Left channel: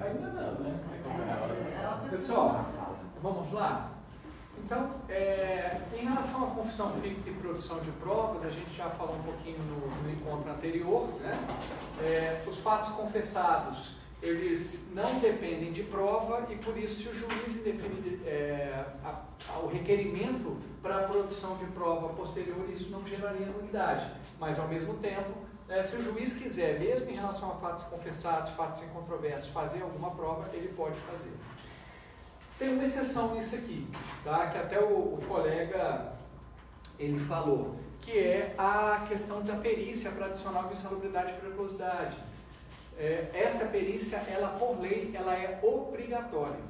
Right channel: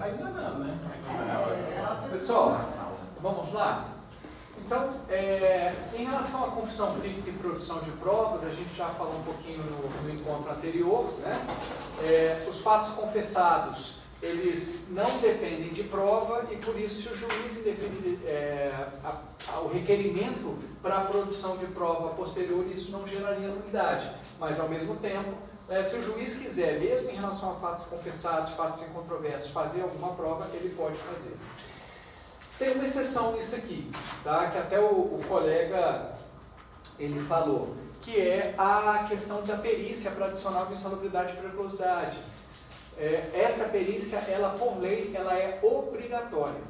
Ainda não, né? Pessoal, vamos lá? Então, em relação à confissão ficta e produção de provas, a gente já falou um pouquinho no encontro anterior, né? Os fatos confessados, eles não dependem de prova e por isso, se o juiz indefinir o requerimento para a produção de prova posterior, isso não geraria nulidade. Mas, ao mesmo tempo, se o juiz quiser, mesmo em relação a fatos confessados, fatos incontroversos, fazer alguma prova, ele pode fazer. Tem uma exceção nisso aqui, tá? Que até o colega ele falou, que é a questão da perícia para adicional de insalubridade e periculosidade. Esta perícia, ela por lei, ela é obrigatória.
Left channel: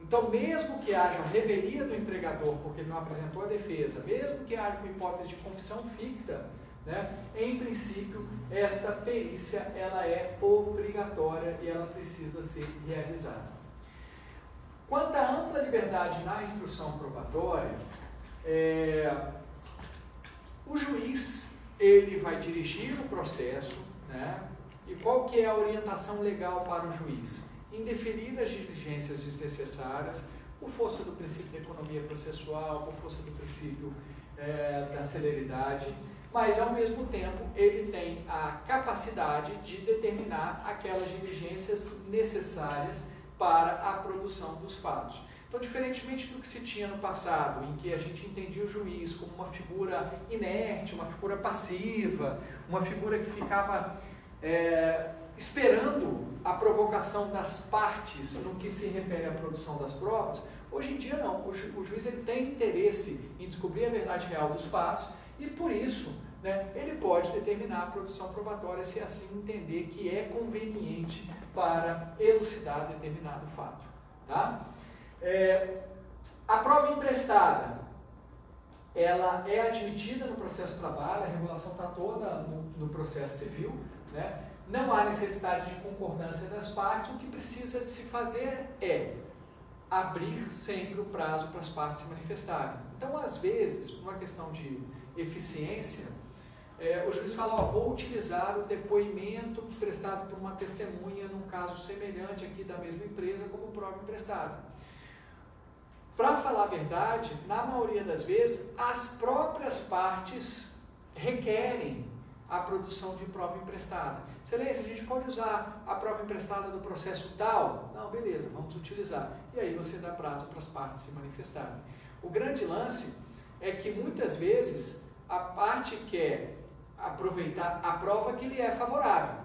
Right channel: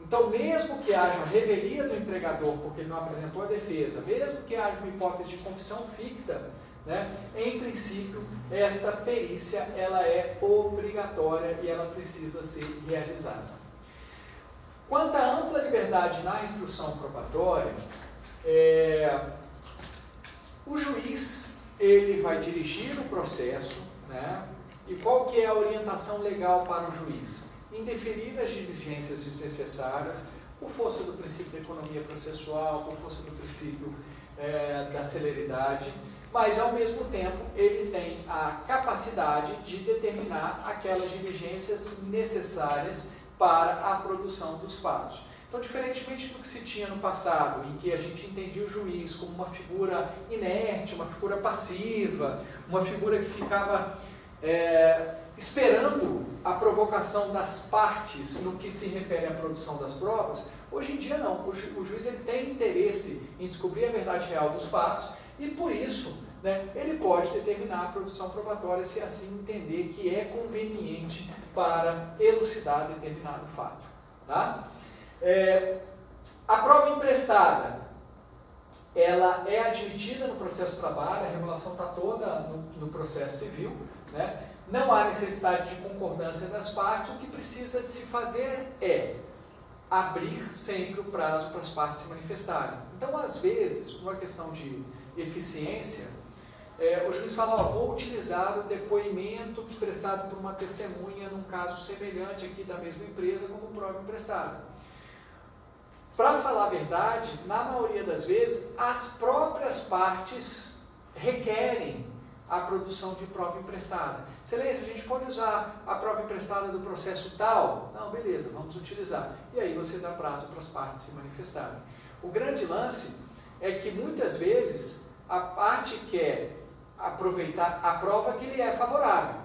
Então, mesmo que haja revelia do empregador, porque ele não apresentou a defesa, mesmo que haja uma hipótese de confissão ficta, né, em princípio, esta perícia, ela é obrigatória e ela precisa ser realizada. Quanto à ampla liberdade na instrução probatória, o juiz ele vai dirigir o processo, né? E qual que é a orientação legal para o juiz? Indeferir as diligências desnecessárias, por força do princípio da economia processual, por força do princípio da celeridade, mas ao mesmo tempo ele tem a capacidade de determinar aquelas diligências necessárias para a produção dos fatos. Então, diferentemente do que se tinha no passado, em que a gente entendia o juiz como uma figura inerte, uma figura passiva, uma figura que ficava esperando a provocação das partes no que se refere à produção das provas, hoje em dia não. O juiz ele tem interesse em descobrir a verdade real dos fatos e, por isso, né, ele pode determinar a produção probatória se assim entender que é conveniente para elucidar determinado fato. Tá? A prova emprestada, ela é admitida no processo de trabalho, a regulação está toda no processo civil, né? Não há necessidade de concordância das partes, o que precisa de se fazer é abrir sempre o prazo para as partes se manifestarem. Então, às vezes, por uma questão de eficiência, o juiz fala, vou utilizar o depoimento prestado por uma testemunha num caso semelhante aqui da mesma empresa como prova emprestada. Para falar a verdade, na maioria das vezes, as próprias partes requerem a produção de prova emprestada. Excelência, a gente pode usar a prova emprestada do processo tal? Não, beleza, vamos utilizar. E aí você dá prazo para as partes se manifestarem. O grande lance é que muitas vezes a parte quer aproveitar a prova que lhe é favorável.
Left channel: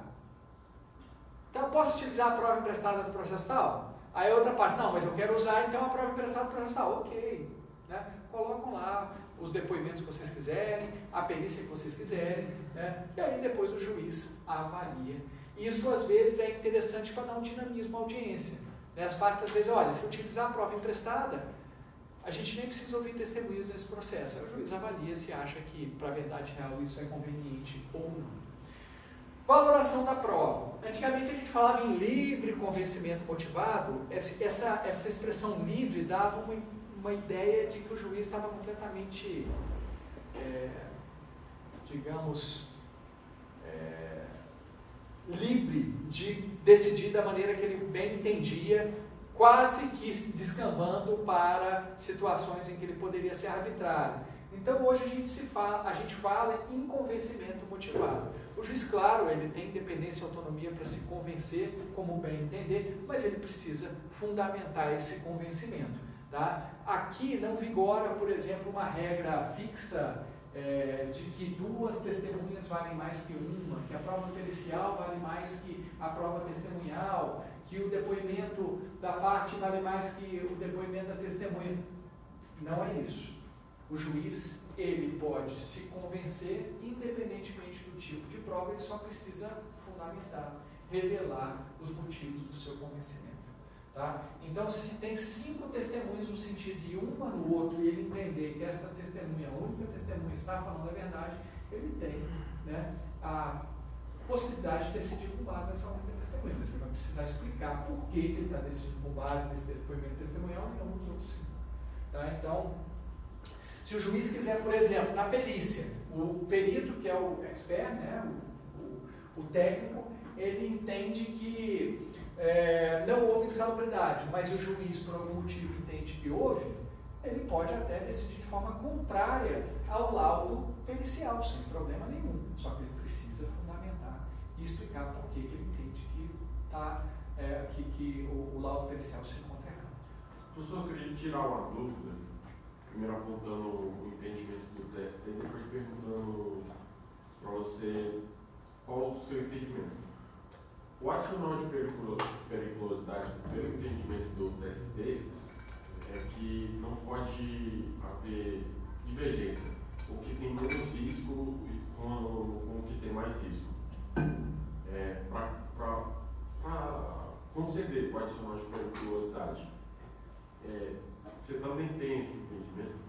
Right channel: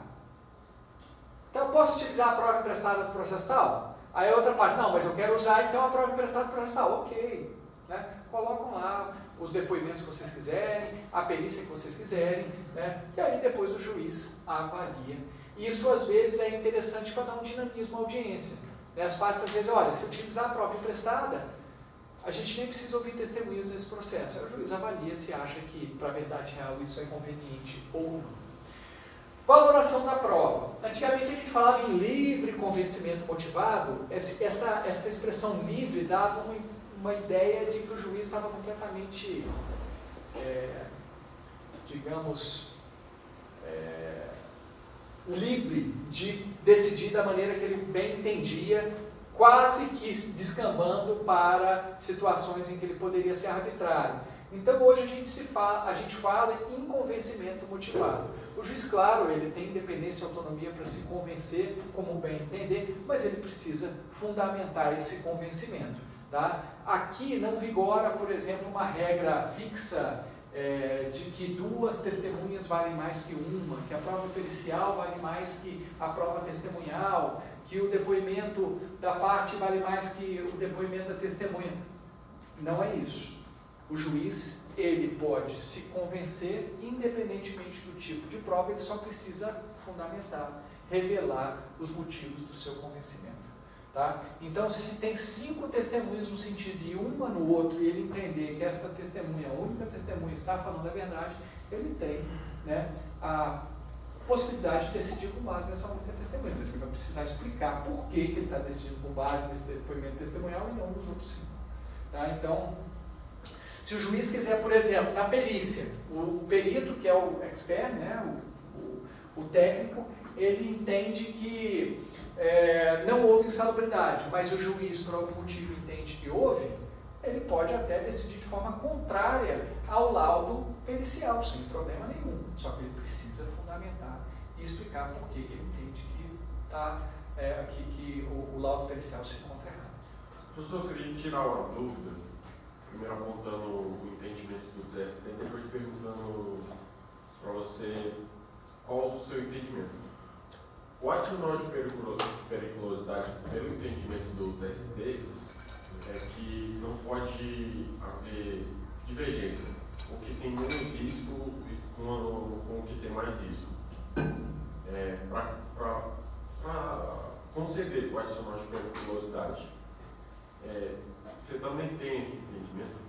Então, eu posso utilizar a prova emprestada do processo tal? Aí a outra parte, não, mas eu quero usar então a prova emprestada do processo tal. Ok, né? Colocam lá os depoimentos que vocês quiserem, a perícia que vocês quiserem, né? E aí depois o juiz avalia. Isso às vezes é interessante para dar um dinamismo à audiência. Né? As partes às vezes, olha, se utilizar a prova emprestada, a gente nem precisa ouvir testemunhas nesse processo. Aí o juiz avalia se acha que, para a verdade real, isso é conveniente ou não. Valoração da prova. Antigamente a gente falava em livre convencimento motivado. Essa expressão livre dava uma ideia de que o juiz estava completamente, livre de decidir da maneira que ele bem entendia, quase que descambando para situações em que ele poderia ser arbitrário. Então hoje a gente fala em convencimento motivado. O juiz, claro, ele tem independência e autonomia para se convencer como bem entender, mas ele precisa fundamentar esse convencimento. Tá? Aqui não vigora, por exemplo, uma regra fixa de que duas testemunhas valem mais que uma, que a prova pericial vale mais que a prova testemunhal, que o depoimento da parte vale mais que o depoimento da testemunha. Não é isso. O juiz, ele pode se convencer, independentemente do tipo de prova, ele só precisa fundamentar, revelar os motivos do seu convencimento. Tá? Então, se tem 5 testemunhas no sentido e uma no outro, e ele entender que esta testemunha, a única testemunha, está falando a verdade, ele tem, né, a possibilidade de decidir com base nessa única testemunha. Mas ele vai precisar explicar por que ele está decidindo com base nesse depoimento testemunhal e não nos outros 5. Tá? Então, se o juiz quiser, por exemplo, na perícia, o perito, que é o expert, né, O técnico, ele entende que não houve insalubridade, mas o juiz, por algum motivo, entende que houve, ele pode até decidir de forma contrária ao laudo pericial, sem problema nenhum. Só que ele precisa fundamentar e explicar por que ele entende que o laudo pericial se encontra errado. Professor, eu queria tirar uma dúvida, primeiro apontando o entendimento do TST, depois perguntando para você qual o seu entendimento. O adicional de periculosidade, pelo entendimento do TST, é que não pode haver divergência. O que tem menos risco com o que tem mais risco. Para conceder o adicional de periculosidade, você também tem esse entendimento?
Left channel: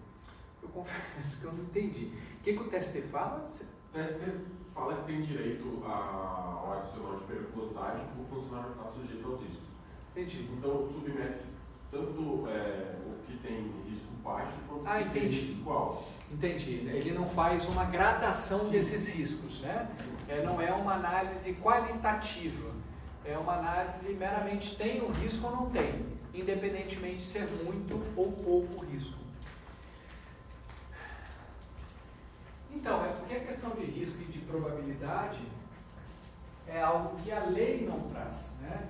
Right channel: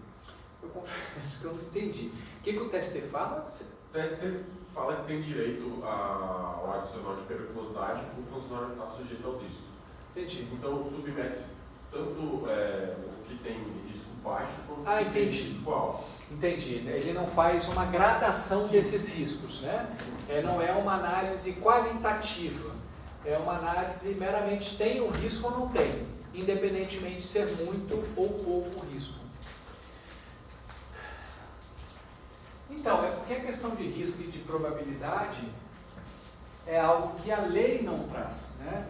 Eu confesso que eu não entendi. O que o TST fala? O TST fala que tem direito ao adicional de periculosidade o funcionário está sujeito aos riscos. Entendi. Então, submete-se tanto o que tem risco baixo quanto o que tem risco alto. Entendi. Ele não faz uma gradação desses riscos, né? Não é uma análise qualitativa. É uma análise meramente tem o risco ou não tem, independentemente de ser muito ou pouco risco. Então, porque a questão de risco e de probabilidade é algo que a lei não traz, né?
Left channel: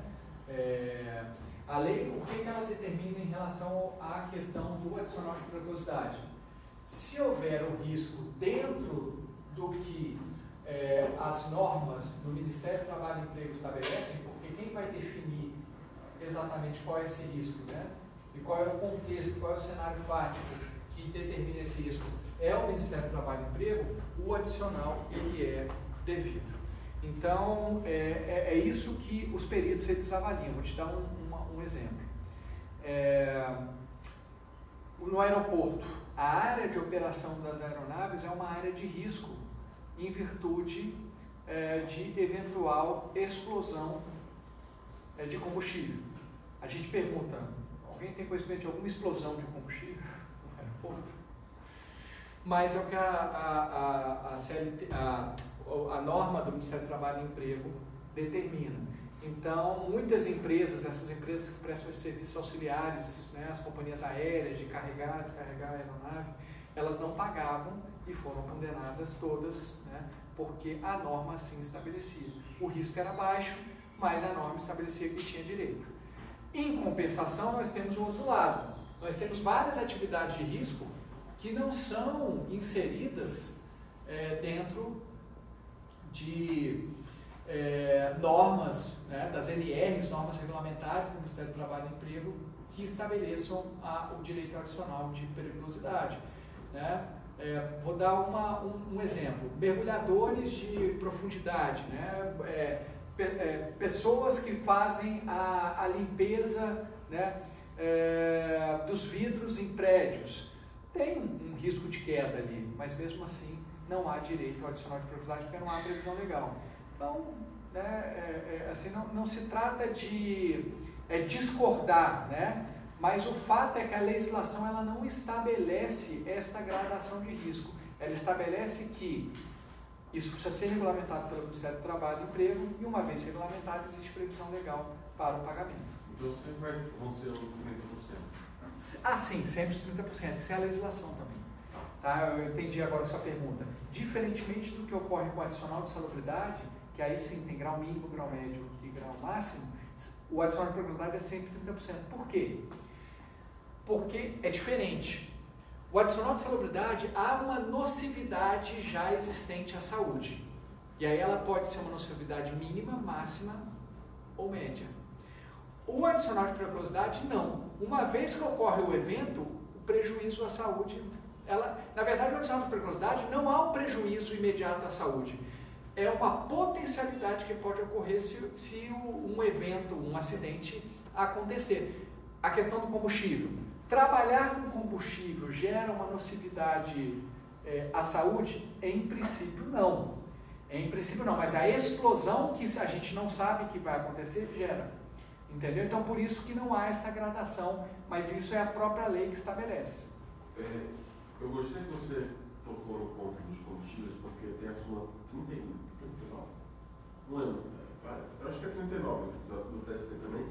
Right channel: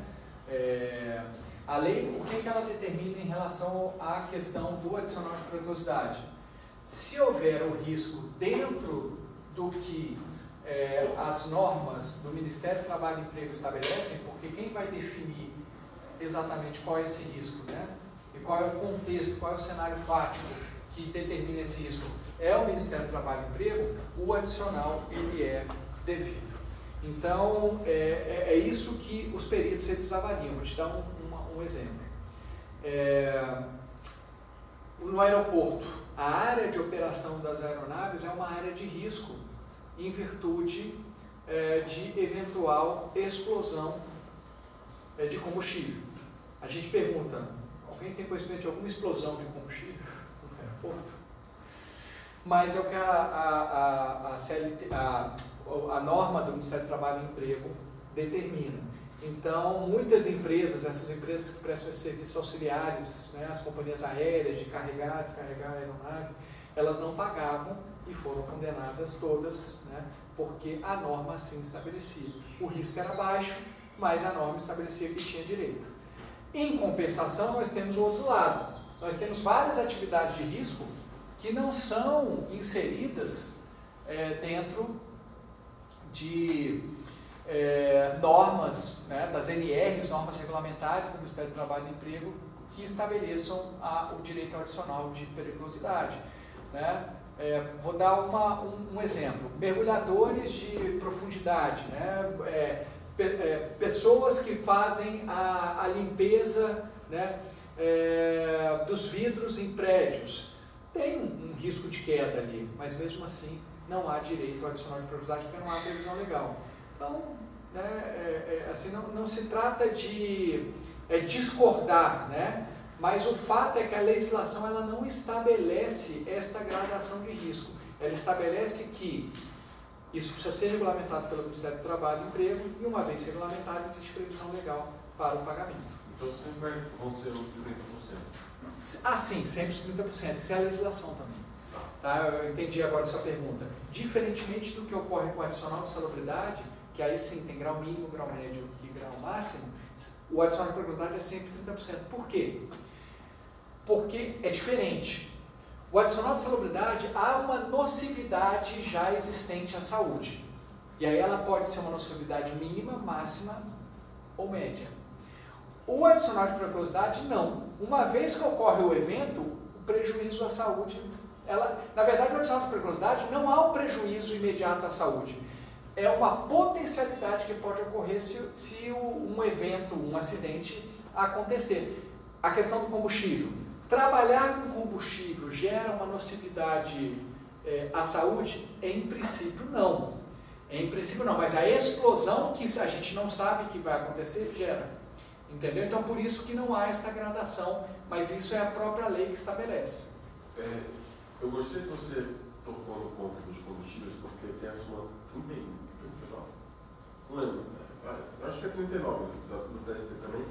A lei, o que ela determina em relação à questão do adicional de periculosidade? Se houver o risco dentro do que as normas do Ministério do Trabalho e Emprego estabelecem, porque quem vai definir exatamente qual é esse risco, né? E qual é o contexto, qual é o cenário fático que determina esse risco? É o Ministério do Trabalho e Emprego, o adicional ele é devido. Então, é isso que os peritos eles avaliam. Vou te dar um exemplo. No aeroporto, a área de operação das aeronaves é uma área de risco em virtude de eventual explosão de combustível. A gente pergunta, alguém tem conhecimento de alguma explosão de combustível no aeroporto? Mas é o que a norma do Ministério do Trabalho e Emprego determina. Então, muitas empresas, essas empresas que prestam esses serviços auxiliares, né, as companhias aéreas de carregar, descarregar a aeronave, elas não pagavam e foram condenadas todas, né, porque a norma assim estabelecia. O risco era baixo, mas a norma estabelecia que tinha direito. Em compensação, nós temos o outro lado. Nós temos várias atividades de risco que não são inseridas dentro de normas, né, das NRs, normas regulamentares do Ministério do Trabalho e Emprego, que estabeleçam o direito adicional de periculosidade. Né? Vou dar um exemplo. Mergulhadores de profundidade, né? Pessoas que fazem a limpeza, né, dos vidros em prédios. Tem um risco de queda ali, mas mesmo assim não há direito ao adicional de periculosidade porque não há previsão legal. Então, assim, não se trata de discordar, né? Mas o fato é que a legislação ela não estabelece esta gradação de risco. Ela estabelece que isso precisa ser regulamentado pelo Ministério do Trabalho e Emprego e uma vez regulamentado existe previsão legal para o pagamento. Então sempre vão ser os 30%? Ah, sim, sempre os 30%. Isso é a legislação também. Tá? Eu entendi agora a sua pergunta. Diferentemente do que ocorre com o adicional de salubridade, que aí sim tem grau mínimo, grau médio e grau máximo, o adicional de periculosidade é sempre 30%. Por quê? Porque é diferente. O adicional de salubridade, há uma nocividade já existente à saúde. E aí ela pode ser uma nocividade mínima, máxima ou média. O adicional de periculosidade, não. Uma vez que ocorre o evento, o prejuízo à saúde, na verdade, o adicional de periculosidade não há um prejuízo imediato à saúde. É uma potencialidade que pode ocorrer se um evento, um acidente acontecer. A questão do combustível. Trabalhar com combustível gera uma nocividade à saúde? Em princípio, não. Em princípio, não. Mas a explosão que a gente não sabe que vai acontecer, gera. Entendeu? Então, por isso que não há essa gradação, mas isso é a própria lei que estabelece. Eu gostei que você tocou no ponto dos combustíveis, porque tem a sua 39, não lembro, eu acho que é 39 do TST também,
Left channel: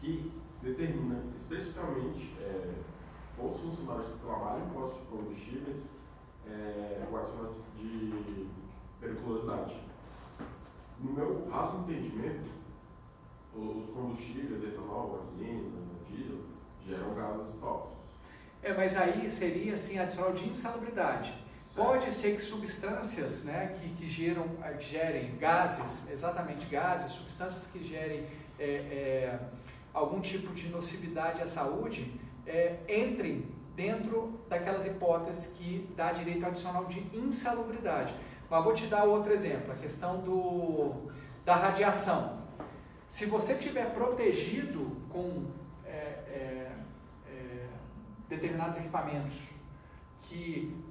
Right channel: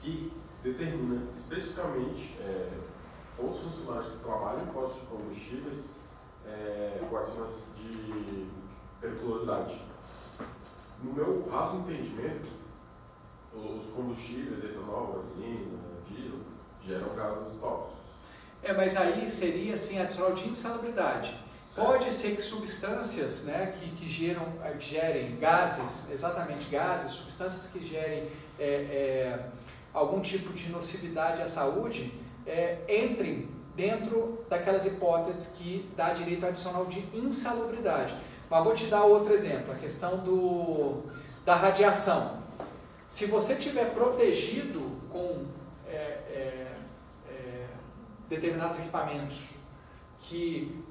que determina especificamente os funcionários que trabalham em postos de combustíveis com adicionamento de periculosidade. No meu raso entendimento, os combustíveis, etanol, gasolina, diesel, geram gases tóxicos. Mas aí seria assim, adicional de insalubridade. Pode ser que substâncias, né, que gerem gases, exatamente gases, substâncias que gerem algum tipo de nocividade à saúde, entrem dentro daquelas hipóteses que dá direito adicional de insalubridade. Mas vou te dar outro exemplo, a questão da radiação. Se você estiver protegido com determinados equipamentos que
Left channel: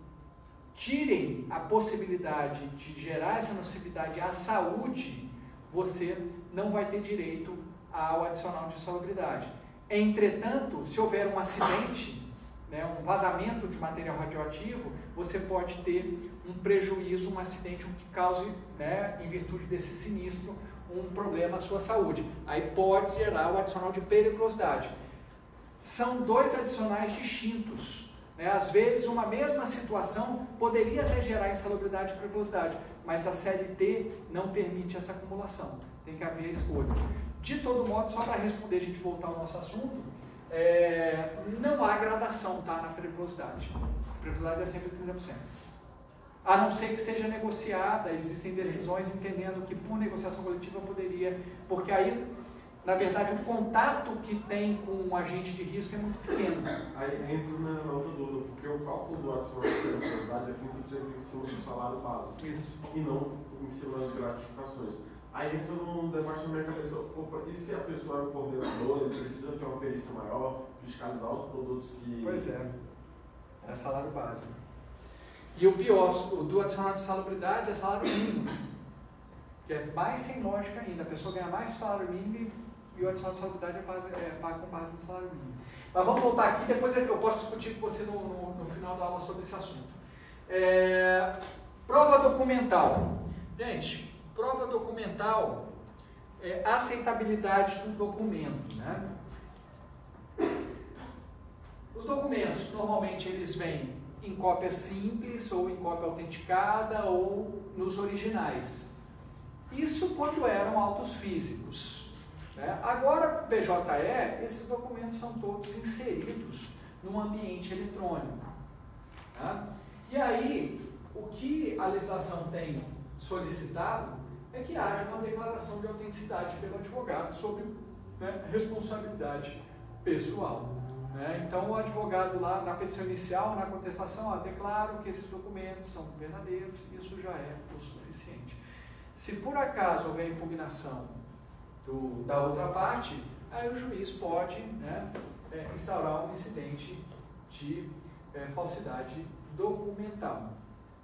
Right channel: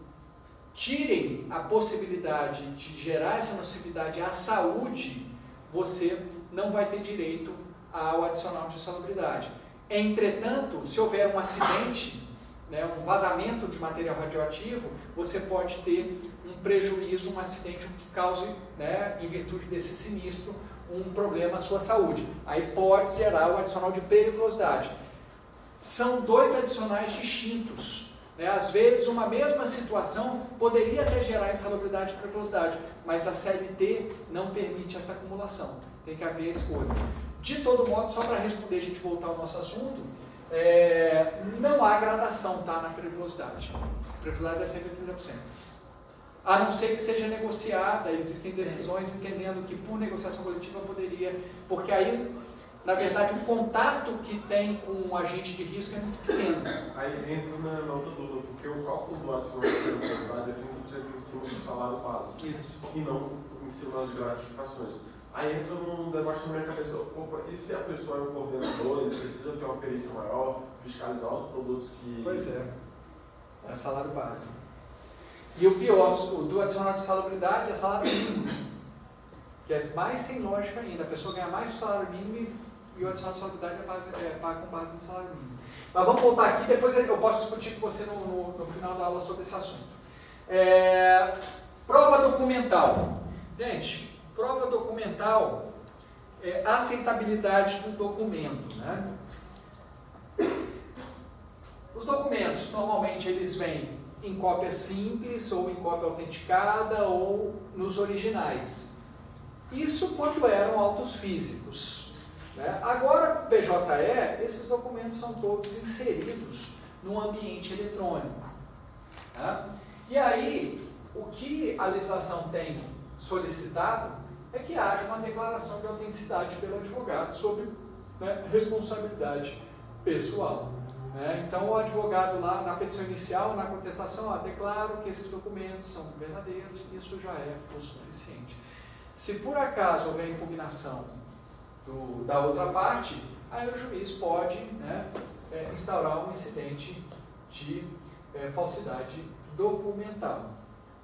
tirem a possibilidade de gerar essa nocividade à saúde, você não vai ter direito ao adicional de insalubridade. Entretanto, se houver um acidente, né, um vazamento de material radioativo, você pode ter um prejuízo, um acidente que cause, né, em virtude desse sinistro, um problema à sua saúde. Aí pode gerar o adicional de periculosidade. São dois adicionais distintos. Às vezes, uma mesma situação poderia até gerar insalubridade e periculosidade, mas a CLT não permite essa acumulação. Tem que haver a escolha. De todo modo, só para responder, a gente voltar ao nosso assunto, não há gradação, tá, na periculosidade. A periculosidade é sempre 30%. A não ser que seja negociada, existem decisões entendendo que por negociação coletiva poderia, porque aí, na verdade, o contato que tem com um agente de risco é muito pequeno. Aí entra na outra dúvida, porque o cálculo do adicional de periculosidade é 30% em cima do salário básico. Isso. E não em cima das gratificações. Aí entra num debate na minha cabeça, opa, e se a pessoa é um coordenador, ele precisa ter uma perícia maior, fiscalizar os produtos que... Pois é salário básico. E o pior, o do adicional de salubridade é salário mínimo, que é mais sem lógica ainda. A pessoa ganha mais que o salário mínimo e o adicional de salubridade é pago com base no salário mínimo. Mas vamos voltar aqui, depois eu posso discutir com você no final da aula sobre esse assunto. Prova documental. Gente, prova documental é a aceitabilidade do documento, né? Os documentos, normalmente, eles vêm em cópia simples, ou em cópia autenticada, ou nos originais. Isso quando eram autos físicos, né? Agora, PJE, esses documentos são todos inseridos no ambiente eletrônico, né? E aí, o que a legislação tem solicitado é que haja uma declaração de autenticidade pelo advogado sobre, né, responsabilidade pessoal. Então, o advogado lá na petição inicial, na contestação, declaro que esses documentos são verdadeiros, isso já é o suficiente. Se por acaso houver impugnação da outra parte, aí o juiz pode, né, instaurar um incidente de falsidade documental.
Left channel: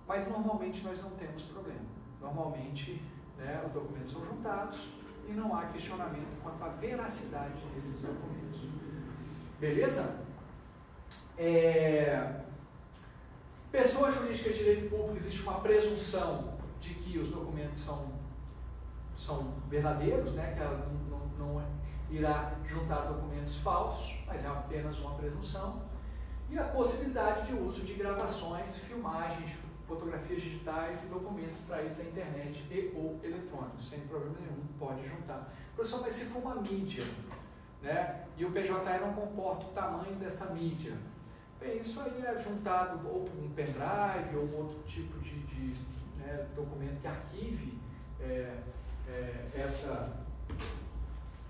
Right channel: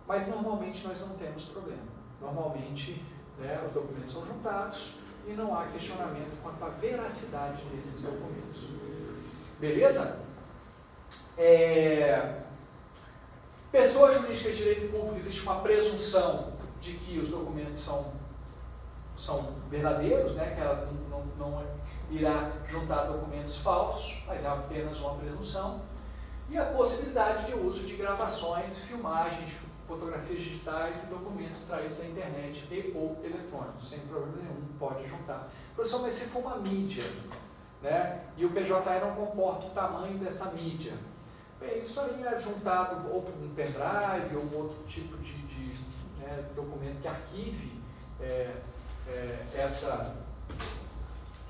Mas normalmente nós não temos problema. Normalmente, né, os documentos são juntados e não há questionamento quanto à veracidade desses documentos. Beleza? Pessoa jurídica de direito público, existe uma presunção de que os documentos são verdadeiros, né? Que ela não irá juntar documentos falsos, mas é apenas uma presunção. E a possibilidade de uso de gravações, filmagens, fotografias digitais e documentos extraídos da internet e ou eletrônicos, sem problema nenhum, pode juntar. Professor, mas se for uma mídia, né, e o PJE não comporta o tamanho dessa mídia, bem, isso aí é juntado ou por um pendrive ou um outro tipo de né, documento que arquive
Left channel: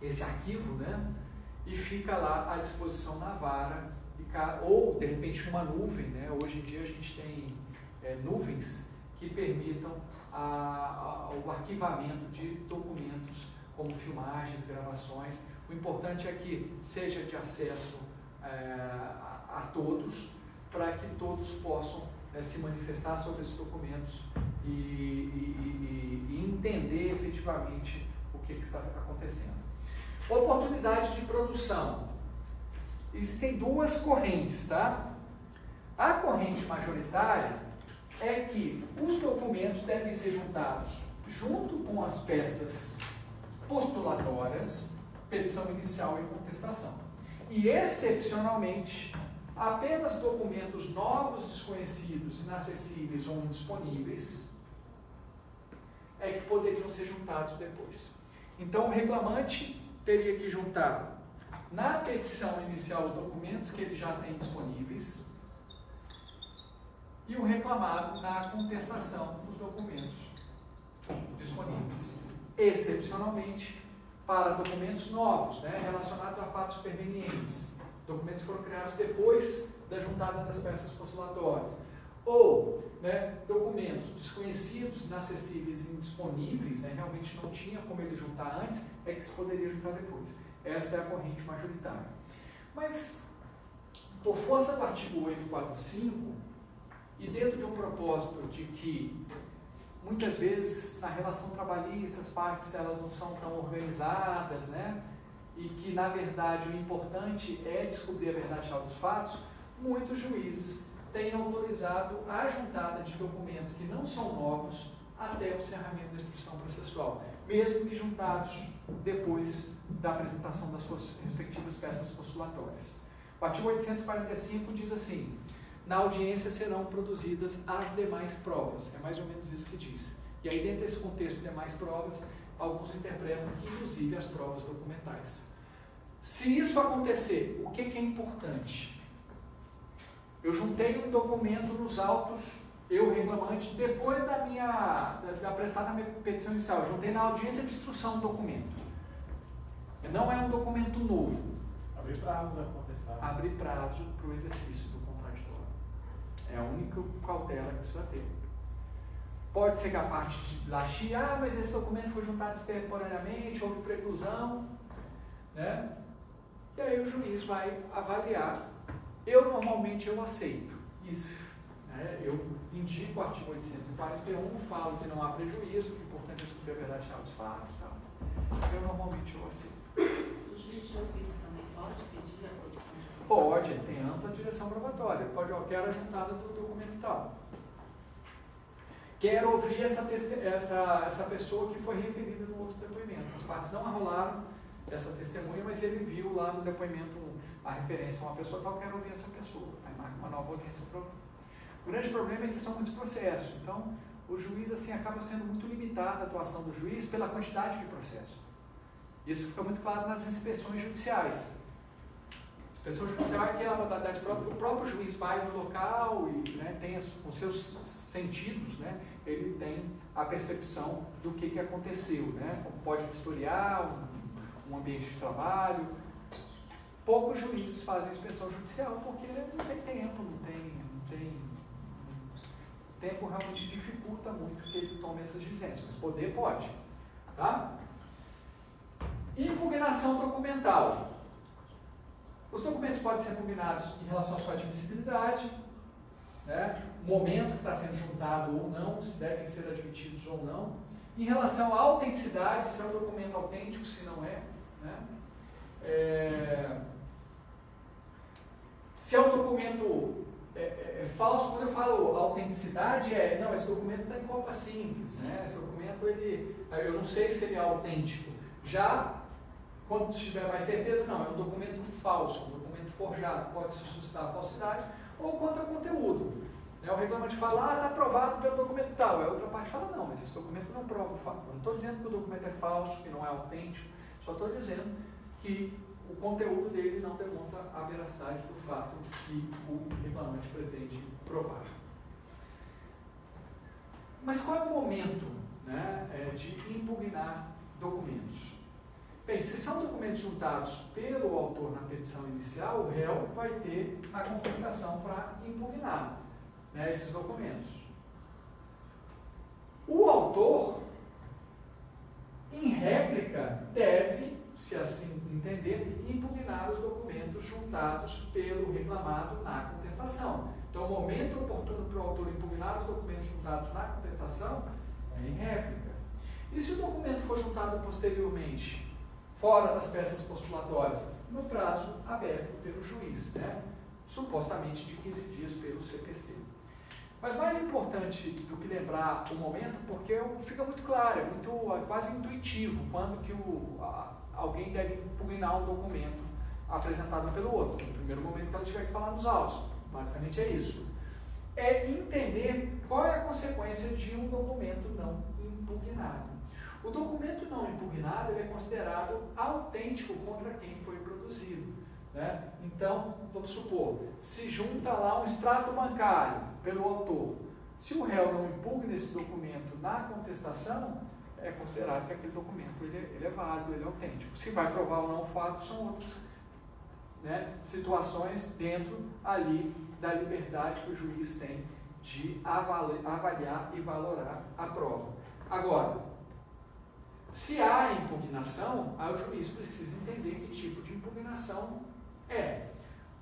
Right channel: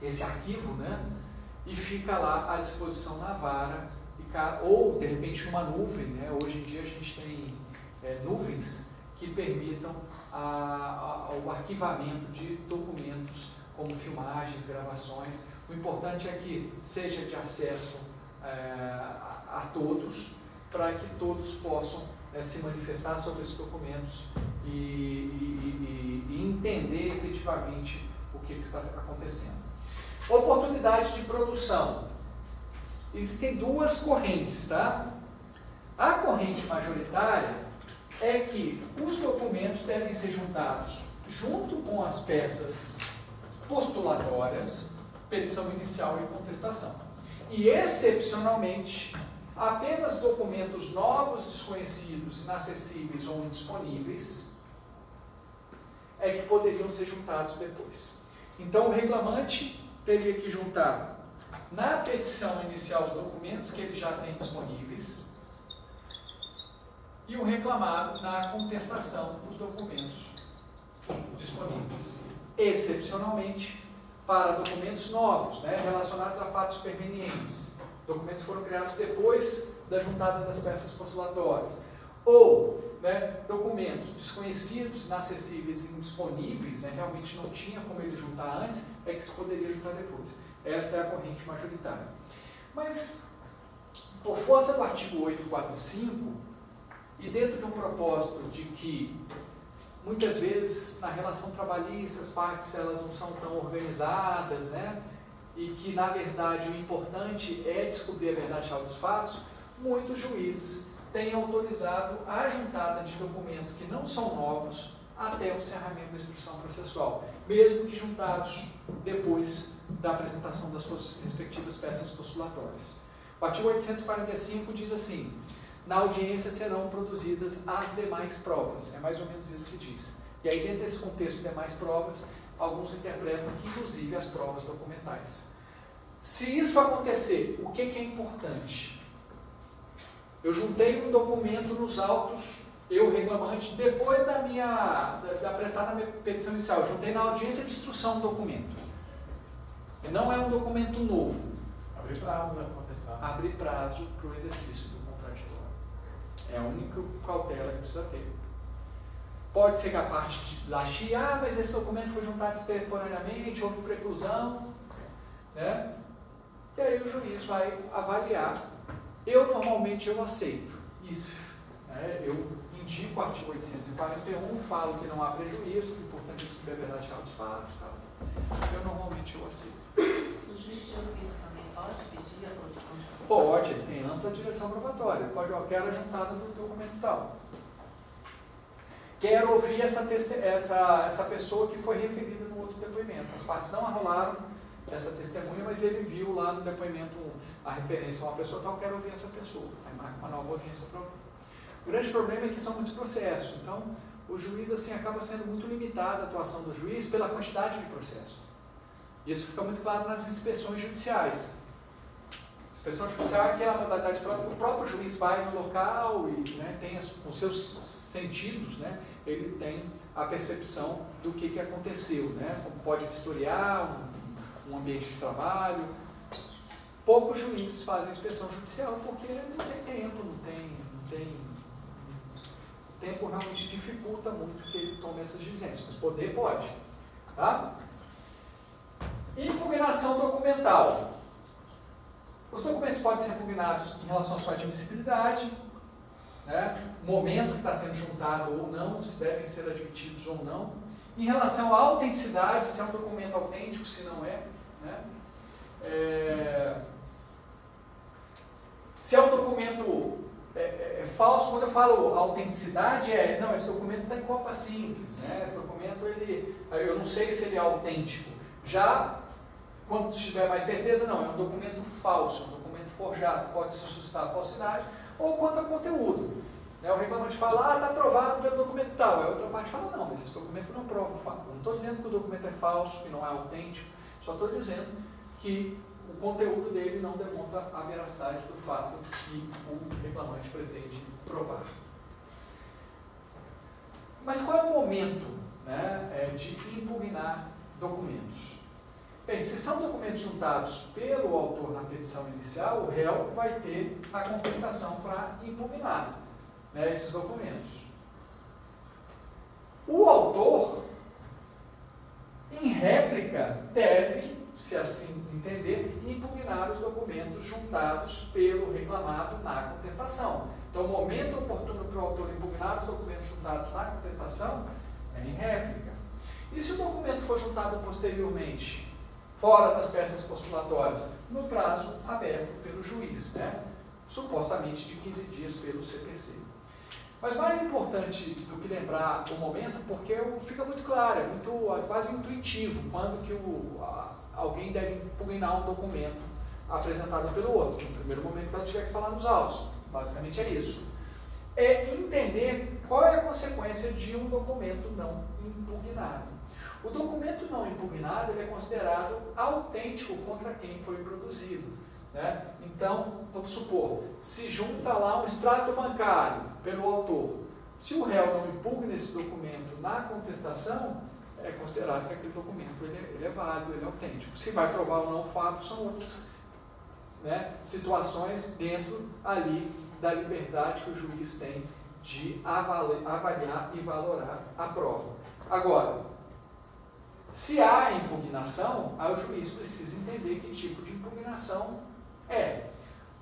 esse arquivo, né, e fica lá à disposição na vara, ou de repente numa nuvem, né? Hoje em dia a gente tem nuvens que permitam o arquivamento de documentos como filmagens, gravações. O importante é que seja de acesso a todos, para que todos possam se manifestar sobre esses documentos e entender efetivamente o que está acontecendo. Oportunidade de produção. Existem duas correntes, tá? A corrente majoritária é que os documentos devem ser juntados junto com as peças postulatórias, petição inicial e contestação. E, excepcionalmente, apenas documentos novos, desconhecidos, inacessíveis ou indisponíveis é que poderiam ser juntados depois. Então, o reclamante teria que juntar na petição inicial os documentos que ele já tem disponíveis e o reclamado na contestação os documentos disponíveis. Excepcionalmente, para documentos novos, né, relacionados a fatos supervenientes, documentos que foram criados depois da juntada das peças postulatórias, ou, né, documentos desconhecidos, inacessíveis e indisponíveis, né, realmente não tinha como ele juntar antes, é que se poderia juntar depois. Esta é a corrente majoritária. Mas, por força do artigo 845, e dentro de um propósito de que, muitas vezes, na relação trabalhista, as partes elas não são tão organizadas, né, e que, na verdade, o importante é descobrir a verdade real dos fatos, muitos juízes têm autorizado a juntada de documentos que não são novos até o encerramento da instrução processual, mesmo que juntados depois da apresentação das suas respectivas peças postulatórias. O artigo 845 diz assim: na audiência serão produzidas as demais provas. É mais ou menos isso que diz. E aí, dentro desse contexto de demais provas, alguns interpretam que, inclusive, as provas documentais. Se isso acontecer, o que é importante? Eu juntei um documento nos autos, eu, reclamante, depois da apresentada minha petição inicial, juntei na audiência de instrução um documento. Não é um documento novo. Abre prazo para contestar. Abre prazo para o exercício do contraditório. É a única cautela que precisa ter. Pode ser que a parte lá chia, mas esse documento foi juntado extemporaneamente, houve preclusão, né? E aí o juiz vai avaliar. Normalmente eu aceito isso, né? Eu indico o artigo 841, falo que não há prejuízo, o importante é descobrir a verdade real dos fatos, tá? Normalmente eu aceito. O juiz de ofício também pode pedir a produção de documento? Pode, ele tem ampla direção probatória. Pode, eu quero a juntada do documento tal. Quero ouvir essa pessoa que foi referida no outro depoimento. As partes não arrolaram essa testemunha, mas ele viu lá no depoimento a referência a uma pessoa tal, quero ouvir essa pessoa. Aí marca uma nova audiência para ouvir. O grande problema é que são muitos processos. Então, o juiz assim acaba sendo muito limitada a atuação do juiz pela quantidade de processos. Isso fica muito claro nas inspeções judiciais. Inspeção judicial é aquela modalidade própria que o próprio juiz vai no local e, né, tem os seus sentidos, né, ele tem a percepção do que aconteceu, né, como pode vistoriar um ambiente de trabalho. Poucos juízes fazem inspeção judicial porque não tem tempo, não tem o tempo realmente dificulta muito que ele tome essas diligências, mas poder pode. Tá? Impugnação documental. Os documentos podem ser impugnados em relação à sua admissibilidade, né? O momento que está sendo juntado ou não, se devem ser admitidos ou não. Em relação à autenticidade, se é um documento autêntico, se não é. Né? Se é um documento falso, quando eu falo autenticidade, não, esse documento está em copa simples, né? Esse documento, eu não sei se ele é autêntico. Já, quando tiver mais certeza, não, é um documento falso, um documento forjado, pode se suscitar a falsidade, ou quanto a conteúdo. Né? O reclamante fala, está aprovado pelo documento tal, a outra parte fala, não, mas esse documento não prova o fato. Eu não estou dizendo que o documento é falso, que não é autêntico, só estou dizendo que o conteúdo dele não demonstra a veracidade do fato que o reclamante pretende provar. Mas qual é o momento, né, de impugnar documentos? Bem, se são documentos juntados pelo autor na petição inicial, o réu vai ter a contestação para impugnar, né, esses documentos. O autor, em réplica, deve, se assim entender, impugnar os documentos juntados pelo reclamado na contestação. Então, o momento oportuno para o autor impugnar os documentos juntados na contestação é em réplica. E se o documento for juntado posteriormente, fora das peças postulatórias, no prazo aberto pelo juiz, né? Supostamente de 15 dias pelo CPC. Mas mais importante do que lembrar o momento, porque fica muito claro, é quase intuitivo quando que alguém deve impugnar um documento apresentado pelo outro. No primeiro momento que ela tiver que falar nos autos. Basicamente é isso. É entender qual é a consequência de um documento não impugnado. O documento não impugnado ele é considerado autêntico contra quem foi produzido. Né? Então, vamos supor, se junta lá um extrato bancário pelo autor. Se o réu não impugna esse documento na contestação, é considerado que aquele documento ele é válido, ele é autêntico. Se vai provar ou não o fato, são outras, né, situações dentro ali da liberdade que o juiz tem de avaliar e valorar a prova. Agora, se há impugnação, aí o juiz precisa entender que tipo de impugnação é.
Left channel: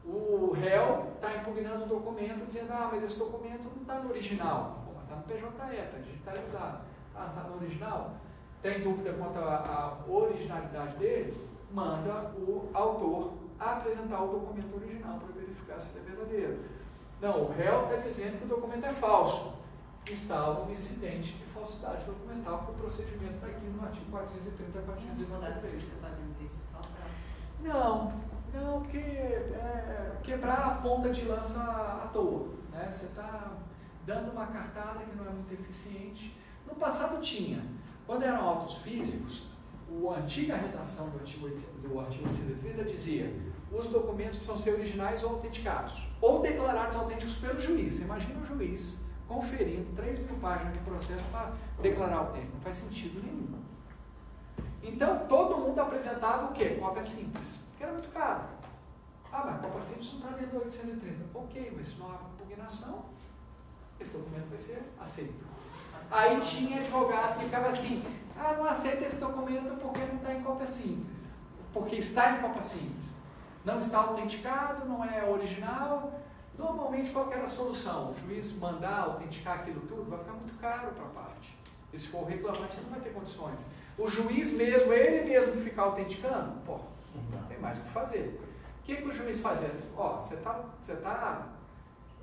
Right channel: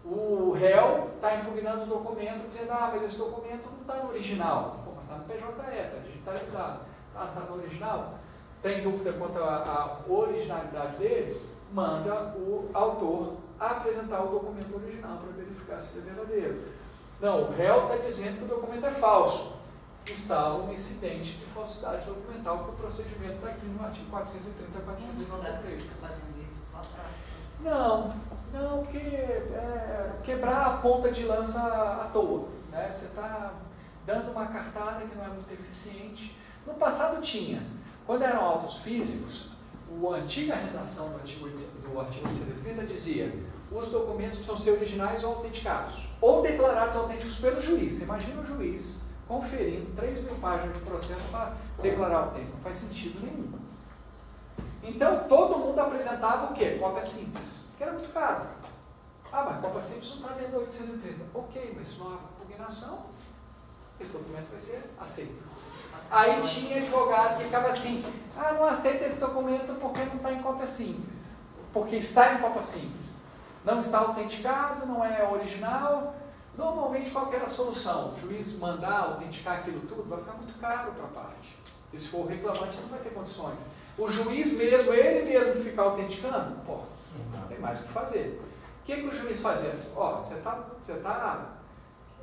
O réu está impugnando o documento dizendo, mas esse documento não está no original. Pô, mas está no PJE, está digitalizado. Está no original? Tem dúvida quanto à originalidade dele? Manda o autor apresentar o documento original para verificar se ele é verdadeiro. Não, o réu está dizendo que o documento é falso. Instala um incidente de falsidade documental, porque o procedimento está aqui no artigo 430 a 493. Fazendo isso só para... Não, porque quebrar a ponta de lança à toa. Né? Você está dando uma cartada que não é muito eficiente. No passado tinha. Quando eram autos físicos, a antiga redação do artigo 830 dizia: os documentos precisam ser originais ou autenticados, ou declarados autênticos pelo juiz. Você imagina o juiz conferindo 3.000 páginas de processo para declarar autêntico. Não faz sentido nenhum. Então, todo mundo apresentava o quê? Cópia simples, que era muito caro. Mas cópia simples não está dentro do 830. Ok, mas se não há impugnação, esse documento vai ser aceito. Aí tinha advogado que ficava assim, não aceita esse documento porque não está em cópia simples. Porque está em cópia simples. Não está autenticado, não é original. Normalmente, qual que era a solução? O juiz mandar autenticar aquilo tudo, vai ficar muito caro para a parte. E se for o reclamante, não vai ter condições. O juiz mesmo, ele mesmo ficar autenticando, tem mais o que fazer. O que o juiz fazia? Você está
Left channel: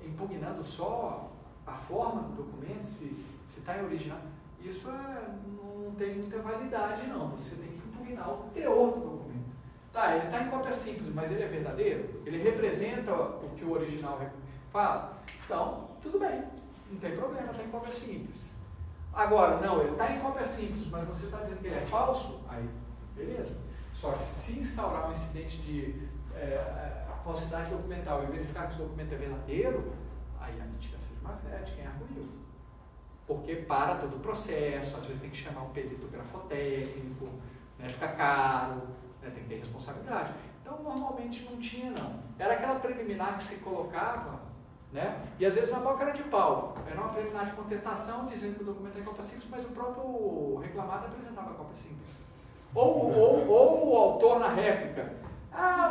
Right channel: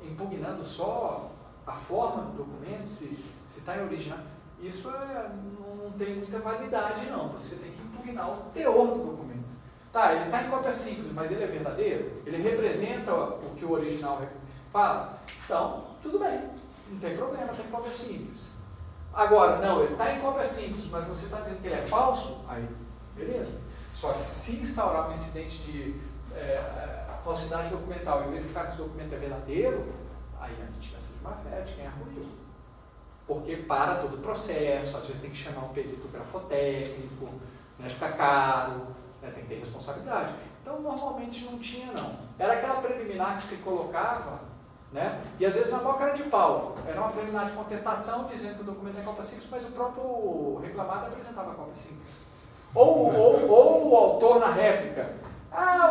impugnando só a forma do documento, se está em original. Isso não tem muita validade, não. Você tem que impugnar o teor do documento. Ele está em cópia simples, mas ele é verdadeiro? Ele representa o que o original fala? Então, tudo bem, não tem problema, está em cópia simples. Agora, não, ele está em cópia simples, mas você está dizendo que ele é falso? Aí, beleza. Só que se instaurar um incidente de falsidade documental e verificar que esse documento é verdadeiro, aí a mitigação de má-fé de quem arguiu. Porque para todo o processo, às vezes tem que chamar um perito grafotécnico, né, fica caro, né, tem que ter responsabilidade. Então, normalmente não tinha, não. Era aquela preliminar que se colocava, né, e às vezes na maior cara de pau. Era uma preliminar de contestação, dizendo que o documento é cópia simples, mas o próprio reclamado apresentava a cópia simples. Ou o autor na réplica.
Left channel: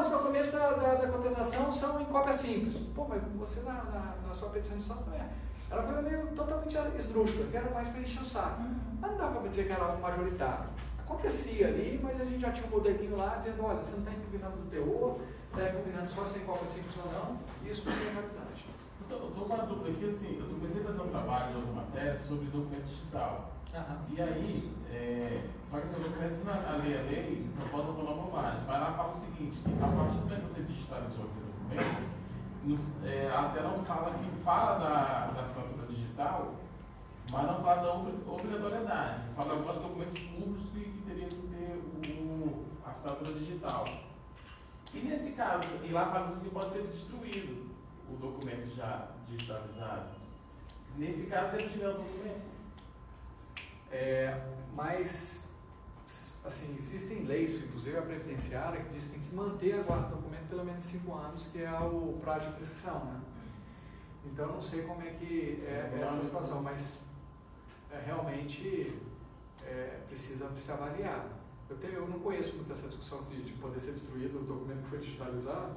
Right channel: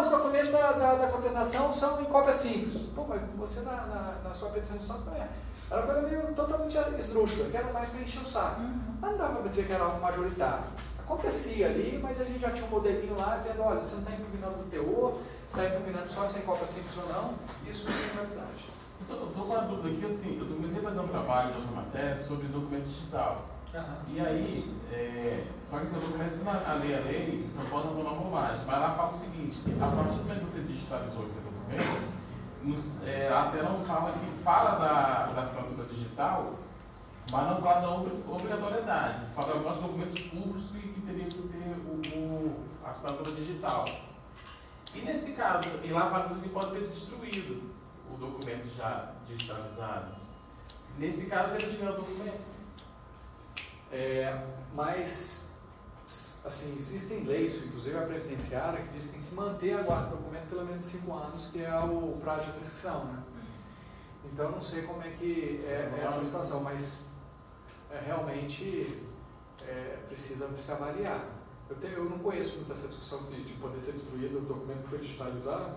Os documentos da contestação são em cópia simples. Mas você na sua petição de instância não é. Era uma coisa meio totalmente esdrúxula, que era mais para encher o saco. Mas não dava para dizer que era algo majoritário. Acontecia ali, mas a gente já tinha um modelinho lá dizendo, olha, você não está impugnando do teor, está impugnando só se é em cópia simples ou não, isso não tem validade. Eu estou com uma dúvida aqui, assim, eu comecei a fazer um trabalho de uma série sobre documento digital. E aí, só que se eu não começo a lei, não posso abandonar uma bobagem. Mas lá fala o seguinte, que a partir do momento que você digitalizou aquele documento, a tela não fala da assinatura digital, mas não fala da obrigatoriedade. Fala de alguns documentos públicos que teriam que ter a assinatura digital. E nesse caso, e lá fala que pode ser destruído o documento já digitalizado. Nesse caso, ele tiver o documento. Mas, assim, existem leis, inclusive a previdenciária, que diz que tem que manter a guarda do documento pelo menos 5 anos, que é o prazo de prescrição, né? Então, não sei como é que é essa situação, mas realmente precisa se avaliar. Eu não conheço muito essa discussão de poder ser destruído o documento que foi digitalizado.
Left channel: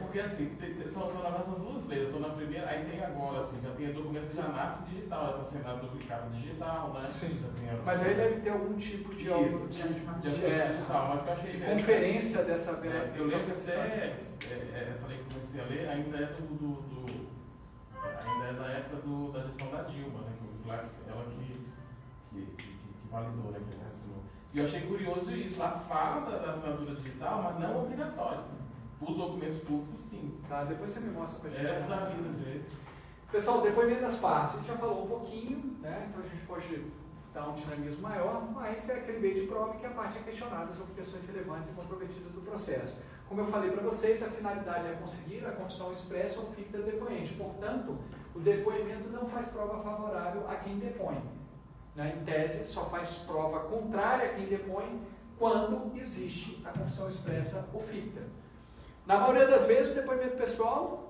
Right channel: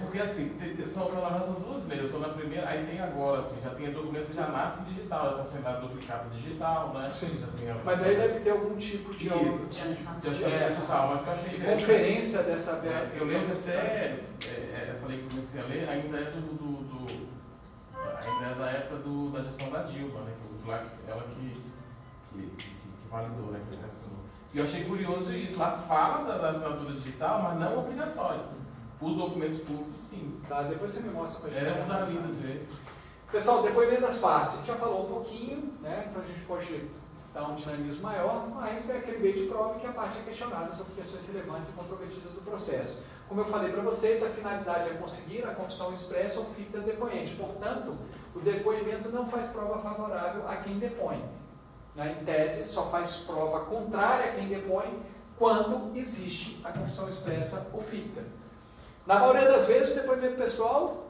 Porque assim, são duas leis. Eu estou na primeira, aí tem agora, assim, já tem documento que já nasce digital, já está sendo duplicado digital, né? Sim. Mas aí deve ter algum tipo de digital, mas eu achei de conferência dessa eu lembro até essa lei que eu comecei a ler ainda é é da época da gestão da Dilma, né? Ela que validou, né? Que assinou. E eu achei curioso isso. Lá fala da assinatura digital, mas não obrigatório. Os documentos públicos, sim. Tá, depois você me mostra pra gente. É uma vida ver. Pessoal, depoimento das partes. A gente já falou um pouquinho, né? Então a gente pode dar um dinamismo maior, mas é aquele meio de prova que a parte é questionada sobre questões relevantes e comprometidas do processo. Como eu falei para vocês, a finalidade é conseguir a confissão expressa ou ficta do depoente. Portanto, o depoimento não faz prova favorável a quem depõe. Em tese, só faz prova contrária a quem depõe quando existe a confissão expressa ou ficta. Na maioria das vezes, o depoimento pessoal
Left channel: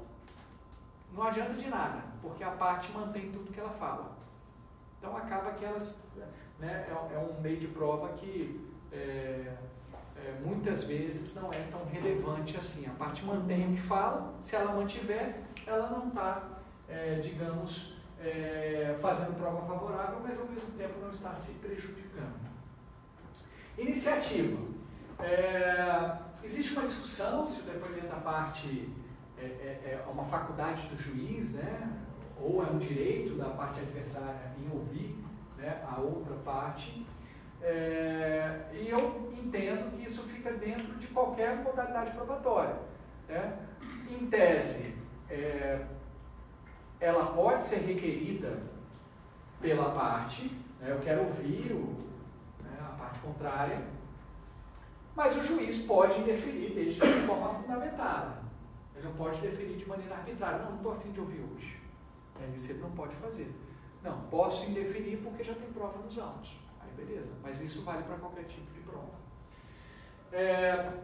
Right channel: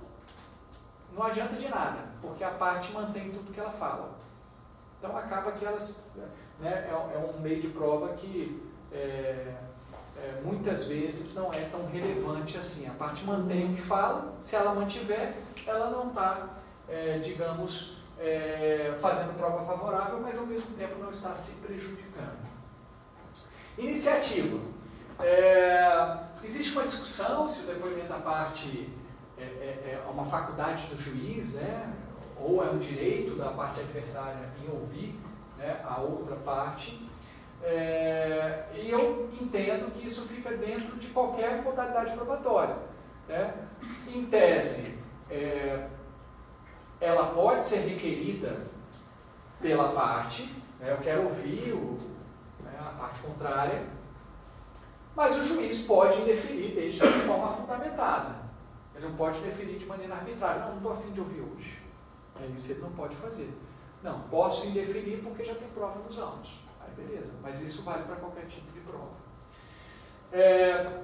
não adianta de nada, porque a parte mantém tudo que ela fala. Então, acaba que elas... Né, é um meio de prova que muitas vezes não é tão relevante assim. A parte mantém o que fala, se ela mantiver, ela não está, digamos, fazendo prova favorável, mas ao mesmo tempo não está se prejudicando. Iniciativa. Existe uma discussão se o depoimento da parte é uma faculdade do juiz, né, ou é um direito da parte adversária em ouvir, né, a outra parte. E eu entendo que isso fica dentro de qualquer modalidade probatória, né? Em tese, ela pode ser requerida pela parte, né, eu quero ouvir a parte contrária, mas o juiz pode indeferir desde de forma fundamentada. Ele não pode deferir de maneira arbitrária. Não estou a fim de ouvir hoje. Isso ele não pode fazer. Não, posso indeferir porque já tem prova nos autos. Aí beleza, mas isso vale para qualquer tipo de prova.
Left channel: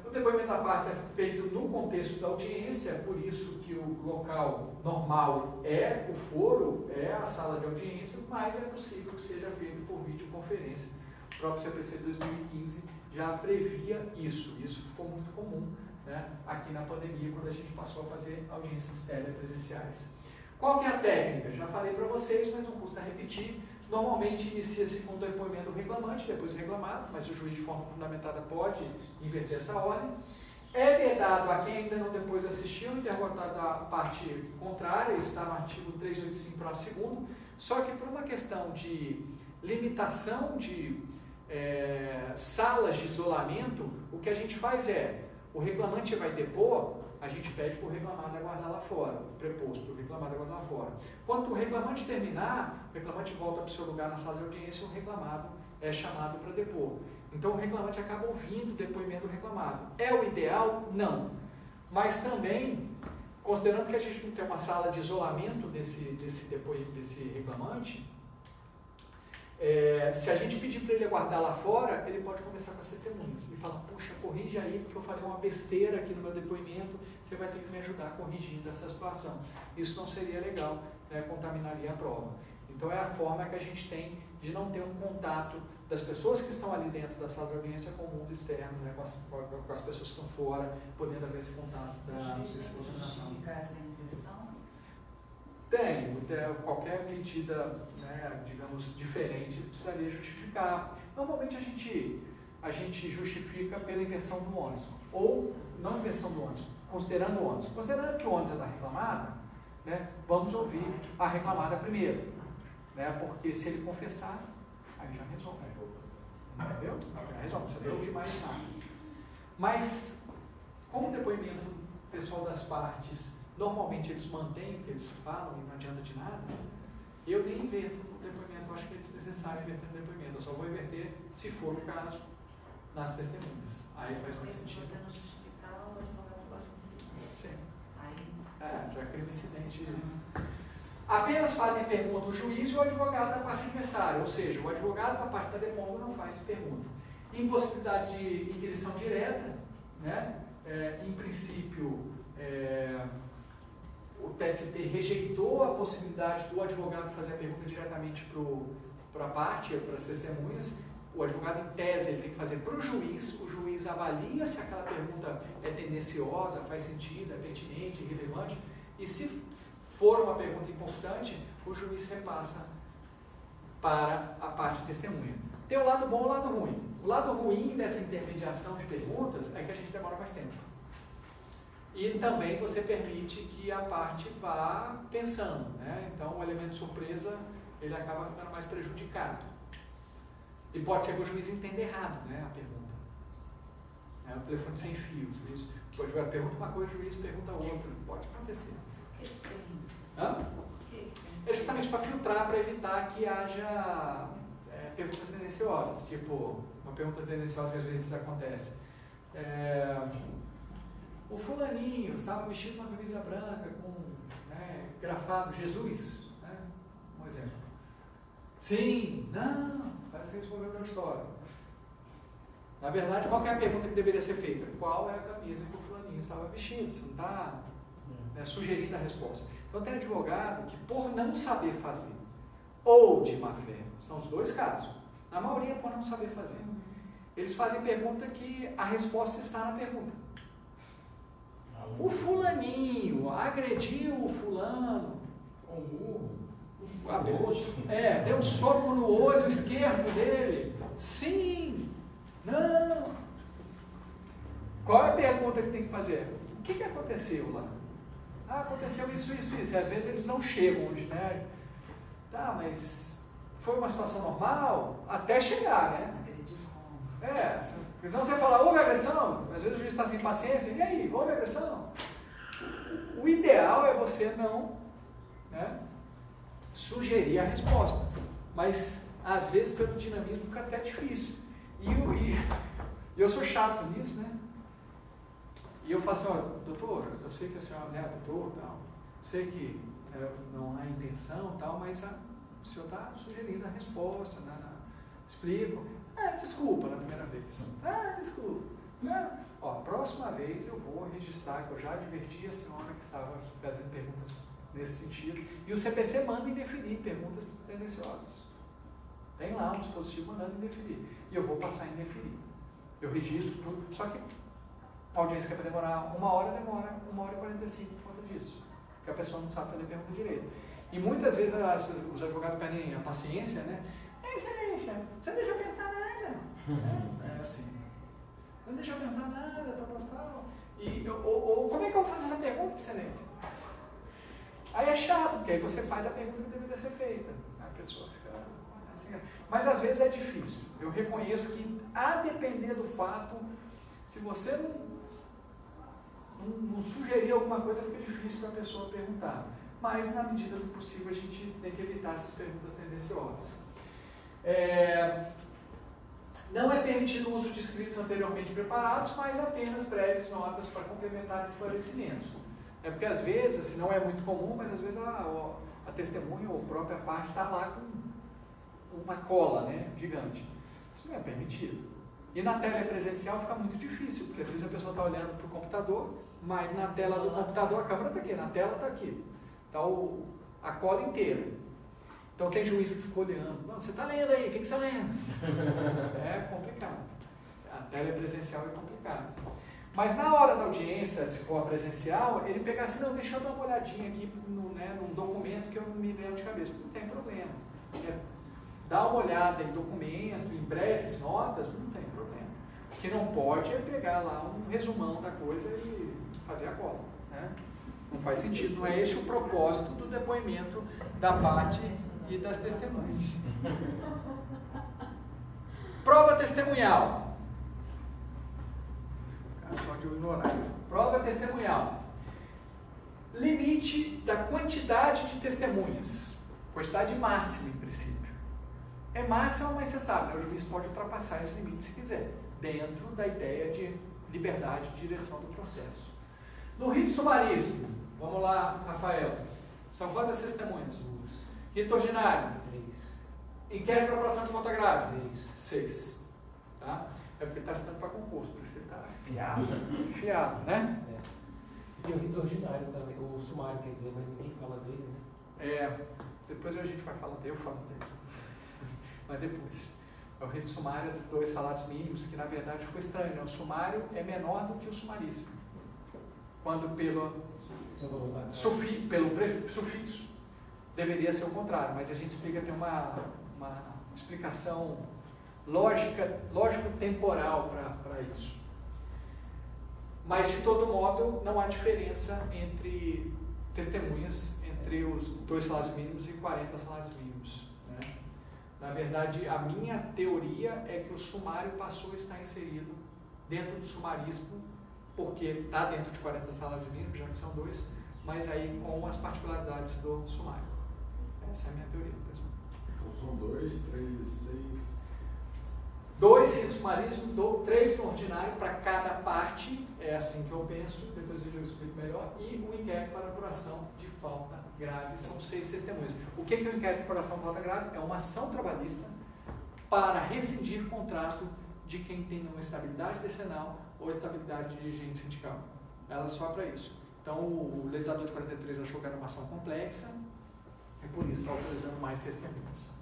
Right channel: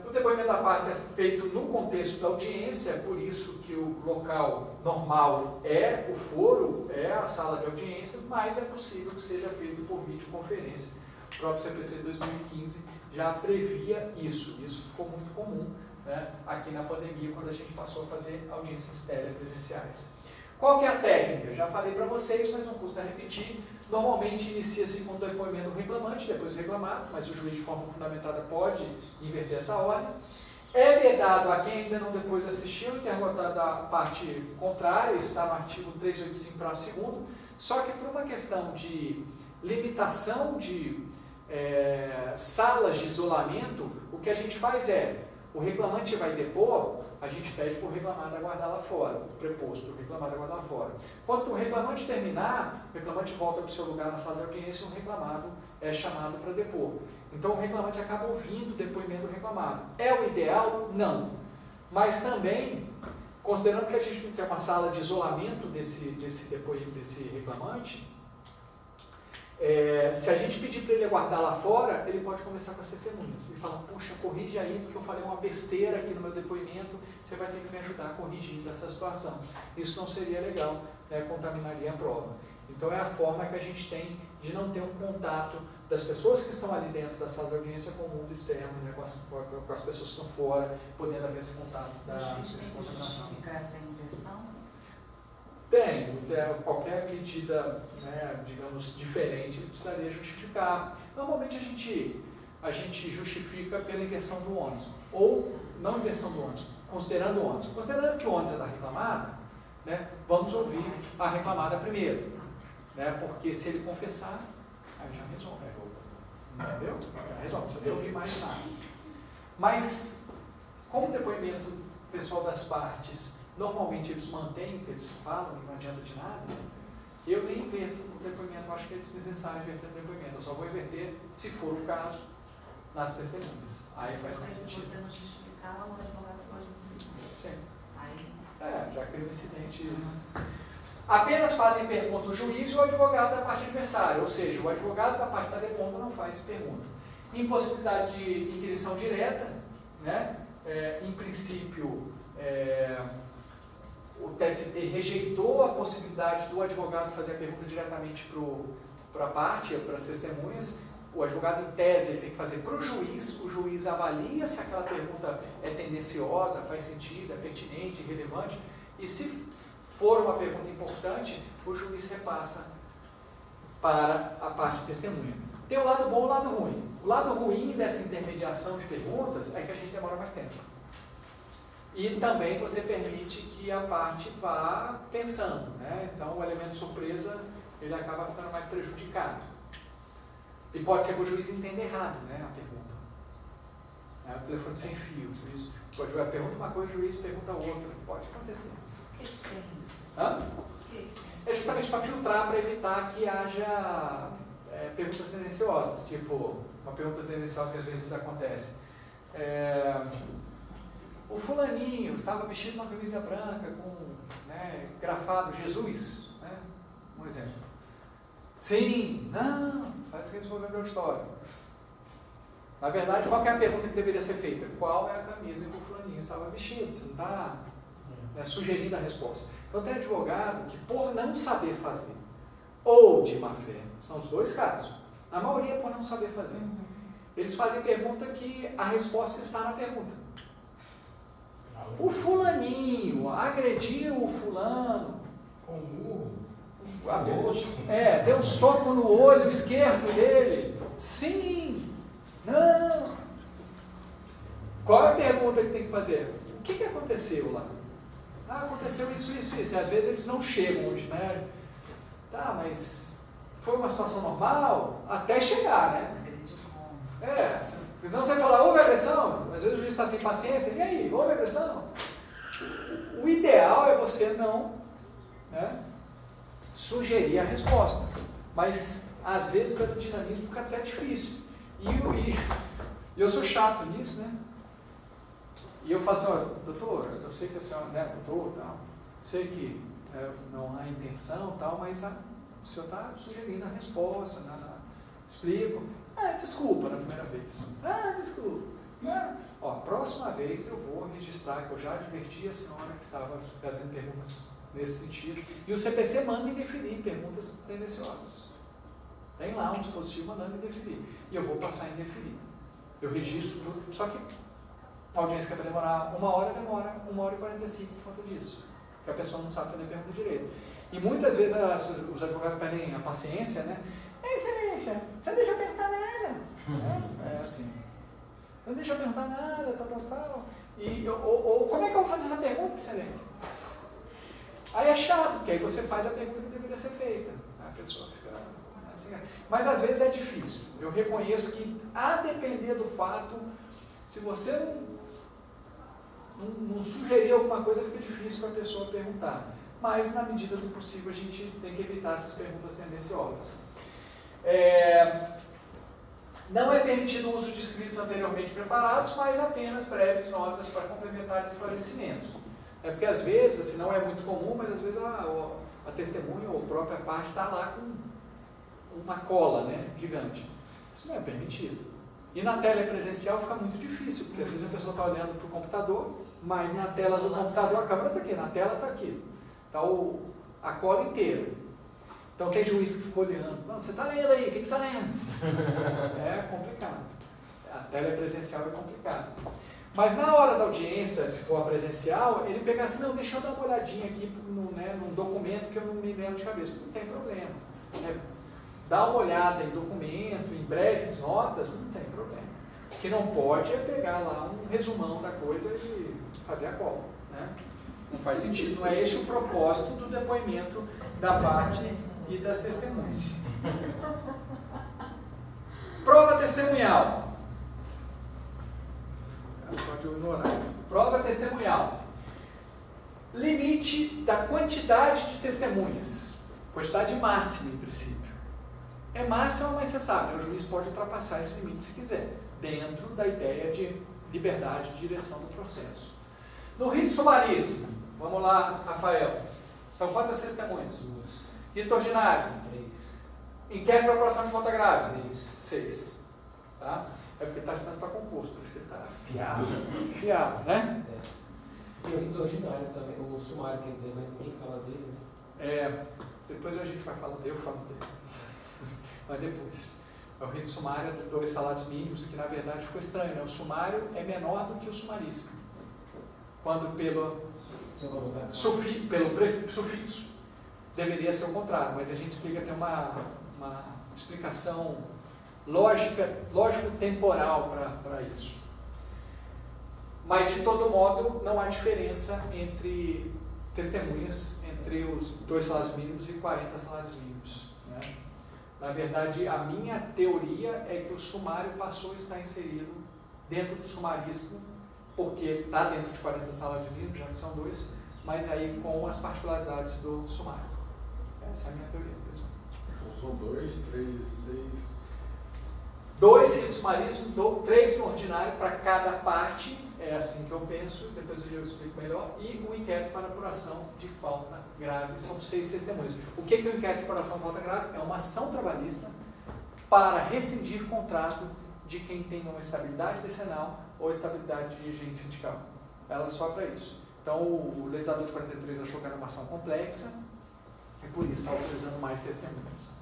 O depoimento da parte é feito no contexto da audiência, por isso que o local normal é o foro, é a sala de audiência, mas é possível que seja feito por videoconferência. O próprio CPC 2015 já previa isso. Isso ficou muito comum, né, aqui na pandemia, quando a gente passou a fazer audiências telepresenciais. Qual que é a técnica? Já falei para vocês, mas não custa repetir. Normalmente inicia-se com o depoimento do reclamante, depois do reclamado, mas o juiz de forma fundamentada pode inverter essa ordem. É vedado a quem ainda não depois assistiu o interrogatório da parte contrária, isso está no artigo 385, parágrafo 2º, só que por uma questão de limitação de salas de isolamento, o que a gente faz o reclamante vai depor, a gente pede para o reclamado aguardar lá fora, o preposto, o reclamado aguardar lá fora. Quando o reclamante terminar, o reclamante volta para o seu lugar na sala de audiência e o reclamado é chamado para depor. Então o reclamante acaba ouvindo o depoimento do reclamado. É o ideal? Não. Mas também, considerando que a gente não tem uma sala de isolamento desse reclamante, se a gente pedir para ele aguardar lá fora, ele pode conversar com as testemunhas. Ele fala, puxa, corrige aí, porque eu falei uma besteira aqui no meu depoimento, você vai ter que me ajudar corrigindo essa situação. Isso não seria legal, né, contaminaria a prova. Então é a forma que a gente tem de não ter um contato das pessoas que estão ali dentro da sala de audiência com o mundo externo, né, com as pessoas que estão fora, podendo haver esse contato da contaminação. Justificar essa inversão? Tem, qualquer medida, né, digamos, diferente, precisaria justificar. Normalmente a gente justifica pela inversão do ônus, ou não inversão do ônus, considerando o ônus. Considerando que o ônus é da reclamada, né, vamos ouvir a reclamada primeiro, né, porque se ele confessar, aí já resolve. Entendeu? Já resolve, não precisa nem ouvir mais nada. Mas, como o depoimento pessoal das partes, normalmente eles mantêm o que eles falam e não adianta de nada, eu nem inverto o depoimento, eu acho que é desnecessário inverter o depoimento, eu só vou inverter, se for o caso, nas testemunhas. Aí faz mais sentido. Se você não justificar, o advogado pode inverter. Sim. Aí... já cria um incidente. Apenas fazem pergunta o juiz e o advogado da parte adversária, ou seja, o advogado da parte da depondo não faz pergunta. Impossibilidade de inquirição direta, né? Em princípio, o TST rejeitou a possibilidade do advogado fazer a pergunta diretamente para a parte, para as testemunhas. O advogado, em tese, ele tem que fazer para o juiz avalia se aquela pergunta é tendenciosa, faz sentido, é pertinente, relevante, e se for uma pergunta importante, o juiz repassa para a parte testemunha. Tem o lado bom e o lado ruim. O lado ruim dessa intermediação de perguntas é que a gente demora mais tempo. E também você permite que a parte vá pensando, né? Então o elemento surpresa, ele acaba ficando mais prejudicado. E pode ser que o juiz entenda errado, né, a pergunta. É o telefone sem fio. O juiz pode pergunta uma coisa, o juiz pergunta outra. Pode acontecer. O que é isso? Hã? É justamente para filtrar, para evitar que haja perguntas tendenciosas. Tipo, uma pergunta tendenciosa que às vezes acontece. O fulaninho estava vestido uma camisa branca com, né, grafado Jesus, né? Um exemplo. Sim, não, parece que esse foi a história. Na verdade, qual que é a pergunta que deveria ser feita? Qual é a camisa que o fulaninho estava vestido? Você não está sugerindo a resposta. Então tem advogado que, por não saber fazer, ou de má fé, são os dois casos, na maioria por não saber fazer, eles fazem pergunta que a resposta está na pergunta. O fulaninho agrediu o fulano Com o deu um soco no olho esquerdo dele. Sim. Não. Qual é a pergunta que tem que fazer? O que aconteceu lá? Ah, aconteceu isso. E às vezes eles não chegam onde, né? Tá, mas foi uma situação normal até chegar, né? Senão você vai falar, houve agressão? Às vezes o juiz está sem paciência. E aí, houve agressão? O ideal é você não, né, sugerir a resposta. Mas, às vezes, pelo dinamismo, fica até difícil. E eu sou chato nisso, né? E eu falo assim, doutor, eu sei que a senhora, né, doutor, tal, sei que não há intenção, tal, mas o senhor está sugerindo a resposta, explico. Desculpa na primeira vez. Desculpa. Próxima vez eu vou registrar que eu já adverti a senhora que estava fazendo perguntas nesse sentido. E o CPC manda indeferir perguntas tendenciosas. Tem lá um dispositivo mandando indeferir. E eu vou passar a indeferir. Eu registro tudo. Só que a audiência que é para demorar 1 hora, demora 1h45 por conta disso. Porque a pessoa não sabe fazer pergunta direito. E muitas vezes os advogados perdem a paciência, né? Excelência, você não deixa eu perguntar nada. É assim. Não deixa eu perguntar nada, tal. Ou como é que eu vou fazer essa pergunta, excelência? Aí é chato, porque aí você faz a pergunta que deveria ser feita. A pessoa fica assim. Mas às vezes é difícil. Eu reconheço que, a depender do fato, se você não sugerir alguma coisa, fica difícil para a pessoa perguntar. Mas, na medida do possível, a gente tem que evitar essas perguntas tendenciosas. Não é permitido o uso de escritos anteriormente preparados, mas apenas breves notas para complementar esclarecimentos. Porque às vezes, assim, não é muito comum, mas às vezes a testemunha ou a própria parte está lá com uma cola, né, gigante. Isso não é permitido. E na tela presencial fica muito difícil, porque às vezes a pessoa está olhando para o computador, mas na tela do computador a câmera está aqui, na tela está aqui. Está a cola inteira. Então tem juiz que fica olhando. Não, você está lendo aí, o que você está lendo? É complicado. A tela presencial é complicado. Mas na hora da audiência, se for presencial, ele pega assim, não, deixa eu dar uma olhadinha aqui num documento que eu não me lembro de cabeça. Não tem problema. Dá uma olhada em documento, em breves notas, não tem problema. O que não pode é pegar lá um resumão da coisa e fazer a cola. Né? Não faz sentido. Não é esse o propósito do depoimento da parte e das testemunhas. Prova testemunhal. Só de olho no horário. Prova testemunhal. Limite da quantidade de testemunhas. Quantidade máxima, em princípio. É máxima, mas você sabe, né? O juiz pode ultrapassar esse limite se quiser, dentro da ideia de liberdade de direção do processo. No rito sumaríssimo, vamos lá, Rafael. São quantas testemunhas? Rito ordinário? 3. Inquérito para apuração de falta grave? 6. 6. Tá? É porque está estudando para concurso, porque você está afiado, né? E o rito ordinário também, o sumário, quer dizer, mas ninguém fala dele, né? Depois a gente vai falar dele, eu falo dele. Mas depois. O rito sumário é de 2 salários mínimos, que na verdade ficou estranho, né? O sumário é menor do que o sumaríssimo. Quando pelo sufixo deveria ser o contrário, mas a gente explica, tem uma explicação lógico-temporal para isso. Mas, de todo modo, não há diferença entre testemunhas entre os 2 salários mínimos e 40 salários mínimos, né? Na verdade, a minha teoria é que o sumário passou a estar inserido dentro do sumarístico, porque está dentro de 40 salários mínimos, já que são 2, mas aí com as particularidades do sumário. Essa é a minha teoria, pessoal. Então são 2, 3 e 6... 2 ritos sumaríssimos, 3 no ordinário para cada parte, é assim que eu penso, depois eu explico melhor, e o inquérito para apuração de falta grave, são 6 testemunhas. O que é o inquérito de apuração de falta grave? É uma ação trabalhista para rescindir contrato de quem tem uma estabilidade decenal ou estabilidade de agente sindical. Ela só para isso. Então, o legislador de 43 achou que era uma ação complexa, e por isso está autorizando mais testemunhas.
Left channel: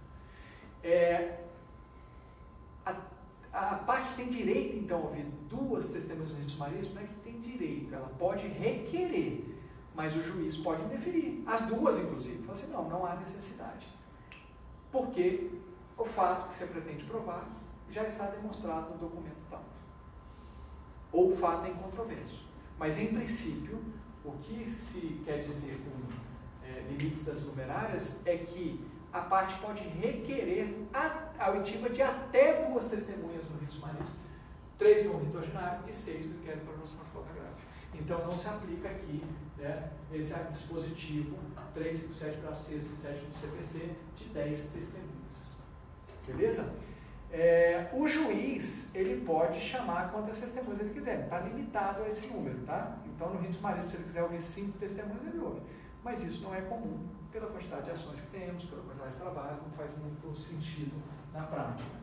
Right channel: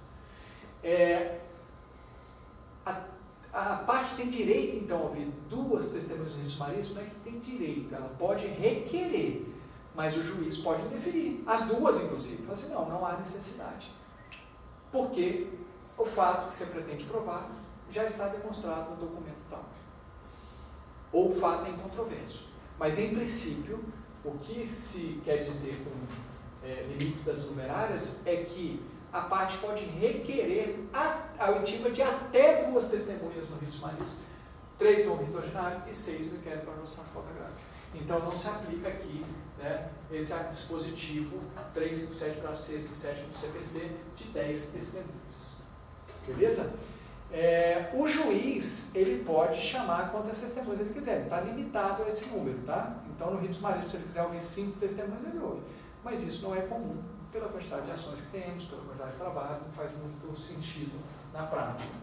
A parte tem direito, então, a ouvir 2 testemunhas no rito sumarístico, não é que tem direito, ela pode requerer, mas o juiz pode indeferir, as 2, inclusive. Fala assim, não há necessidade, porque o fato que você pretende provar já está demonstrado no documento tal, ou o fato é incontroverso. Mas, em princípio, o que se quer dizer com limites das numerárias é que a parte pode requerer a oitiva de até 2 testemunhas no rito sumarístico, 3 no rito ordinário e 6 no inquérito para apuração de falta grave. Então não se aplica aqui, né, esse dispositivo 357 para 6 e 7 do CPC de 10 testemunhas. Beleza? O juiz, ele pode chamar quantas testemunhas ele quiser, está limitado a esse número, tá? Então no rito sumarístico, se ele quiser ouvir 5 testemunhas, ele ouve. Mas isso não é comum, pela quantidade de ações que temos, pela quantidade de trabalho, não faz muito sentido na prática.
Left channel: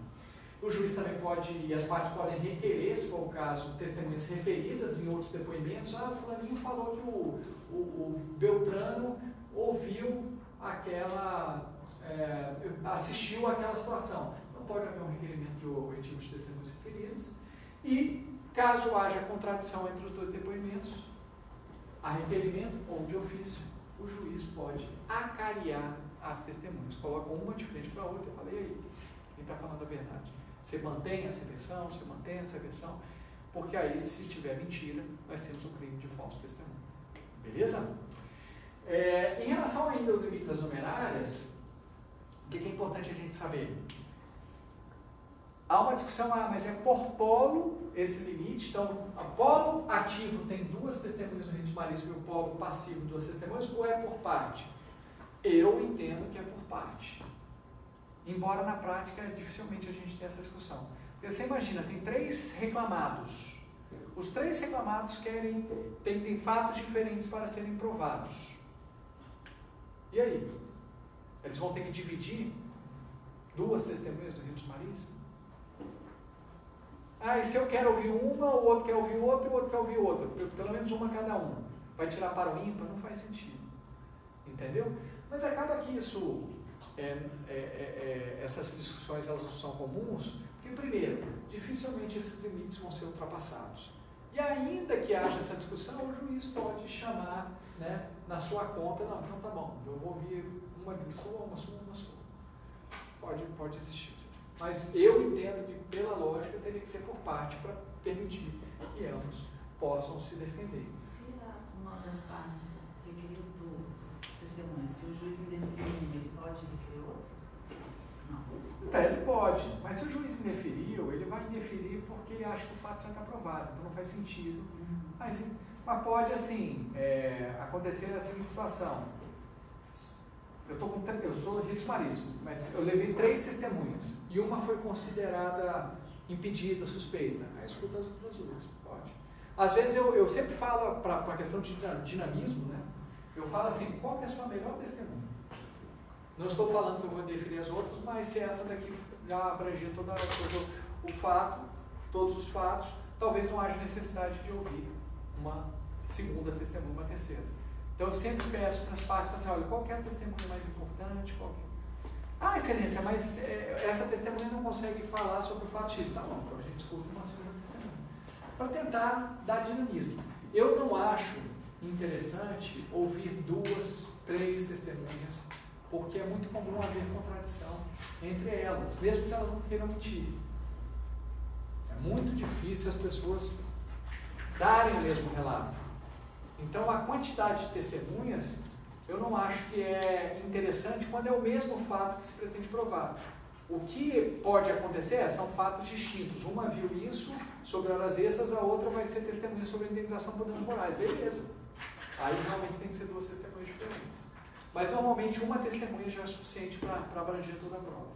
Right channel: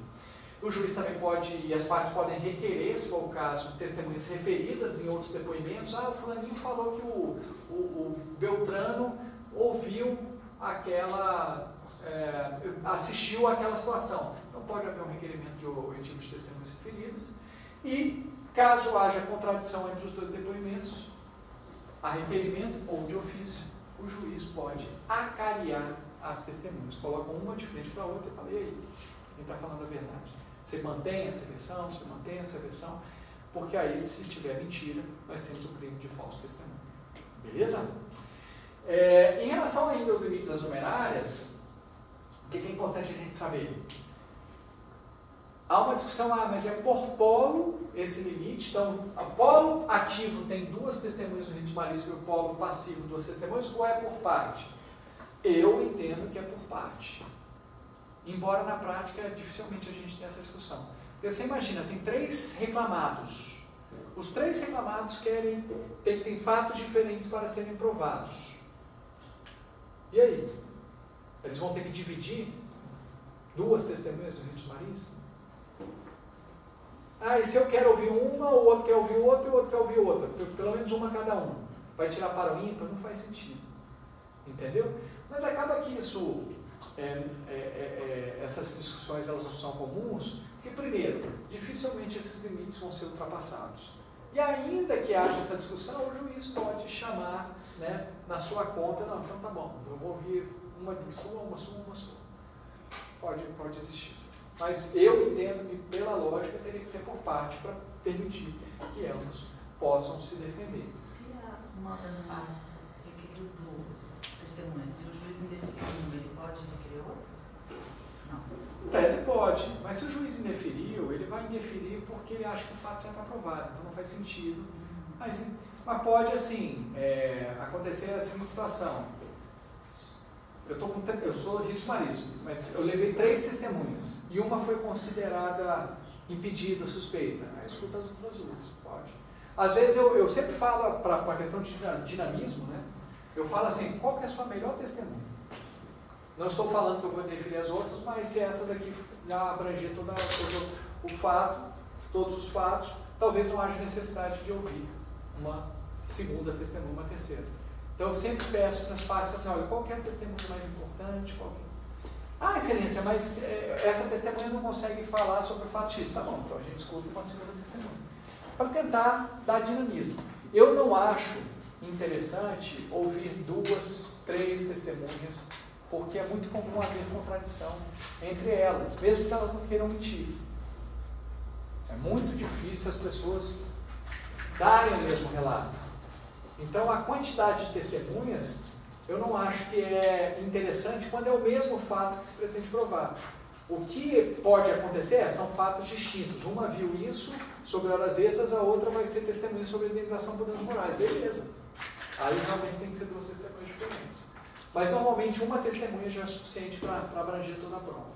O juiz também pode, e as partes podem requerer, se for o caso, testemunhas referidas em outros depoimentos. O fulaninho falou que o Beltrano ouviu assistiu àquela situação. Então pode haver um requerimento de oitivo de testemunhas referidas. E, caso haja contradição entre os 2 depoimentos, a requerimento ou de ofício, o juiz pode acariar as testemunhas. Coloca uma de frente para a outra e fala, e aí, quem está falando a verdade? Você mantém essa versão? Você mantém essa versão? Porque aí, se tiver mentira, nós temos o crime de falso testemunho. Beleza? Em relação ainda aos limites das numerárias, o que é importante a gente saber? Há uma discussão, mas é por polo esse limite. Então, o polo ativo tem 2 testemunhas no rito sumarístico e o polo passivo 2 testemunhas, ou é por parte? Eu entendo que é por parte. Embora na prática dificilmente a gente tenha essa discussão. Porque você imagina, tem 3 reclamados. Os 3 reclamados têm fatos diferentes para serem provados. E aí? Eles vão ter que dividir 2 testemunhas no rito sumarístico? E se eu quero ouvir uma, o outro quer ouvir outra, e o outro quer ouvir outra. Pelo menos uma cada um. Vai tirar para o ímpar? Não faz sentido. Entendeu? Mas acaba que isso, essas discussões elas não são comuns, porque, primeiro, dificilmente esses limites vão ser ultrapassados. E ainda que haja essa discussão, o juiz pode chamar, né, na sua conta, não, então tá bom, eu vou ouvir uma sua. Pode existir. Mas eu entendo que, pela lógica, teria que ser por parte para permitir que ambos possam se defender. Se uma das partes requeriu 2 testemunhas, se o juiz indeferiu uma, ele pode requerer outra? Não. Em tese pode, mas se o juiz indeferiu, ele vai indeferir porque ele acha que o fato já está provado, então não faz sentido. Mas pode, assim, acontecer a seguinte situação. Eu sou rito sumarístico, mas eu levei 3 testemunhas e uma foi considerada impedida, suspeita. Aí escuta as outras 2, pode. Às vezes eu sempre falo para a questão de dinamismo, né? Eu falo assim, qual que é a sua melhor testemunha? Não estou falando que eu vou definir as outras, mas se essa daqui já abranger todo o fato, todos os fatos, talvez não haja necessidade de ouvir uma segunda testemunha, uma terceira. Então eu sempre peço para as partes, assim, olha, qual que é a testemunha mais importante? Excelência, mas essa testemunha não consegue falar sobre o fato X. Tá bom, então a gente escuta uma segunda testemunha. Para tentar dar dinamismo. Eu não acho interessante ouvir 2, 3 testemunhas, porque é muito comum haver contradição entre elas, mesmo que elas não queiram mentir. É muito difícil as pessoas darem o mesmo relato. Então, a quantidade de testemunhas, eu não acho que é interessante quando é o mesmo fato que se pretende provar. O que pode acontecer são fatos distintos. Uma viu isso sobre horas extras, a outra vai ser testemunha sobre a indenização por danos morais. Beleza. Aí realmente tem que ser duas testemunhas diferentes. Mas normalmente uma testemunha já é suficiente para abranger toda a prova.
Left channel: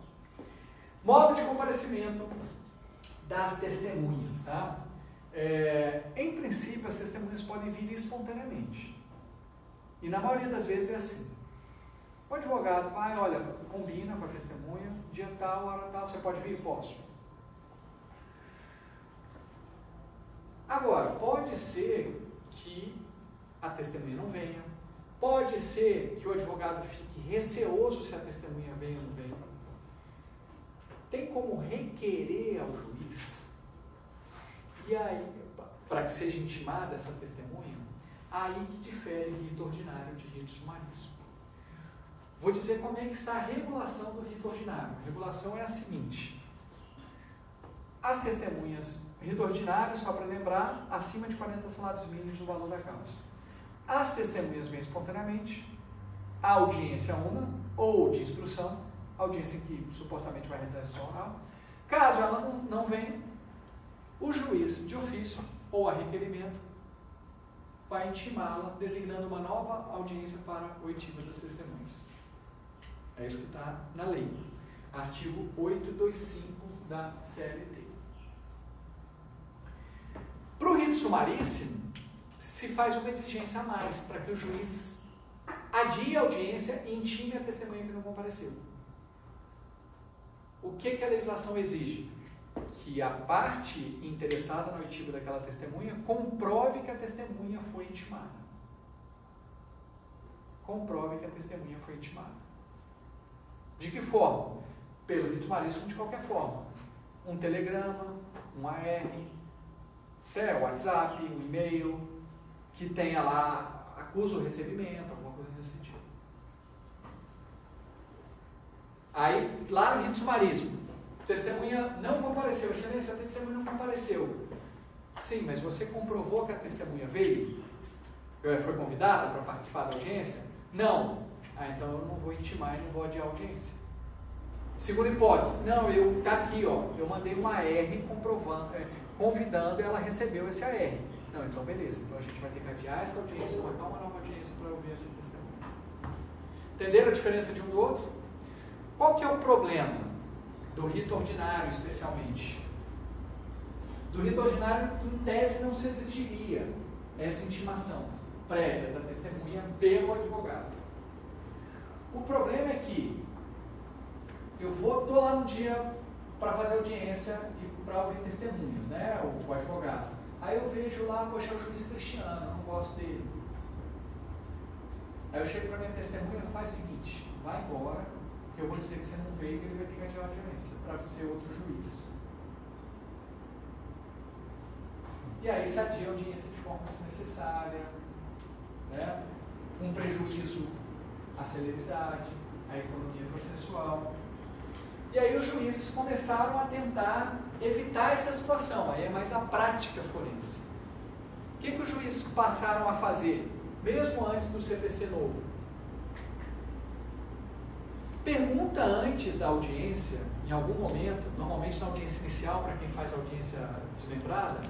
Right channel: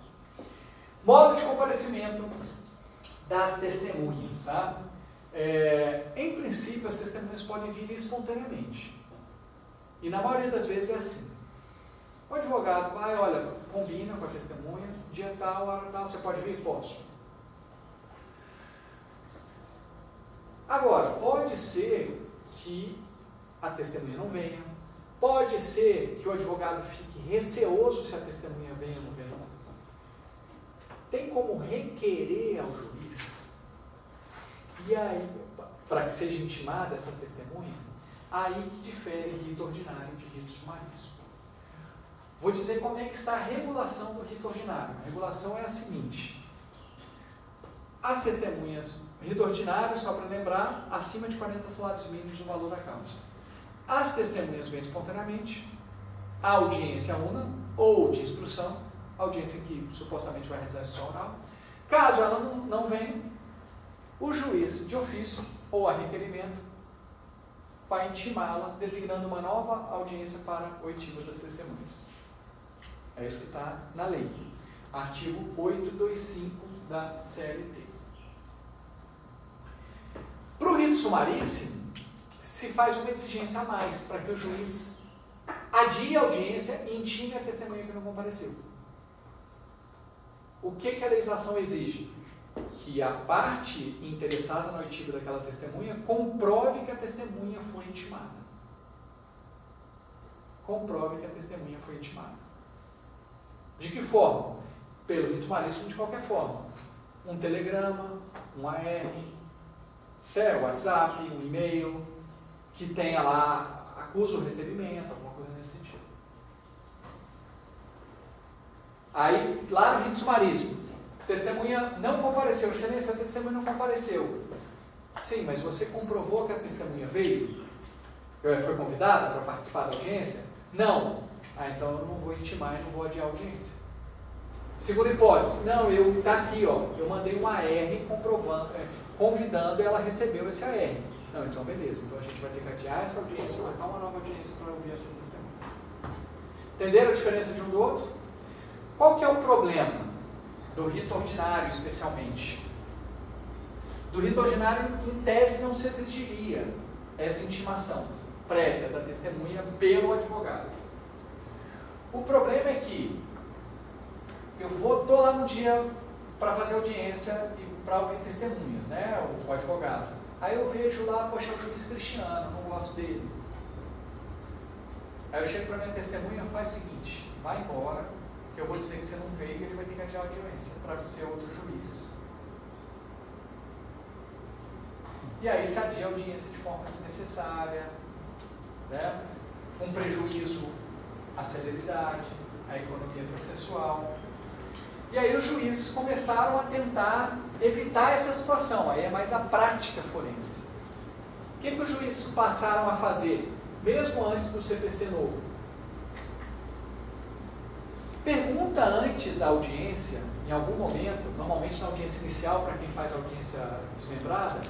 Modo de comparecimento das testemunhas. Tá? Em princípio, as testemunhas podem vir espontaneamente. E na maioria das vezes é assim. O advogado vai, olha, combina com a testemunha, dia tal, hora tal, você pode vir? Posso. Agora, pode ser que a testemunha não venha, pode ser que o advogado fique receoso se a testemunha vem ou não vem. Tem como requerer ao juiz, e aí, para que seja intimada essa testemunha, aí que difere rito ordinário de rito sumaríssimo. Vou dizer como é que está a regulação do rito ordinário. A regulação é a seguinte: as testemunhas, rito ordinário, só para lembrar, acima de 40 salários mínimos o valor da causa. As testemunhas vêm espontaneamente, a audiência una ou de instrução, audiência que supostamente vai realizar sessão oral. Caso ela não venha, o juiz de ofício ou a requerimento vai intimá-la, designando uma nova audiência para oitiva das testemunhas. É isso que está na lei. Artigo 825 da CLT. Para o rito sumaríssimo, se faz uma exigência a mais, para que o juiz adie a audiência e intime a testemunha que não compareceu. O que a legislação exige? Que a parte interessada na oitiva daquela testemunha comprove que a testemunha foi intimada. Comprove que a testemunha foi intimada. De que forma? Pelo rito sumaríssimo, de qualquer forma. Um telegrama, um AR, até WhatsApp, um e-mail, que tenha lá, acusa o recebimento, alguma coisa nesse sentido. Aí, lá no rito sumaríssimo, testemunha não compareceu. Excelência, a testemunha não compareceu. Sim, mas você comprovou que a testemunha veio? Foi convidada para participar da audiência? Não. Então eu não vou intimar e não vou adiar a audiência. Segunda hipótese. Não, está aqui, ó, eu mandei um AR comprovando, convidando e ela recebeu esse AR. Não, então beleza. Então a gente vai ter que adiar essa audiência, marcar uma nova audiência para ouvir essa testemunha. Entenderam a diferença de um do outro? Qual que é o problema do rito ordinário, especialmente? Do rito ordinário, em tese, não se exigiria essa intimação prévia da testemunha pelo advogado. O problema é que eu estou lá no dia para fazer audiência e para ouvir testemunhas, né, o advogado. Aí eu vejo lá, poxa, o juiz Cristiano, não gosto dele. Aí eu chego para minha testemunha e faz o seguinte: vai embora, que eu vou dizer que você não veio e ele vai ter que adiar a audiência para ser outro juiz. E aí se adia a audiência de forma desnecessária, né? Um prejuízo à celeridade, à economia processual. E aí os juízes começaram a tentar evitar essa situação. Aí é mais a prática forense. O que os juízes passaram a fazer, mesmo antes do CPC novo? Pergunta antes da audiência, em algum momento, normalmente na audiência inicial, para quem faz audiência desmembrada,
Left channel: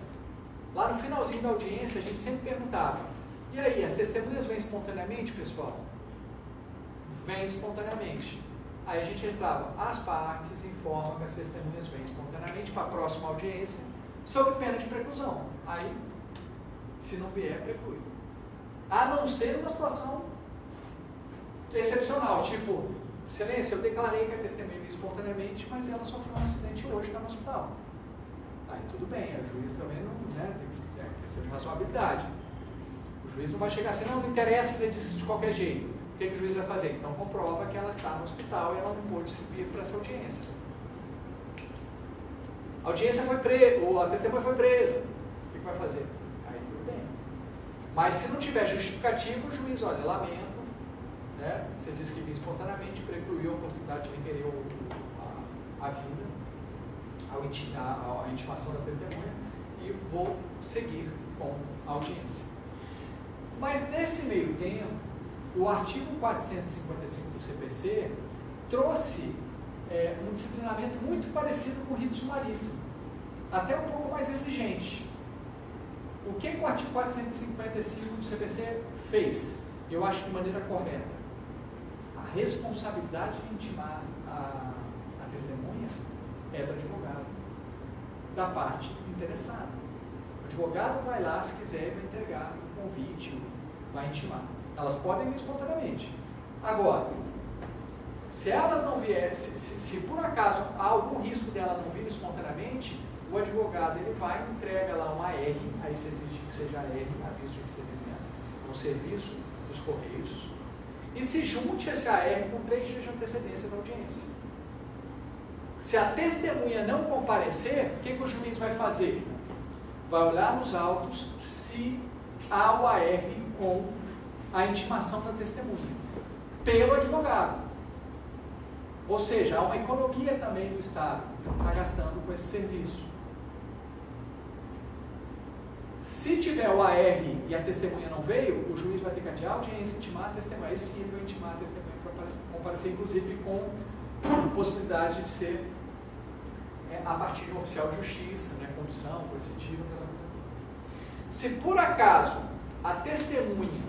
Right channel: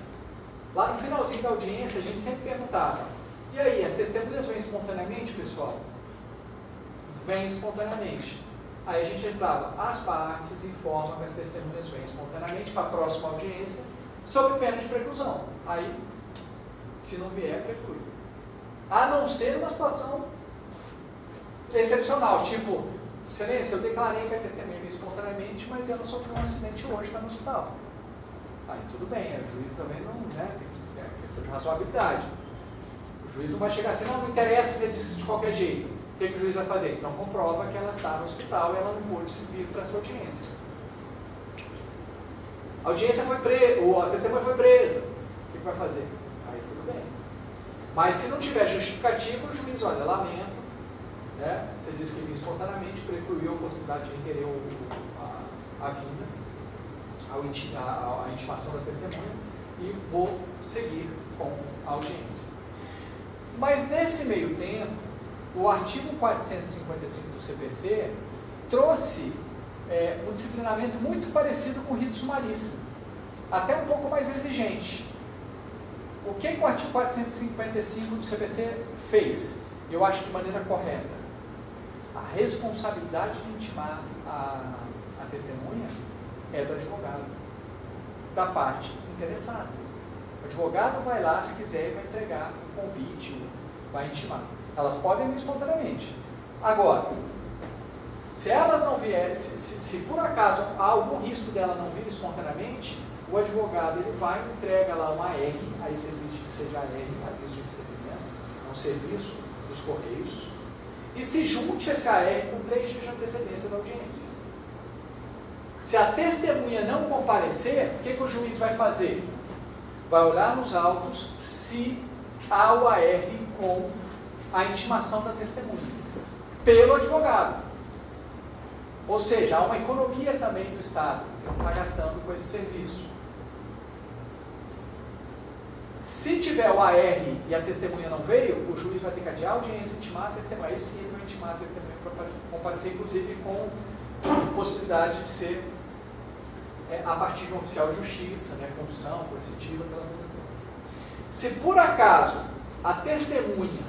lá no finalzinho da audiência a gente sempre perguntava: e aí, as testemunhas vêm espontaneamente, pessoal? Vêm espontaneamente. Aí a gente estava: as partes informam que as testemunhas vêm espontaneamente para a próxima audiência, sob pena de preclusão. Aí, se não vier, preclui. A não ser uma situação excepcional, tipo: excelência, eu declarei que a testemunha veio espontaneamente, mas ela sofreu um acidente hoje, está no hospital. Aí tudo bem, o juiz também não, né, tem que ser questão de razoabilidade. O juiz não vai chegar assim: não interessa, você disse de qualquer jeito. O que o juiz vai fazer? Então comprova que ela está no hospital e ela não pôde vir para essa audiência. A audiência foi presa, ou a testemunha foi presa. O que vai fazer? Aí tudo bem. Mas se não tiver justificativo, o juiz: olha, lamento, né? Você disse que vinha espontaneamente, precluiu a oportunidade de requerer a vinda, a intimação da testemunha, e vou seguir com a audiência. Mas nesse meio tempo, o artigo 455 do CPC trouxe um disciplinamento muito parecido com o rito sumaríssimo, até um pouco mais exigente. O que o artigo 455 do CPC fez? Eu acho de maneira correta. A responsabilidade de intimar a testemunha é do advogado, da parte interessada. O advogado vai lá, se quiser, vai entregar o convite, vai intimar. Elas podem vir espontaneamente. Agora, se elas não vierem, se por acaso há algum risco dela não vir espontaneamente, o advogado ele vai e entrega lá uma AR, aí se exige que seja AR, aviso de recebimento, é um serviço dos Correios, e se junte esse AR com 3 dias de antecedência da audiência. Se a testemunha não comparecer, o que o juiz vai fazer? Vai olhar nos autos se há o AR com a intimação da testemunha, pelo advogado. Ou seja, há uma economia também do Estado, que não está gastando com esse serviço. Se tiver o AR e a testemunha não veio, o juiz vai ter que adiar a audiência, intimar a testemunha. Aí sim, vai intimar a testemunha para comparecer, inclusive com possibilidade de ser a partir de um oficial de justiça, né, condução, coercitiva, aquela coisa toda. Se por acaso a testemunha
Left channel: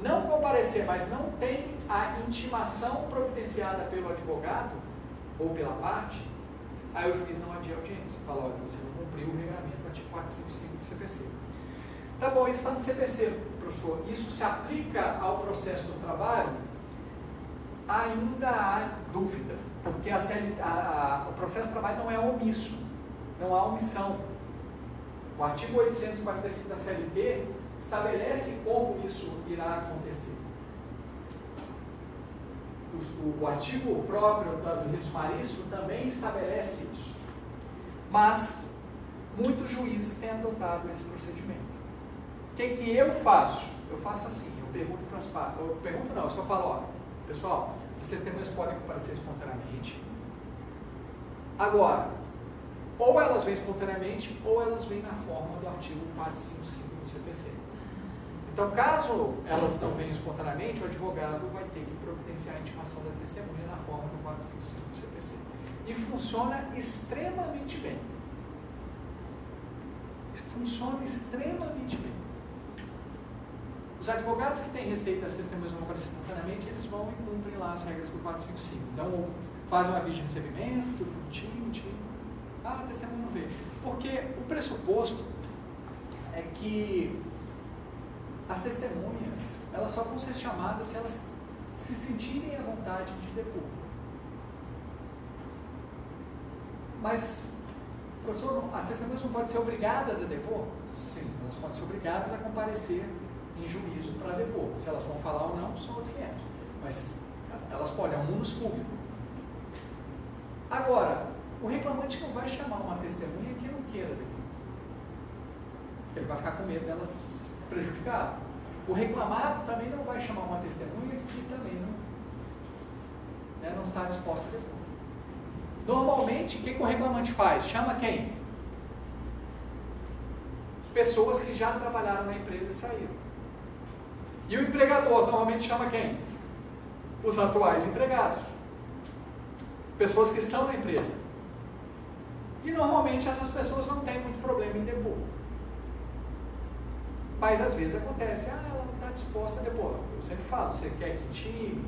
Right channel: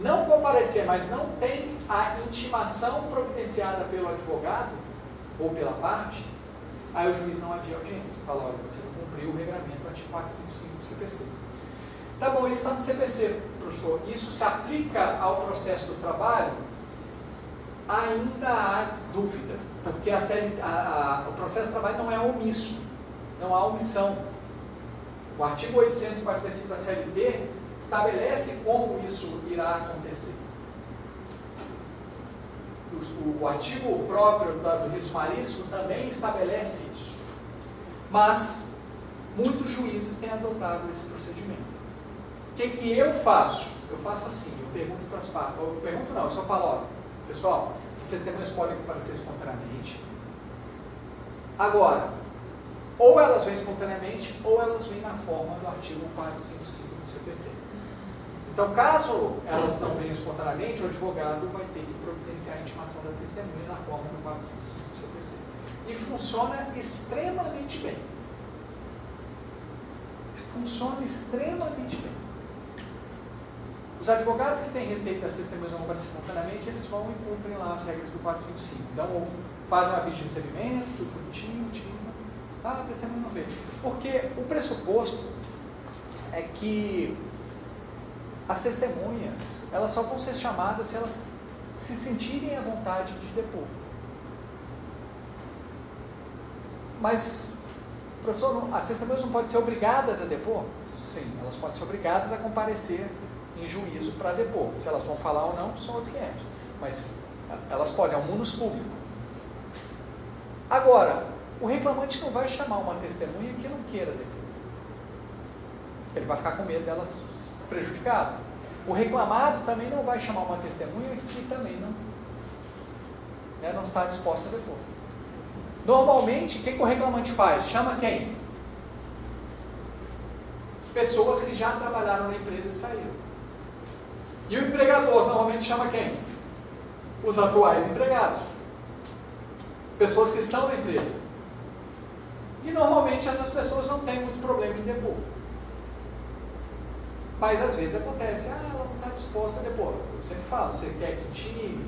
não comparecer, mas não tem a intimação providenciada pelo advogado ou pela parte, aí o juiz não adia a audiência. Fala, olha, você não cumpriu o regramento do artigo 455 do CPC. Tá bom, isso está no CPC, professor. Isso se aplica ao processo do trabalho? Ainda há dúvida, porque o processo do trabalho não é omisso, não há omissão. O artigo 845 da CLT estabelece como isso irá acontecer. O artigo próprio do rito sumaríssimo também estabelece isso. Mas muitos juízes têm adotado esse procedimento. O que eu faço? Eu faço assim, eu pergunto para as partes, eu só falo, ó, pessoal, as testemunhas podem comparecer espontaneamente. Agora, ou elas vêm espontaneamente, ou elas vêm na forma do artigo 455 do CPC. Então, caso elas não venham espontaneamente, o advogado vai ter que providenciar a intimação da testemunha na forma do 455 do CPC. E funciona extremamente bem. Funciona extremamente bem. Os advogados que têm receita das testemunhas não comparecer espontaneamente, eles vão e cumprem lá as regras do 455. Então, fazem um aviso de recebimento, tudo bonitinho, a testemunha não veio. Porque o pressuposto é que as testemunhas, elas só vão ser chamadas se elas se sentirem à vontade de depor. Mas, professor, as testemunhas não podem ser obrigadas a depor? Sim, elas podem ser obrigadas a comparecer em juízo para depor. Se elas vão falar ou não, são outros 500. Mas elas podem, é um munus público. Agora, o reclamante não vai chamar uma testemunha que não queira depor. Porque ele vai ficar com medo delas prejudicado. O reclamado também não vai chamar uma testemunha que também não está disposta a depor. Normalmente, o que o reclamante faz? Chama quem? Pessoas que já trabalharam na empresa e saíram. E o empregador normalmente chama quem? Os atuais empregados. Pessoas que estão na empresa. E normalmente essas pessoas não têm muito problema em depor. Mas às vezes acontece, ela não está disposta a depor. Eu sempre falo, você quer que intime,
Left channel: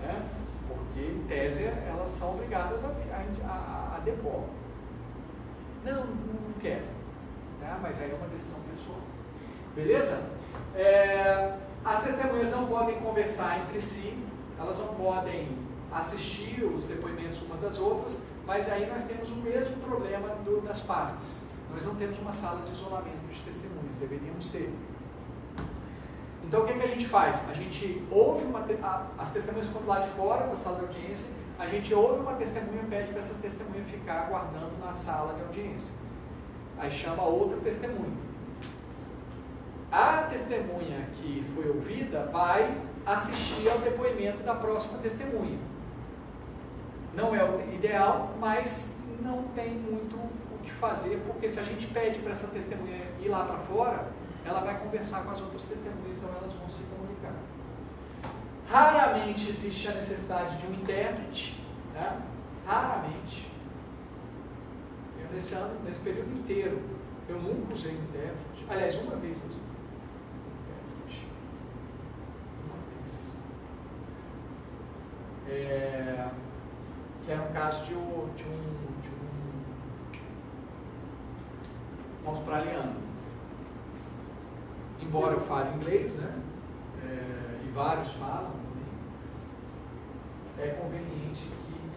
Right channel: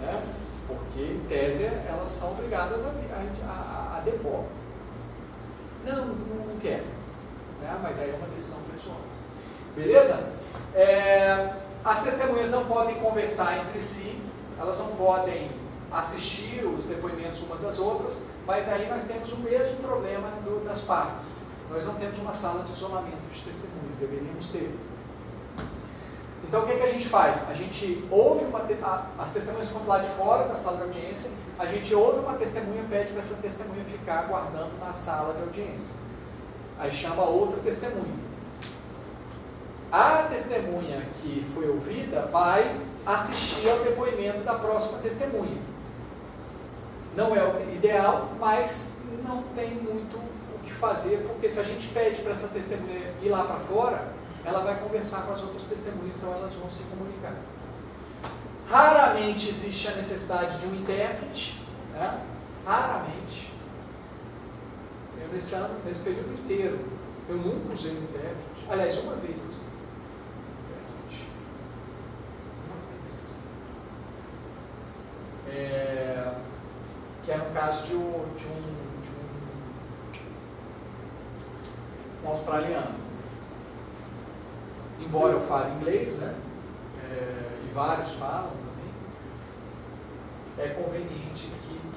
né? Porque em tese elas são obrigadas a depor. Não quero, né? Mas aí é uma decisão pessoal. Beleza? As testemunhas não podem conversar entre si, elas não podem assistir os depoimentos umas das outras, mas aí nós temos o mesmo problema das partes. Nós não temos uma sala de isolamento de testemunhas, deveríamos ter. Então o que a gente faz? A gente ouve as testemunhas ficam lá de fora da sala de audiência, a gente ouve uma testemunha e pede para essa testemunha ficar aguardando na sala de audiência. Aí chama outra testemunha. A testemunha que foi ouvida vai assistir ao depoimento da próxima testemunha. Não é o ideal, mas não tem muito o que fazer, porque se a gente pede para essa testemunha ir lá para fora, ela vai conversar com as outras testemunhas, então elas vão se comunicar. Raramente existe a necessidade de um intérprete, né? Raramente. Eu, nesse período inteiro, eu nunca usei um intérprete. Aliás, uma vez eu usei um intérprete. Uma vez. Que era um caso de um australiano. Embora eu fale inglês, né? E vários falam também, é conveniente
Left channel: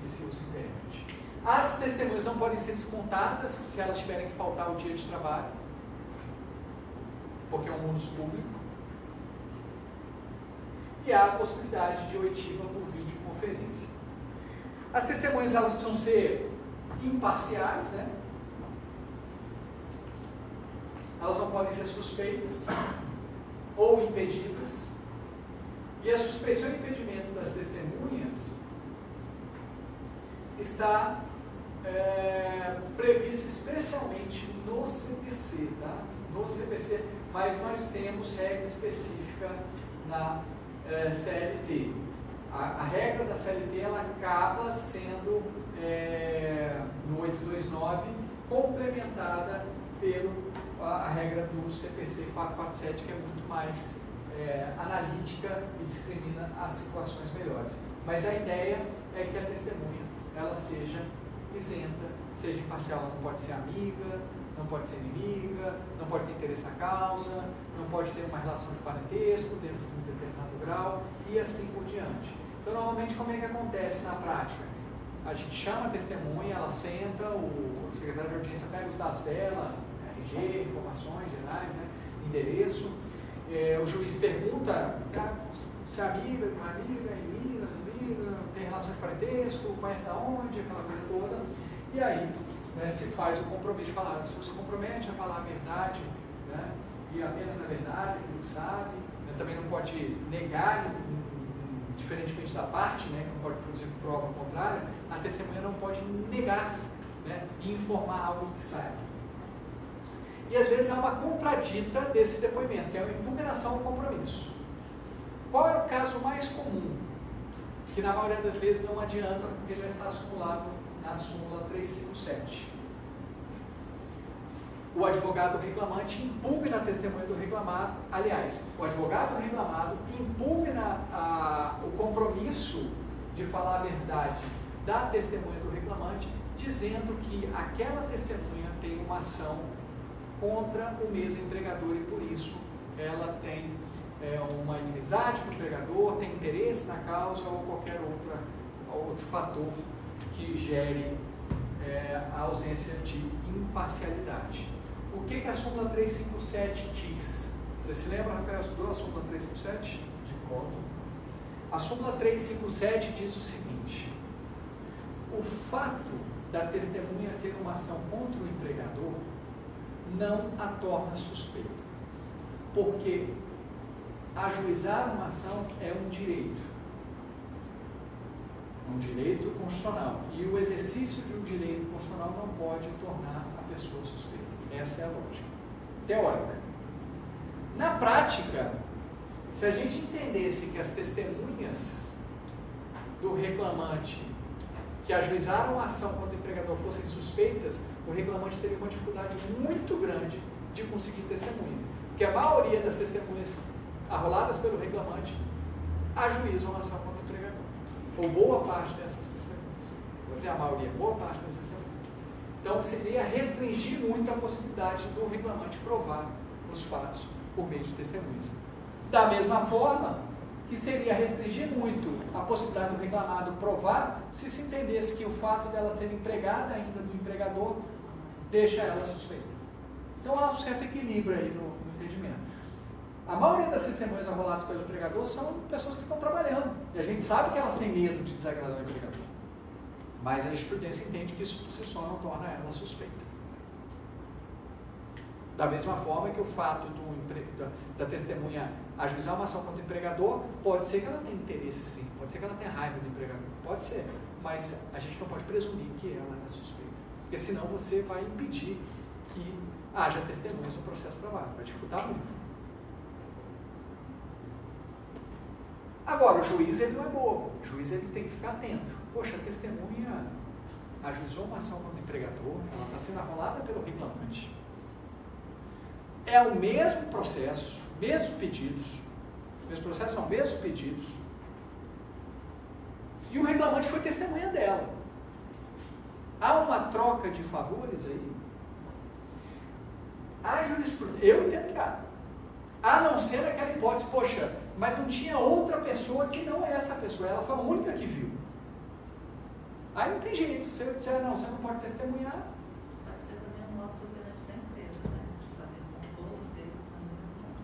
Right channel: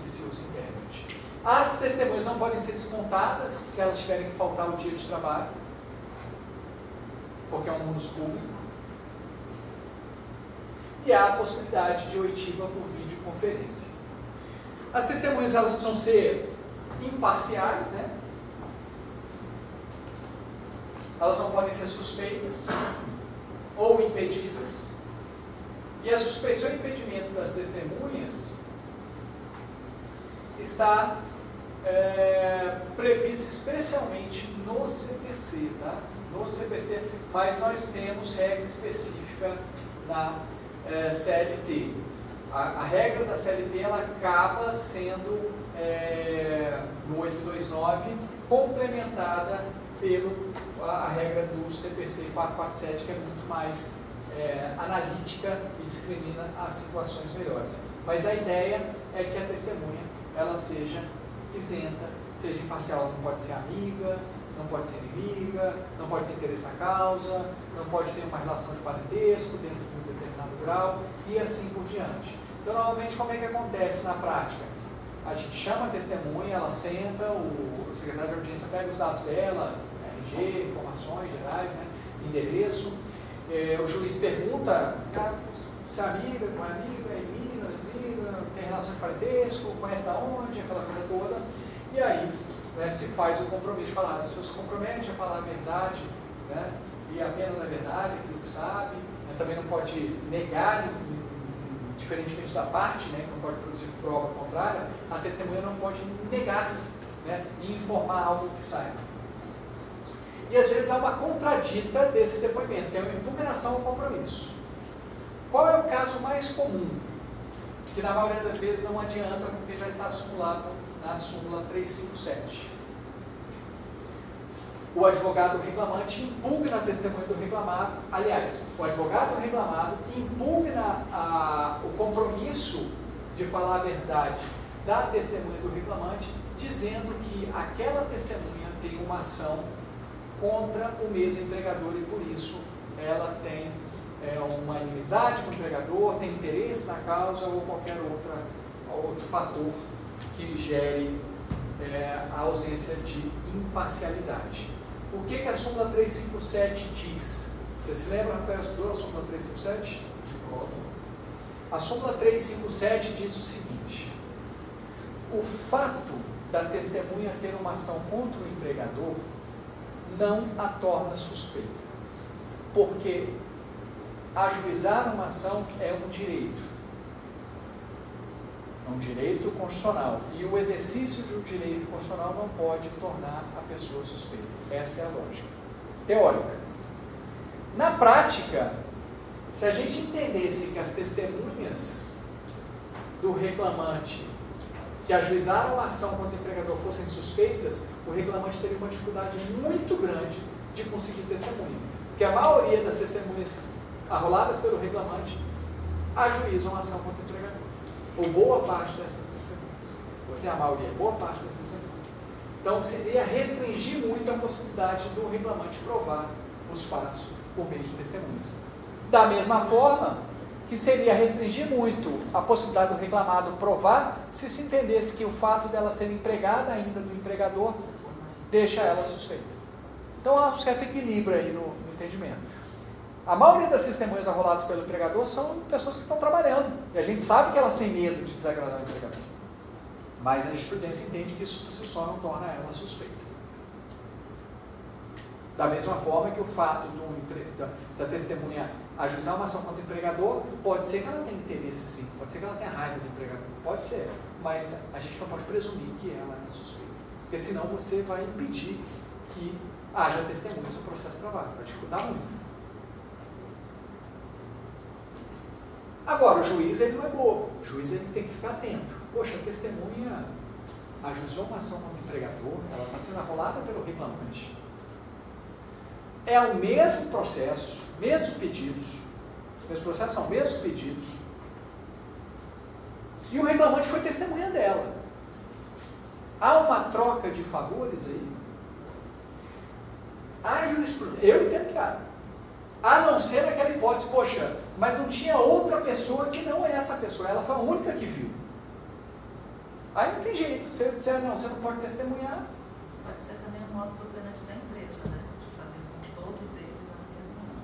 que se use intérprete. As testemunhas não podem ser descontadas se elas tiverem que faltar o dia de trabalho, porque é um ônus público. E há a possibilidade de oitiva por videoconferência. As testemunhas elas precisam ser imparciais, né? Elas não podem ser suspeitas ou impedidas. E a suspeição e impedimento das testemunhas está prevista especialmente no CPC, tá? No CPC, mas nós temos regra específica na CLT. A regra da CLT ela acaba sendo no 829 complementada pela regra do CPC 447, que é muito mais analítica e discrimina as situações melhores. Mas a ideia é que a testemunha ela seja isenta, seja imparcial, ela não pode ser amiga, não pode ser inimiga, não pode ter interesse na causa, não pode ter uma relação de parentesco dentro de um determinado grau e assim por diante. Então, normalmente, como é que acontece na prática? A gente chama a testemunha, ela senta, o secretário de audiência pega os dados dela, RG, informações gerais, né, endereço, o juiz pergunta se é amiga, não é amiga, é inimiga, tem relação de parentesco, conhece aonde, aquela coisa toda, e aí se faz o compromisso de falar, se você se compromete a falar a verdade, né, e apenas a verdade, aquilo que sabe, né, também não pode negar, diferentemente da parte, né, que não pode produzir prova contrária, a testemunha não pode negar, né, e informar algo que saiba. E às vezes há uma contradita desse depoimento, que é uma impugnação ao compromisso. Qual é o caso mais comum? Que na maioria das vezes não adianta, porque já está simulado na súmula 357. O advogado reclamante impugna a testemunha do reclamado, aliás, o advogado reclamado impugna o compromisso de falar a verdade da testemunha do reclamante, dizendo que aquela testemunha tem uma ação contra o mesmo empregador e por isso ela tem uma inimizade com o empregador, tem interesse na causa ou qualquer outro fator que gere a ausência de imparcialidade. O que a súmula 357 diz? Você se lembra, Rafael, estudou a súmula 357? De como? A súmula 357 diz o seguinte: o fato da testemunha ter uma ação contra o empregador não a torna suspeita, porque ajuizar uma ação é um direito constitucional, e o exercício de um direito constitucional não pode tornar a pessoa suspeita. Essa é a lógica teórica. Na prática, se a gente entendesse que as testemunhas do reclamante que ajuizaram a ação contra o empregador fossem suspeitas, o reclamante teria uma dificuldade muito grande de conseguir testemunha, porque a maioria das testemunhas arroladas pelo reclamante ajuizam a ação contra o empregador, ou boa parte dessas testemunhas, vou dizer a maioria, boa parte dessas testemunhas. Então seria restringir muito a possibilidade do reclamante provar os fatos por meio de testemunhas. Da mesma forma que seria restringir muito a possibilidade do reclamado provar se entendesse que o fato dela ser empregada ainda do empregador deixa ela suspeita. Então há um certo equilíbrio aí no entendimento. A maioria das testemunhas arroladas pelo empregador são pessoas que estão trabalhando, e a gente sabe que elas têm medo de desagradar o empregador, mas a jurisprudência entende que isso por si só não torna ela suspeita. Da mesma forma que o fato da testemunha ajuizar uma ação contra o empregador, pode ser que ela tenha interesse sim, pode ser que ela tenha raiva do empregador, pode ser, mas a gente não pode presumir que ela é suspeita. porque senão você vai impedir que haja testemunhas no processo de trabalho, vai dificultar muito. Agora, o juiz ele não é bobo, o juiz ele tem que ficar atento. Poxa, a testemunha ajuizou uma ação contra o empregador, ela está sendo arrolada pelo reclamante. É o mesmo processo, mesmos pedidos, mesmos pedidos, e o reclamante foi testemunha dela. Há uma troca de favores aí? A jurisprudência, eu entendo que há. A não ser aquela hipótese, poxa, mas não tinha outra pessoa que não é essa pessoa, ela foi a única que viu. Aí não tem jeito, você não pode testemunhar. Pode ser também um modo soberano da empresa, né? De fazer com todos eles a mesma.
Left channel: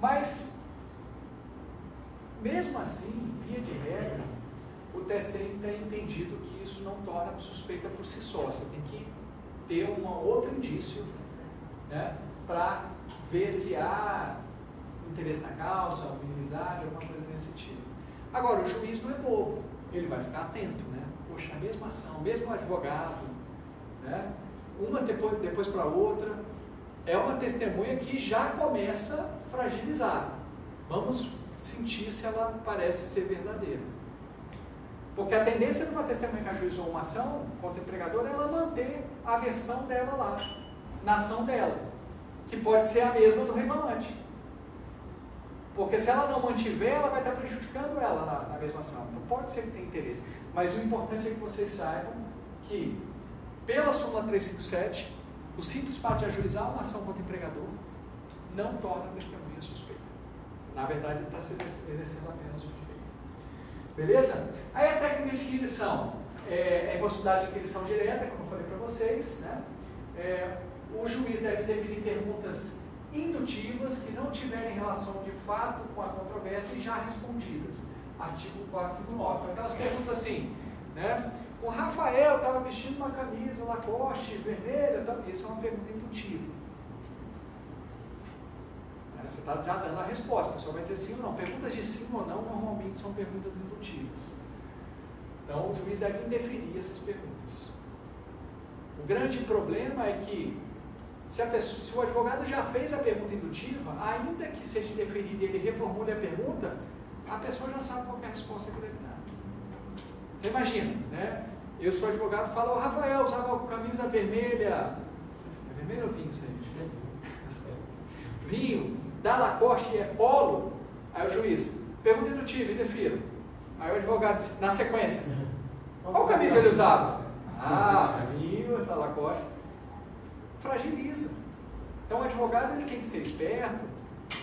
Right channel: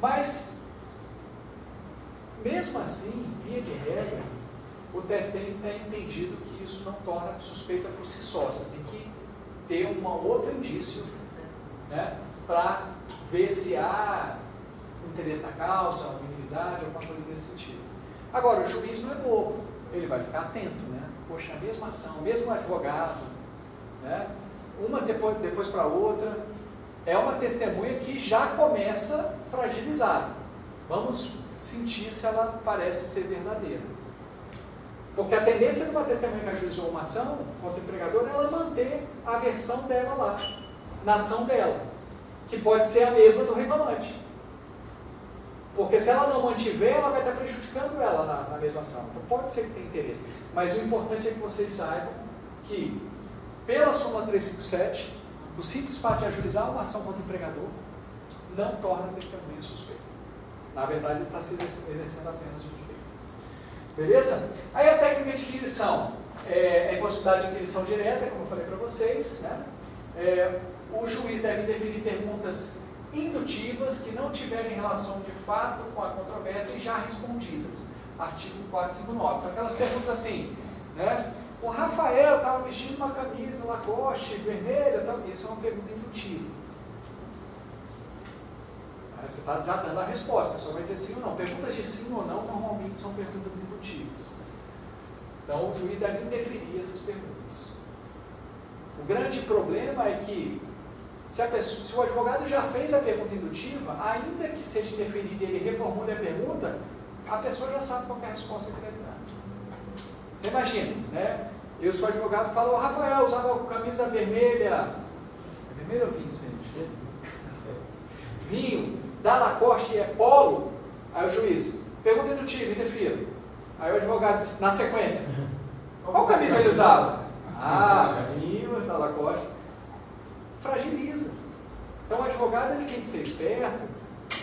Mas, mesmo assim, via de regra, o TST tem entendido que isso não torna suspeita por si só. Você tem que ter um outro indício, né, para ver se há interesse na causa, uma inimizade, alguma coisa nesse sentido. Agora, o juiz não é bobo, ele vai ficar atento, né? Poxa, a mesma ação, o mesmo advogado, né? Uma depois para a outra, é uma testemunha que já começa fragilizada. Vamos sentir se ela parece ser verdadeira. Porque a tendência de uma testemunha que ajuizou uma ação contra o empregador é ela manter a versão dela lá, na ação dela, que pode ser a mesma do reclamante. Porque se ela não mantiver, ela vai estar prejudicando ela na mesma ação. Então pode ser que tenha interesse. Mas o importante é que vocês saibam que, pela súmula 357, o simples fato de ajuizar uma ação contra o empregador não torna a testemunha suspeita. Na verdade, ele está se exercendo apenas o direito. Beleza? Aí a técnica de inquirição é impossibilidade de inquirição direta, como eu falei para vocês, né? O juiz deve definir perguntas indutivas que não tiverem relação de fato com a controvérsia e já respondidas. Artigo 459. Então, aquelas perguntas assim, né? O Rafael estava vestindo uma camisa Lacoste vermelha, isso é uma pergunta indutiva. Você está já dando a resposta, a pessoa vai dizer sim ou não. Perguntas de sim ou não normalmente são perguntas indutivas. Então o juiz deve indeferir essas perguntas. O grande problema é que se o advogado já fez a pergunta indutiva, ainda que seja indeferida e ele reformule a pergunta, a pessoa já sabe qual é a resposta que deve dar. Você imagina, né? Eu sou advogado e falo, Rafael usava camisa vermelha. É vermelho ou vinho, gente? Vinho, da Lacoste é polo. Aí o juiz, pergunta indutiva, indefira. Aí o advogado, na sequência, qual camisa ele usava? Vinho, da Lacoste. Fragiliza. Então o advogado ele tem que ser esperto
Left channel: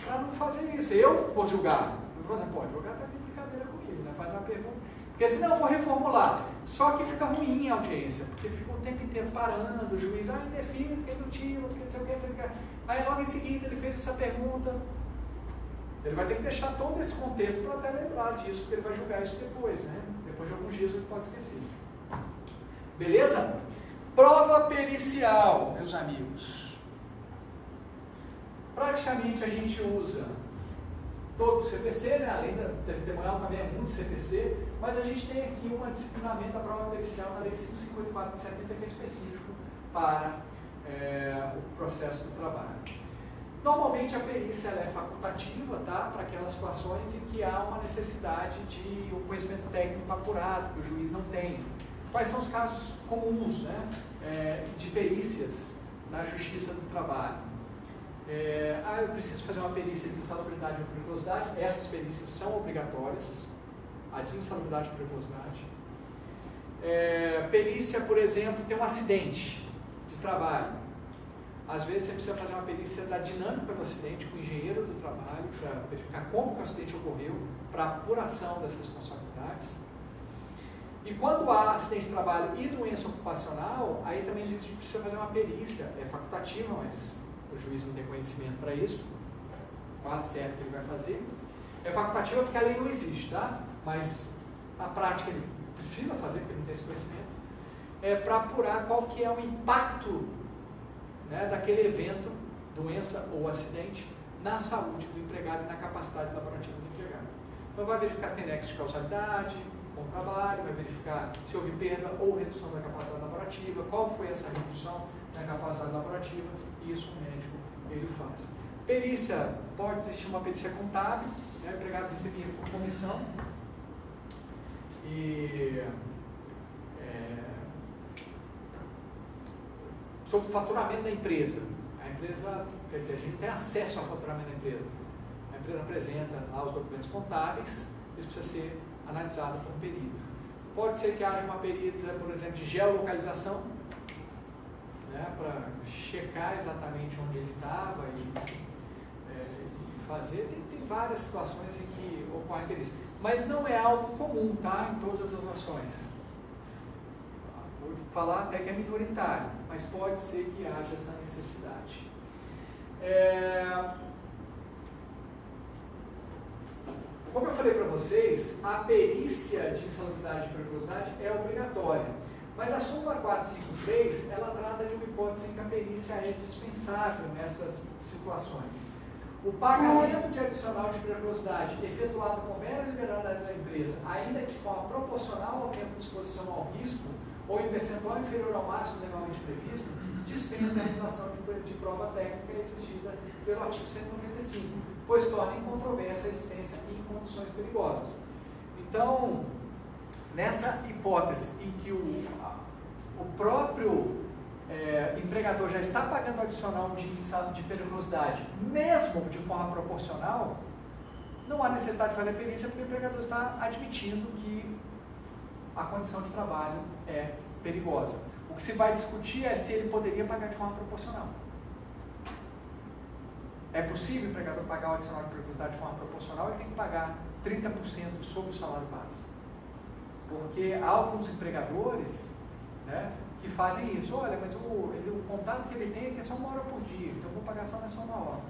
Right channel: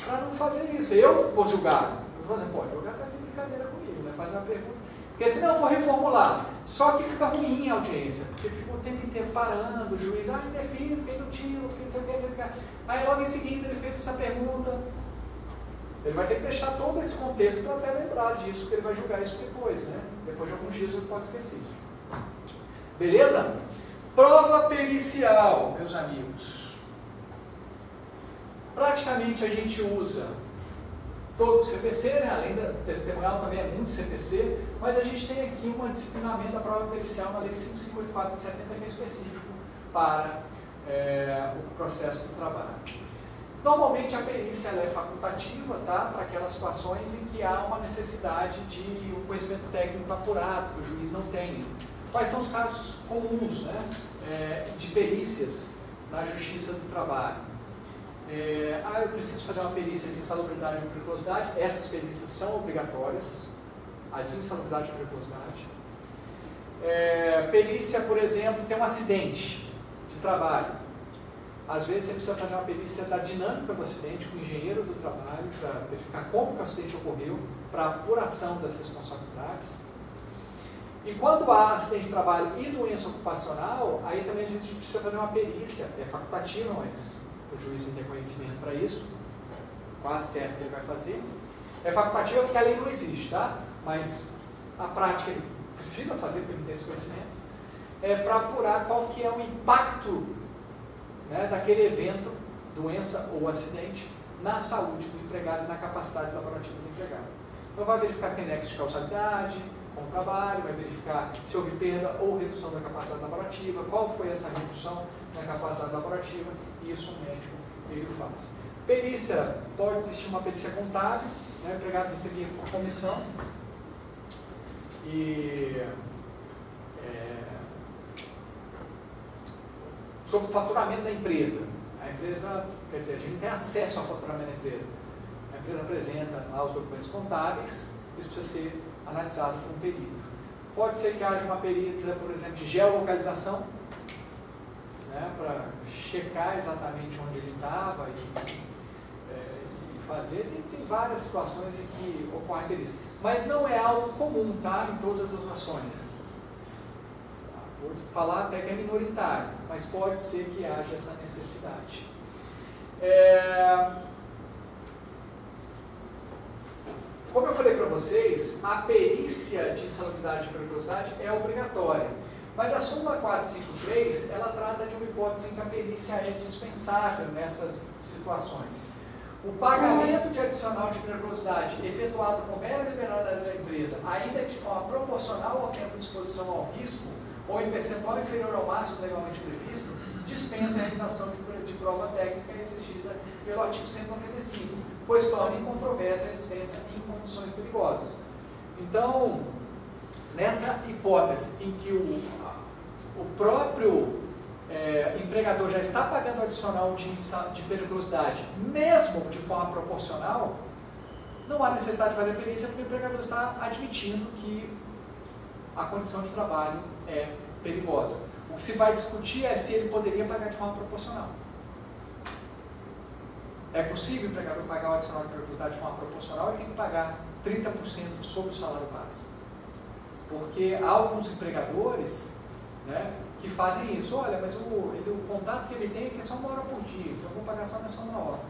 para não fazer isso. Eu vou julgar. Eu vou dizer, pô, o advogado está de brincadeira comigo, né? Faz uma pergunta. Porque senão eu vou reformular. Só que fica ruim a audiência, porque fica o tempo inteiro parando, o juiz, indefiro, porque é indutivo, porque não sei o que. Aí logo em seguida ele fez essa pergunta. Ele vai ter que deixar todo esse contexto para até lembrar disso, porque ele vai julgar isso depois, né? Depois de alguns dias ele pode esquecer. Beleza? Prova pericial, meus amigos. Praticamente a gente usa todo o CPC, né? Além da testemunhal também é muito CPC, mas a gente tem aqui um disciplinamento da prova pericial na Lei 554 de 70, que é específico para o processo do trabalho. Normalmente a perícia ela é facultativa, tá? Para aquelas situações em que há uma necessidade de um conhecimento técnico apurado, que o juiz não tem. Quais são os casos comuns, né? De perícias na Justiça do Trabalho? Eu preciso fazer uma perícia de insalubridade e periculosidade. Essas perícias são obrigatórias. A de insalubridade e periculosidade. Perícia, por exemplo, tem um acidente de trabalho. Às vezes você precisa fazer uma perícia da dinâmica do acidente com o engenheiro do trabalho para verificar como que o acidente ocorreu, para apuração das responsabilidades. E quando há acidente de trabalho e doença ocupacional, aí também a gente precisa fazer uma perícia, é facultativa, mas o juiz não tem conhecimento para isso, quase certo que ele vai fazer. É facultativa porque a lei não existe, tá? Mas a prática ele precisa fazer porque ele não tem esse conhecimento. Para apurar qual que é o impacto, né, daquele evento, doença ou acidente, na saúde do empregado e na capacidade laborativa do empregado. Então vai verificar se tem nexo de causalidade, com o trabalho, vai verificar se houve perda ou redução da capacidade laborativa, qual foi essa redução na capacidade laborativa, e isso o médico ele faz. Perícia, pode existir uma perícia contábil, né, o empregado recebia por comissão, e sobre o faturamento da empresa. A empresa, quer dizer, a gente tem acesso ao faturamento da empresa. A empresa apresenta lá os documentos contábeis, isso precisa ser analisado por um perito. Pode ser que haja uma perícia, por exemplo, de geolocalização, né, para checar exatamente onde ele estava e fazer. Tem várias situações em que ocorre perícia. Mas não é algo comum, tá, em todas as nações. Vou falar até que é minoritário, mas pode ser que haja essa necessidade. Como eu falei para vocês, a perícia de insalubridade e periculosidade é obrigatória, mas a súmula 453, ela trata de uma hipótese em que a perícia é dispensável nessas situações. O pagamento de adicional de periculosidade efetuado com mera liberalidade da empresa, ainda que de forma proporcional ao tempo de exposição ao risco, ou em percentual inferior ao máximo legalmente previsto, dispensa a realização de prova técnica exigida pelo artigo 195, pois torna incontrovérsia a existência em condições perigosas. Então, nessa hipótese em que o próprio empregador já está pagando adicional de periculosidade, mesmo de forma proporcional, não há necessidade de fazer perícia, porque o empregador está admitindo que a condição de trabalho é perigosa. O que se vai discutir é se ele poderia pagar de forma proporcional. É possível o empregador pagar o adicional de periculosidade de forma proporcional, ele tem que pagar 30% sobre o salário base. Porque há alguns empregadores, né, que fazem isso. Olha, mas o contato que ele tem é que é só 1 hora por dia, então eu vou pagar só nessa 1 hora.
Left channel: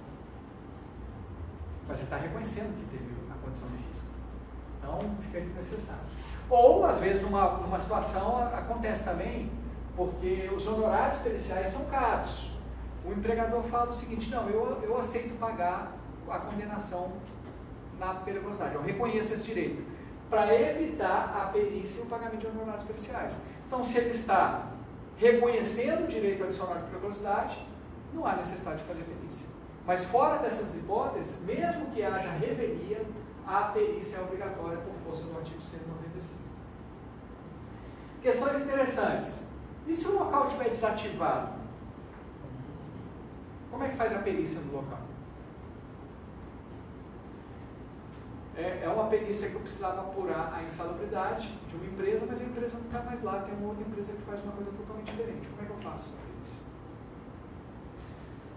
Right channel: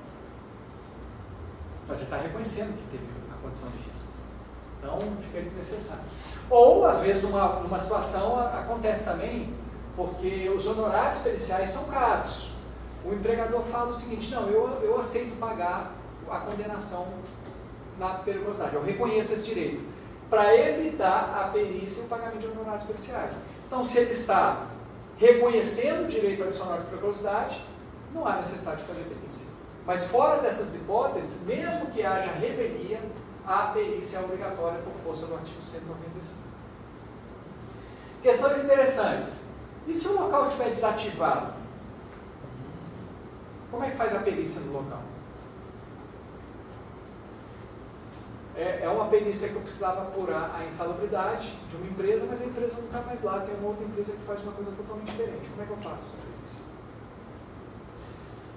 Mas você está reconhecendo que teve a condição de risco. Então, fica desnecessário. Ou, às vezes, numa situação, acontece também, porque os honorários periciais são caros. O empregador fala o seguinte: não, eu aceito pagar a condenação na periculosidade, eu reconheço esse direito, para evitar a perícia e o pagamento de honorários periciais. Então, se ele está reconhecendo o direito adicional de periculosidade, não há necessidade de fazer perícia. Mas fora dessas hipóteses, mesmo que haja revelia, a perícia é obrigatória por força do artigo 195. Questões interessantes. E se o local estiver desativado? Como é que faz a perícia no local? É uma perícia que eu precisava apurar a insalubridade de uma empresa, mas a empresa não está mais lá, tem uma outra empresa que faz uma coisa totalmente diferente. Como é que eu faço essa perícia?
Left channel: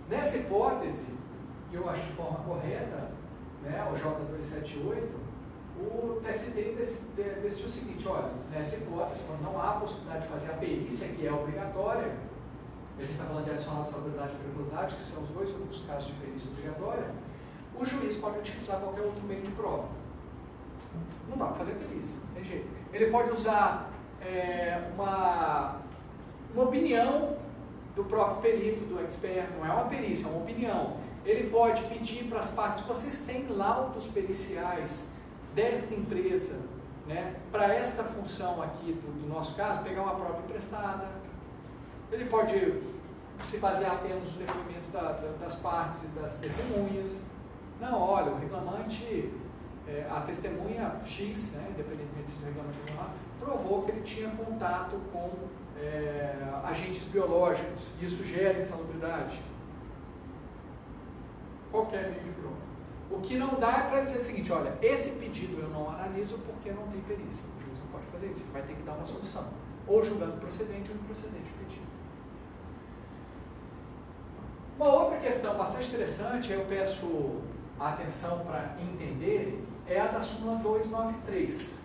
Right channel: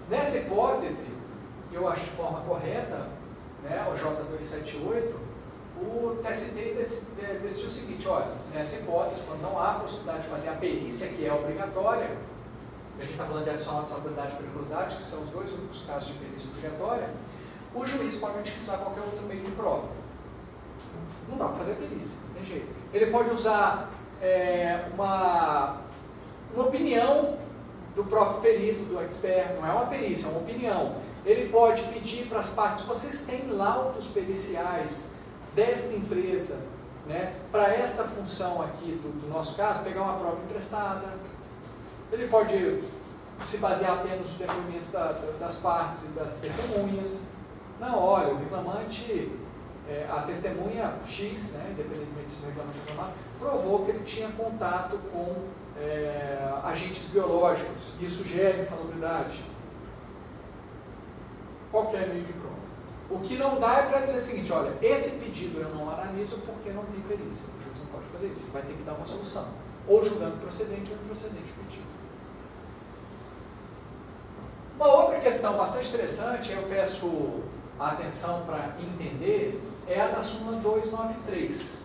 Nessa hipótese, eu acho de forma correta, né, o J278, o TST decidiu o seguinte: olha, nessa hipótese, quando não há possibilidade de fazer a perícia, que é obrigatória, a gente está falando de adicional de insalubridade e periculosidade, que são os dois únicos casos de perícia obrigatória, o juiz pode utilizar qualquer outro meio de prova. Não dá para fazer perícia, não tem jeito. Ele pode usar uma opinião do próprio perito, do expert, não é uma perícia, é uma opinião. Ele pode pedir para as partes: vocês têm laudos periciais desta empresa, né, para esta função aqui do nosso caso, pegar uma prova emprestada. Ele pode se basear apenas nos depoimentos das partes e das testemunhas. Não, olha, o reclamante, a testemunha X, né, independentemente se o reclamante ou não, provou que ele tinha contato com agentes biológicos. Isso gera insalubridade. Qualquer meio de prova. O que não dá é para dizer o seguinte: olha, esse pedido eu não analiso porque não tem perícia. O juiz não pode fazer isso, ele vai ter que dar uma solução, ou julgando procedente ou improcedente o pedido. Uma outra questão bastante interessante, eu peço a atenção para entender, é a da súmula 293.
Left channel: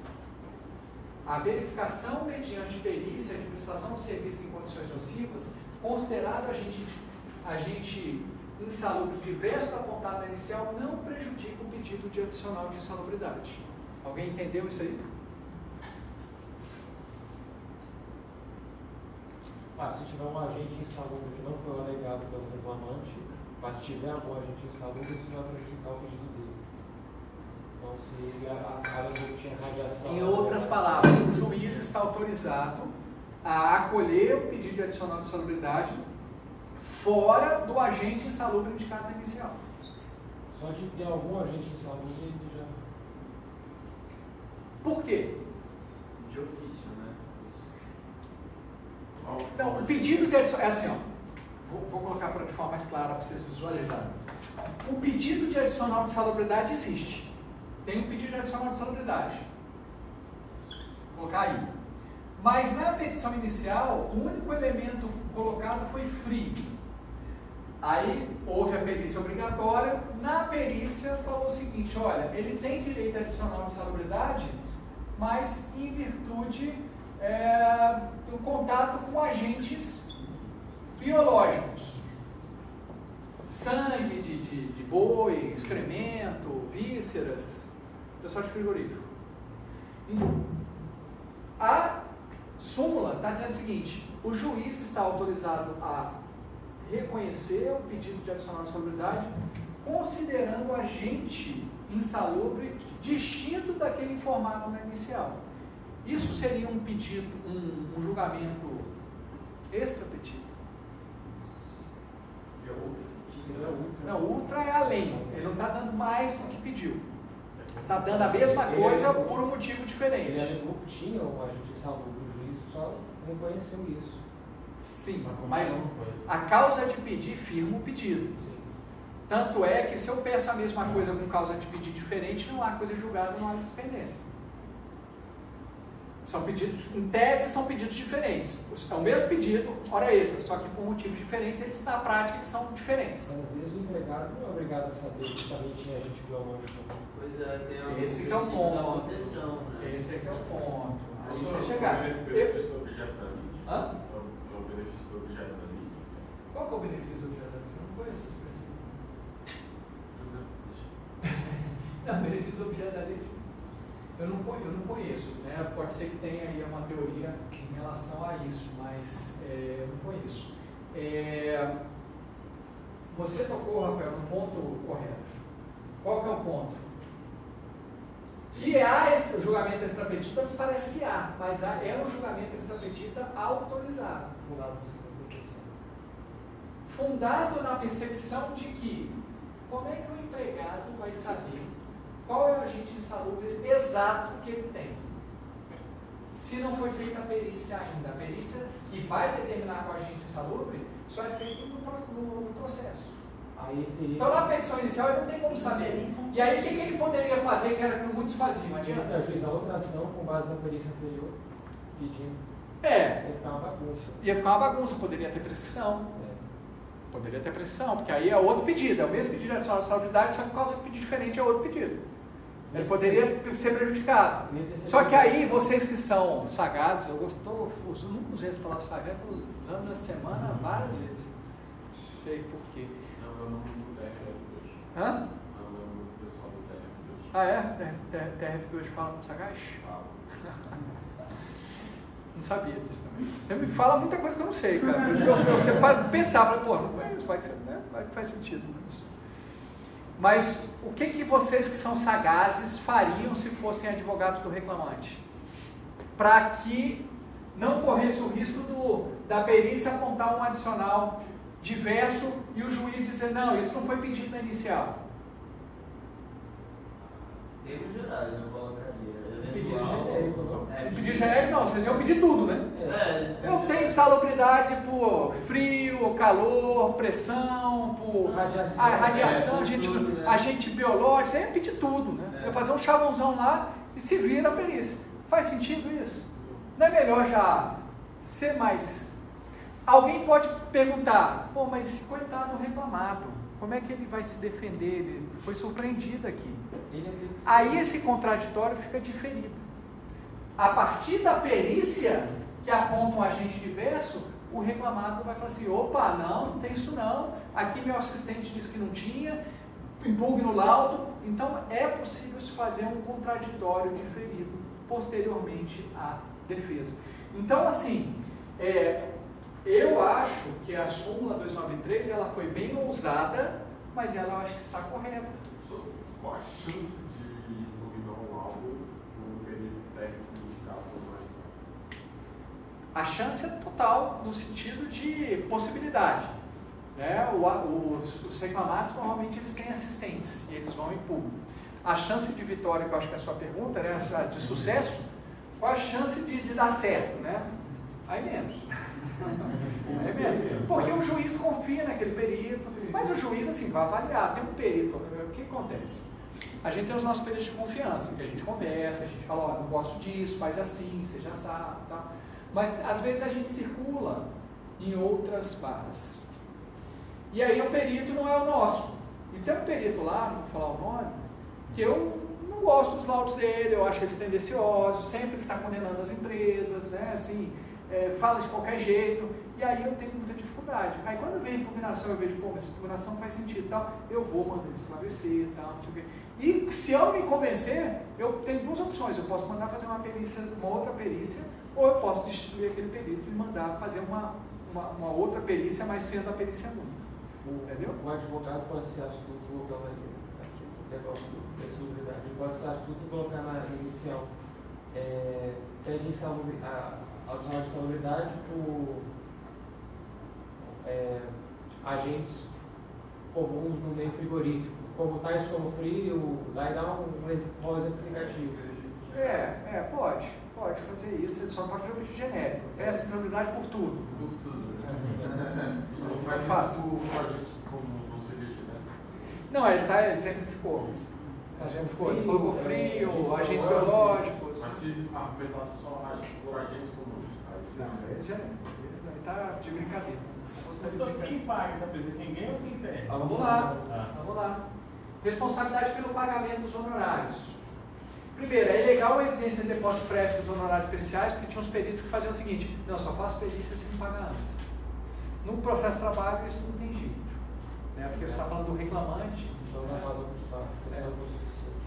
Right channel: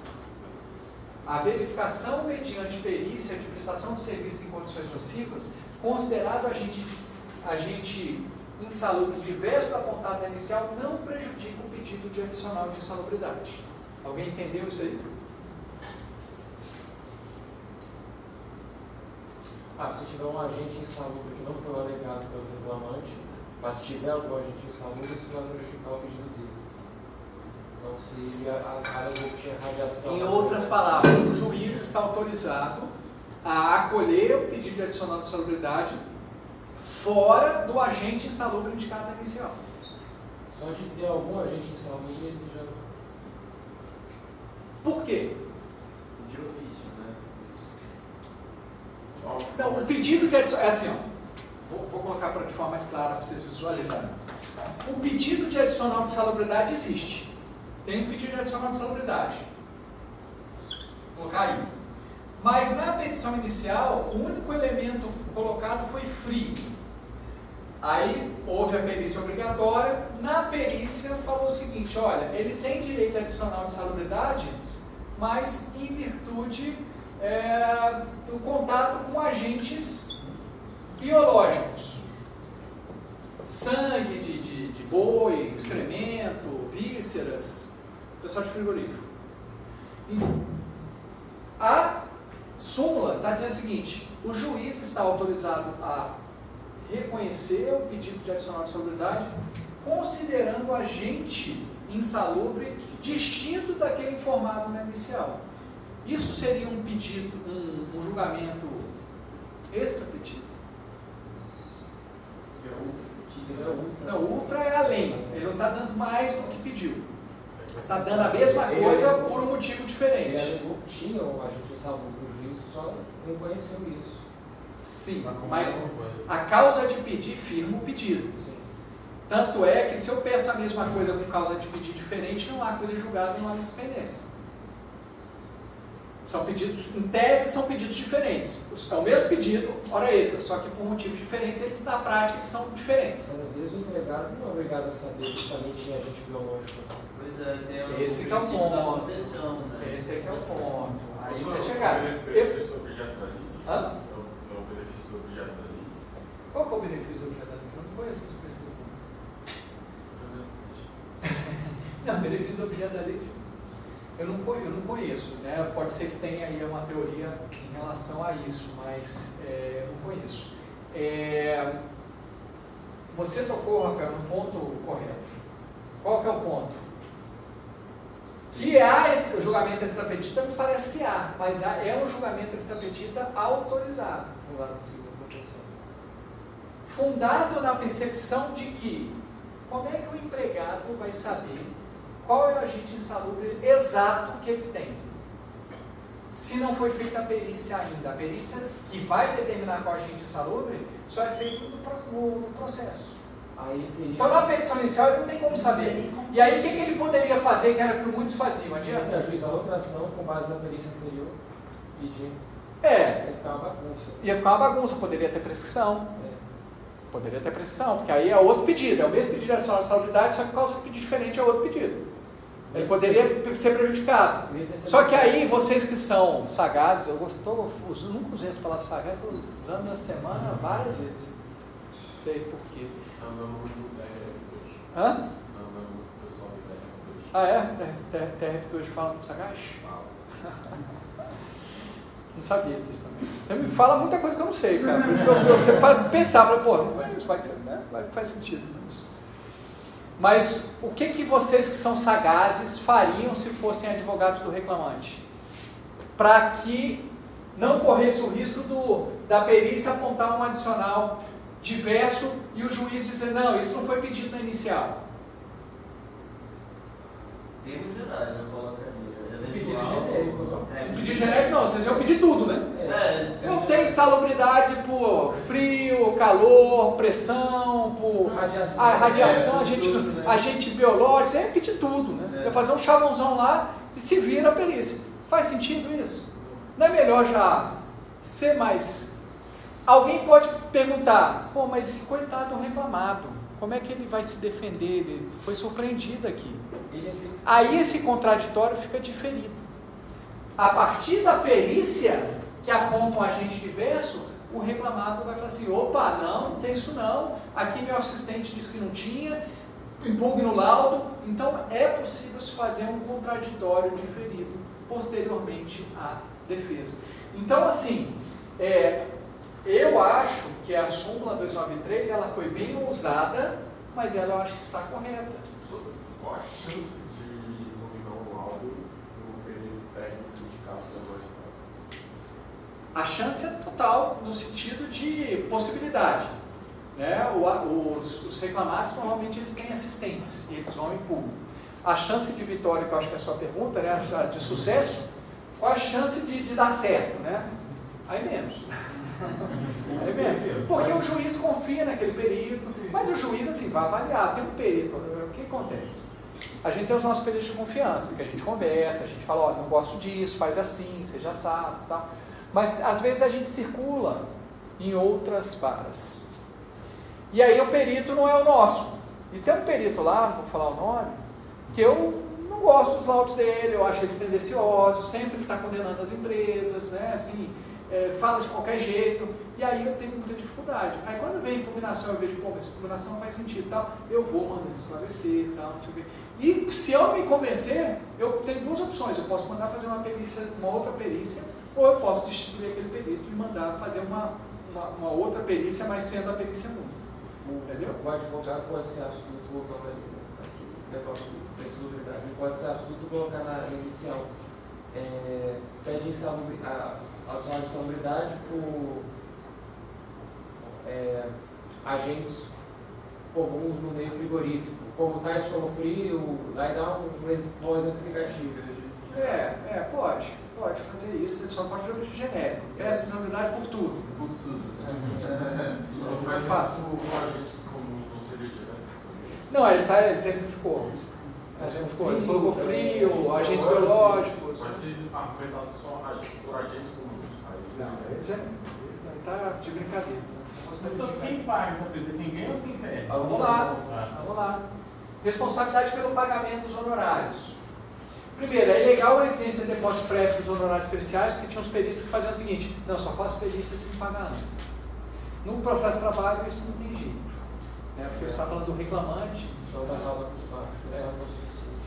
A verificação mediante perícia de prestação de serviço em condições nocivas, considerado agente insalubre diverso da apontada inicial, não prejudica o pedido de adicional de insalubridade. Alguém entendeu isso aí? Se tiver um agente insalubre que não foi alegado pelo reclamante, mas se tiver algum agente insalubre, isso vai prejudicar o pedido dele. Então, se a tinha radiação... Em outras palavras, o juiz está autorizado a acolher o pedido de adicional de insalubridade fora do agente insalubre indicado inicial. Só de ter algum agente insalubre, ele já... Por quê? De ofício, né? Não, o pedido de adicional... É assim, ó. Vou colocar de forma mais clara para vocês visualizarem. O pedido de adicional de insalubridade existe. Tem um pedido de adicional de insalubridade. Vou colocar aí. Mas na petição inicial, o único elemento colocado foi frio. Aí houve a perícia obrigatória. Na perícia falou o seguinte: olha, ele tem direito adicional de insalubridade, mas em virtude do contato com agentes biológicos. Sangue de boi, excremento, vísceras, pessoal de frigorífico. A súmula está dizendo o seguinte: o juiz está autorizado a reconhecer o pedido de adicional de insalubridade considerando o agente insalubre distinto daquele informado na inicial. Isso seria um pedido, um julgamento extrapetito. Não, ultra é além. Ele não está dando mais do que pediu. Está dando a mesma coisa por um motivo diferente. Ele alegou que tinha o agente insalubre, o juiz só reconheceu isso. Sim, mas a causa de pedir firma o pedido. Sim. Tanto é que se eu peço a mesma coisa com causa de pedir diferente, não há coisa julgada na hora de dispendência. São pedidos, em tese, são pedidos diferentes. É o mesmo pedido, hora extra, só que por motivos diferentes, eles na prática eles são diferentes. Mas às vezes o empregado não é obrigado a saber que também tinha agente biológico. Pois é, tem Esse que é o ponto. proteção, né? Esse é que é o ponto. Aí você chegar. O benefício do objeto da lei? Hã? É o benefício do objeto da lei? Qual que é o benefício do objeto da lei? Eu não conheço essa expressão. Não, benefício do objeto da lei eu não conheço, né? Pode ser que tenha aí uma teoria em relação a isso, mas eu não conheço. Você tocou, Rafael, no ponto correto. Qual que é o ponto? Que há o julgamento extrapetita, nos parece que há, mas é um julgamento extrapetita autorizado, fundado na percepção de que como é que o empregado vai saber qual é o agente insalubre exato que ele tem? Se não foi feita a perícia ainda, a perícia que vai determinar qual agente insalubre só é feita no processo. Aí teria... Então na petição inicial ele não tem como saber. E aí o que ele poderia fazer, que era o que muitos faziam? Adianta? Ajuizar outra ação com base na perícia anterior, pedindo. Ia ficar uma bagunça. Ia ficar uma bagunça, poderia ter prescrição. Poderia ter prescrição, porque aí é outro pedido, é o mesmo pedido de adicional de insalubridade, só que por causa do pedido diferente é outro pedido. Ele poderia ser prejudicado. Só que aí, vocês que são sagazes, eu nunca usei essa palavra sagaz, estou usando na semana várias vezes. Sei por quê. Não, no TRF2. Hã? Não, no pessoal do TRF2. Ah, é? TRF2 fala muito sagaz? Não sabia disso também. Você me fala muita coisa que eu não sei, cara. Por isso que você pode pensar, pô, não conheço, pode ser, né? Faz sentido. Mas o que vocês que são sagazes fariam se fossem advogados do reclamante? Para que não corresse o risco da perícia apontar um adicional diverso e o juiz dizer, não, isso não foi pedido na inicial. Termos gerais, eu colocaria. Pedido genérico, não? Pedir genérico não, vocês iam pedir tudo, né? Eu tenho insalubridade por frio, calor, pressão, por radiação, agente biológico, você ia pedir tudo, né? Ia fazer um chavãozão lá e se vira a perícia. Faz sentido isso? Não é melhor já ser mais... Alguém pode perguntar, pô, mas coitado do reclamado, como é que ele vai se defender? Ele foi surpreendido aqui. Aí esse contraditório fica diferido. A partir da perícia que aponta um agente diverso, o reclamado vai falar assim, opa, não tem isso não, aqui meu assistente disse que não tinha, impugna o laudo, então é possível se fazer um contraditório diferido posteriormente à defesa. Então assim, eu acho que a súmula 293 ela foi bem ousada, mas ela eu acho que está correta. Qual a chance de A chance é total no sentido de possibilidade. Né? Os reclamados normalmente eles têm assistentes e eles vão em público. A chance de vitória, que eu acho que é a sua pergunta, né? De sucesso, qual a chance de dar certo? Né? Aí menos. Aí menos. Porque o juiz confia naquele perito, mas o juiz assim, vai avaliar. Tem um perito, o que acontece? A gente tem os nossos peritos de confiança, que a gente conversa, a gente fala, ó, não gosto disso, faz assim, você já sabe, tal. Mas às vezes a gente circula em outras varas. E aí o perito não é o nosso. E tem um perito lá, não vou falar o nome, que eu não gosto dos laudos dele, eu acho eles tendenciosos, sempre ele está condenando as empresas, né, assim, fala de qualquer jeito, e aí eu tenho muita dificuldade. Aí quando vem impugnação, eu vejo, pô, mas essa impugnação não faz sentido, tal, eu vou mandando esclarecer, tal, não sei o quê. E se eu me convencer, eu tenho duas opções, eu posso mandar fazer uma perícia, uma outra perícia, ou eu posso destituir aquele perito e mandar fazer uma outra perícia, mas sendo a perícia única. Entendeu? O advogado pode ser astuto, voltando aqui, o negócio da insalubridade, ele pode ser astuto colocar na inicial, pede a zona de insalubridade por agentes comuns no meio frigorífico, como tais como frio, aí dá um exemplo negativo. Pode fazer isso, ele só pode fazer o genérico. Peça insalubridade por tudo. Por tudo. Não É fácil. O agente como não seria, né? Não, ele exemplificou. Ele colocou frio, agentes biológicos. Mas se argumentar só por agentes comuns, aí você... Não, ele está de brincadeira. Mas só quem paga essa presa? Quem ganha ou quem perde? Vamos lá. Responsabilidade pelo pagamento dos honorários. Primeiro, é ilegal a exigência de depósito prévio dos honorários periciais, porque tinha uns peritos que faziam o seguinte: não, só faço perícia se me pagar antes. No processo de trabalho, isso não tem jeito. Né? Porque você está falando do reclamante. Então, na causa muito baixa, não é suficiente.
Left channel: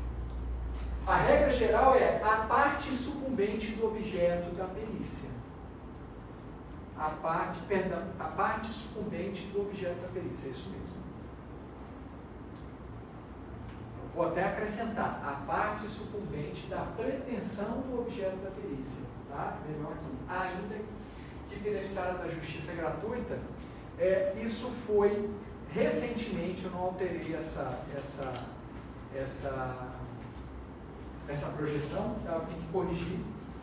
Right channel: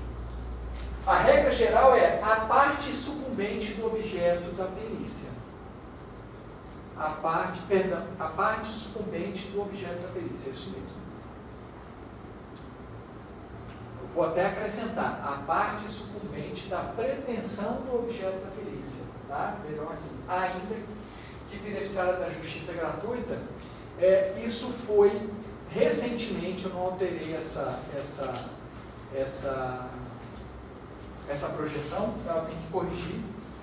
A regra geral é a parte sucumbente do objeto da perícia. A parte sucumbente do objeto da perícia, é isso mesmo. Eu vou até acrescentar, a parte sucumbente da pretensão do objeto da perícia, tá? Vejam aqui, ainda que beneficiária da justiça gratuita, isso foi recentemente, eu não alterei essa projeção, ela tem que corrigir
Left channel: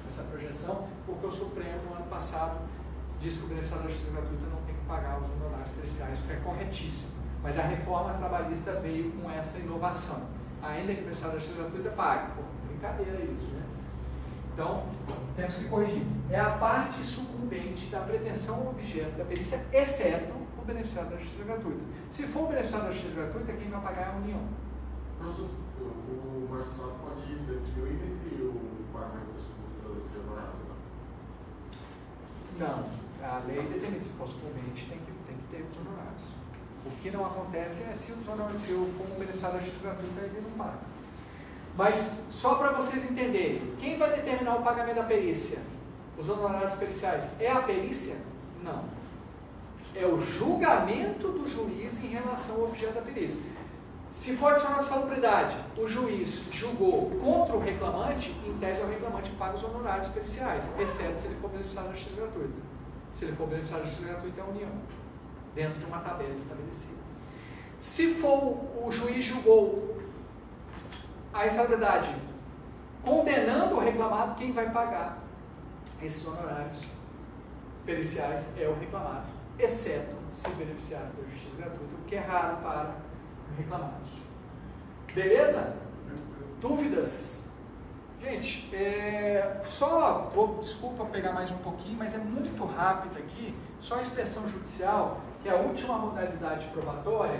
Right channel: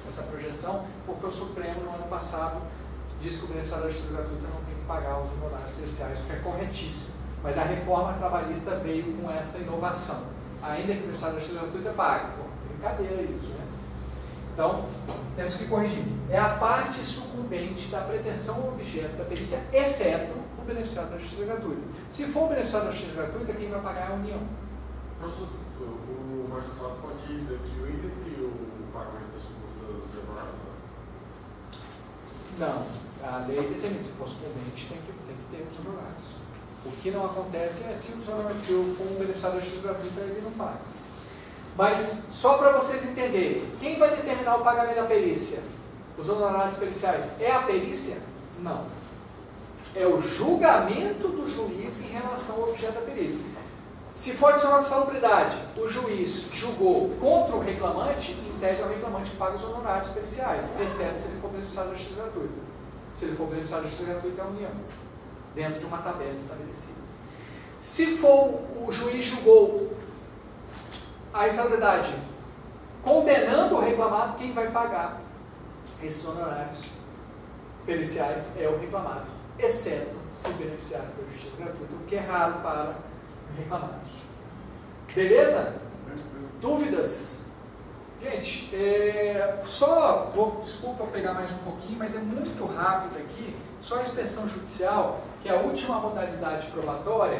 essa projeção, porque o Supremo no ano passado disse que o beneficiário da justiça gratuita não tem que pagar os honorários periciais, o que é corretíssimo. Mas a reforma trabalhista veio com essa inovação. Ainda que o beneficiário da justiça gratuita pague. Pô, brincadeira isso, né? Então, temos que corrigir. É a parte sucumbente da pretensão ao objeto da perícia, exceto o beneficiário da justiça gratuita. Se for o beneficiário da justiça gratuita, quem vai pagar é a União. O magistrado pode definir e definir o pagamento das sucustas dos honorários, né? Não. A lei determina, se for sucumbente, tem que ter os honorários. O que não acontece é se eu for um beneficiário da justiça gratuita, ele não paga. Mas, só para vocês entenderem, quem vai determinar o pagamento da perícia? Os honorários periciais? É a perícia? Não. É o julgamento do juiz em relação ao objeto da perícia. Se for adicional de salubridade, o juiz julgou contra o reclamante, em tese é o reclamante que paga os honorários periciais, exceto se ele for beneficiário da justiça gratuita. Se ele for beneficiário da justiça gratuita, é a União, dentro de uma tabela estabelecida. Se for o juiz julgou a insalubridade condenando o reclamado, quem vai pagar esses honorários periciais é o reclamado, exceto se beneficiário da justiça gratuita, o que é raro para reclamados. Beleza? Dúvidas? Gente, desculpa pegar mais um pouquinho, mas é muito rápido aqui, só a inspeção judicial, que é a última modalidade probatória,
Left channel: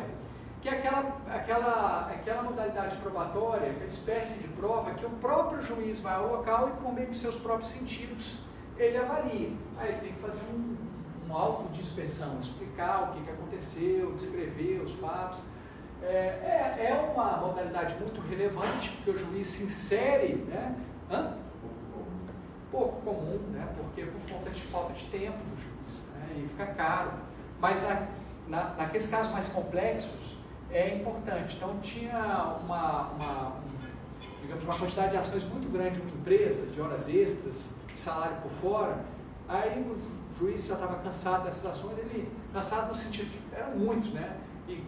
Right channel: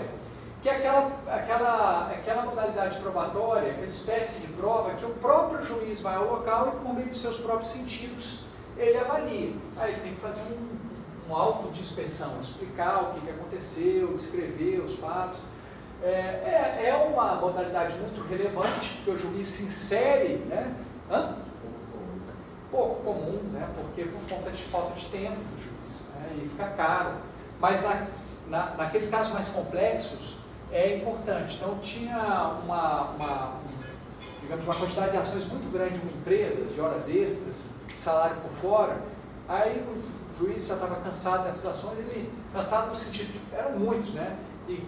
que é aquela modalidade probatória, aquela espécie de prova que o próprio juiz vai ao local e por meio dos seus próprios sentidos, ele avalia. Aí ele tem que fazer um auto de inspeção, explicar o que aconteceu, descrever os fatos. É uma modalidade muito relevante, porque o juiz se insere, né? Pouco comum, né? Porque por conta de falta de tempo do juiz, né? E fica caro. Mas naqueles casos mais complexos, é importante. Então tinha uma quantidade de ações muito grande de uma empresa, de horas extras, salário por fora, aí o juiz já estava cansado dessas ações, cansado no sentido de, eram muitos, né? E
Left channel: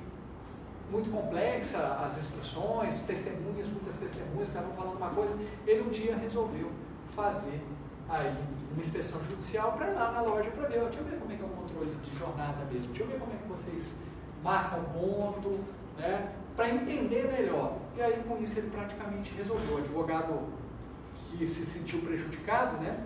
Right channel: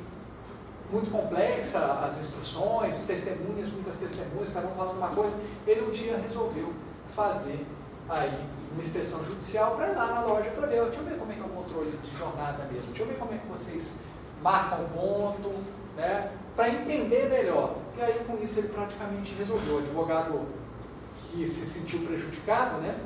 muito complexa as instruções, muitas testemunhas, cada um falando uma coisa. Ele um dia resolveu fazer aí uma inspeção judicial para ir lá na loja para ver, deixa eu ver como é que é o controle de jornada mesmo, deixa eu ver como é que vocês marcam o ponto, né? Para entender melhor. E aí com isso ele praticamente resolveu. O advogado que se sentiu prejudicado, né?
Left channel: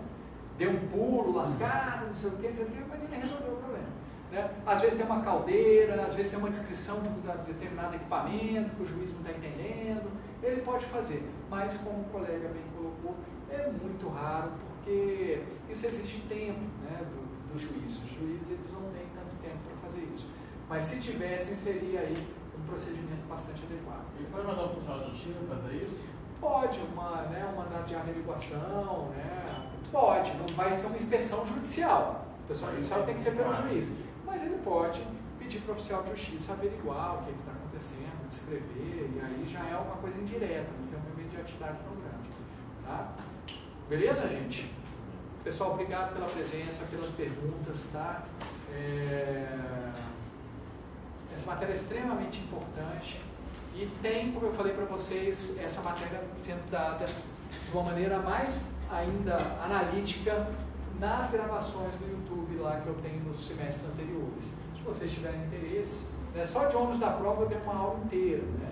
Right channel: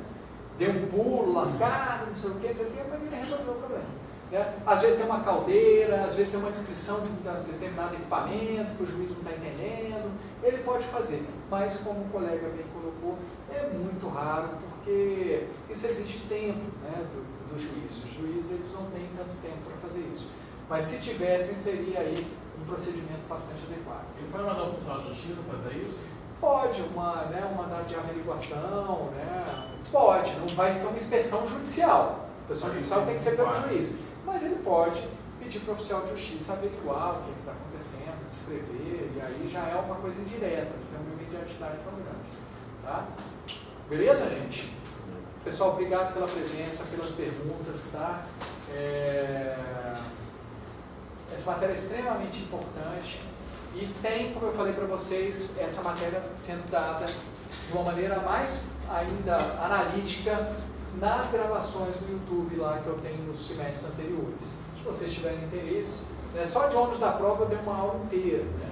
Deu um pulo, lascado, não sei o que, mas ele resolveu o problema. Né? Às vezes tem uma caldeira, às vezes tem uma descrição de um determinado equipamento que o juiz não está entendendo, ele pode fazer, mas como o colega bem colocou, é muito raro, porque isso exige tempo, né, do juiz. Os juízes eles não têm tanto tempo para fazer isso, mas se tivessem, seria aí um procedimento bastante adequado. Ele pode mandar o oficial de justiça fazer isso? Pode, um mandado de averiguação, né? Pode, não vai ser uma inspeção judicial. A inspeção judicial tem que ser pelo juiz. Mas ele pode pedir para o oficial de justiça averiguar o que está acontecendo, descrever, e aí já é uma coisa indireta, não tem uma mediatidade tão grande. Tá? Beleza, gente? Pessoal, obrigado pela presença, pelas perguntas, tá? Essa matéria é extremamente importante e tem, como eu falei para vocês, essa matéria sendo dada de uma maneira mais ainda analítica nas gravações do YouTube lá que eu tenho nos semestres anteriores. Se vocês tiverem interesse, né, só de ônus da prova eu dei uma aula inteira. Né?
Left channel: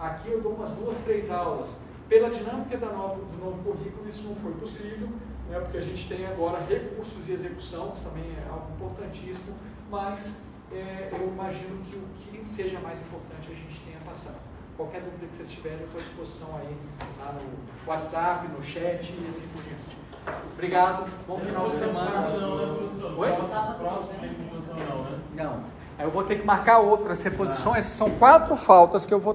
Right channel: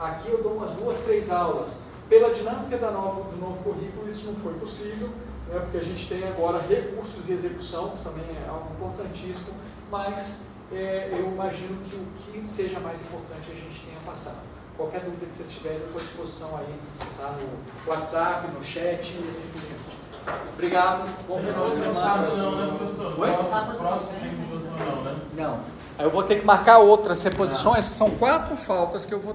Aqui eu dou umas 2, 3 aulas. Pela dinâmica do novo currículo, isso não foi possível, né, porque a gente tem agora recursos de execução, que também é algo importantíssimo, mas eu imagino que o que seja mais importante a gente tenha passado. Qualquer dúvida que vocês tiverem, eu estou à disposição aí, tá, no WhatsApp, no chat e assim por diante. Obrigado, bom final de semana. Sábado não, né, professor? Oi? Nosso próximo reposição não, né? Não. Aí eu vou ter que marcar outras reposições, são 4 faltas que eu vou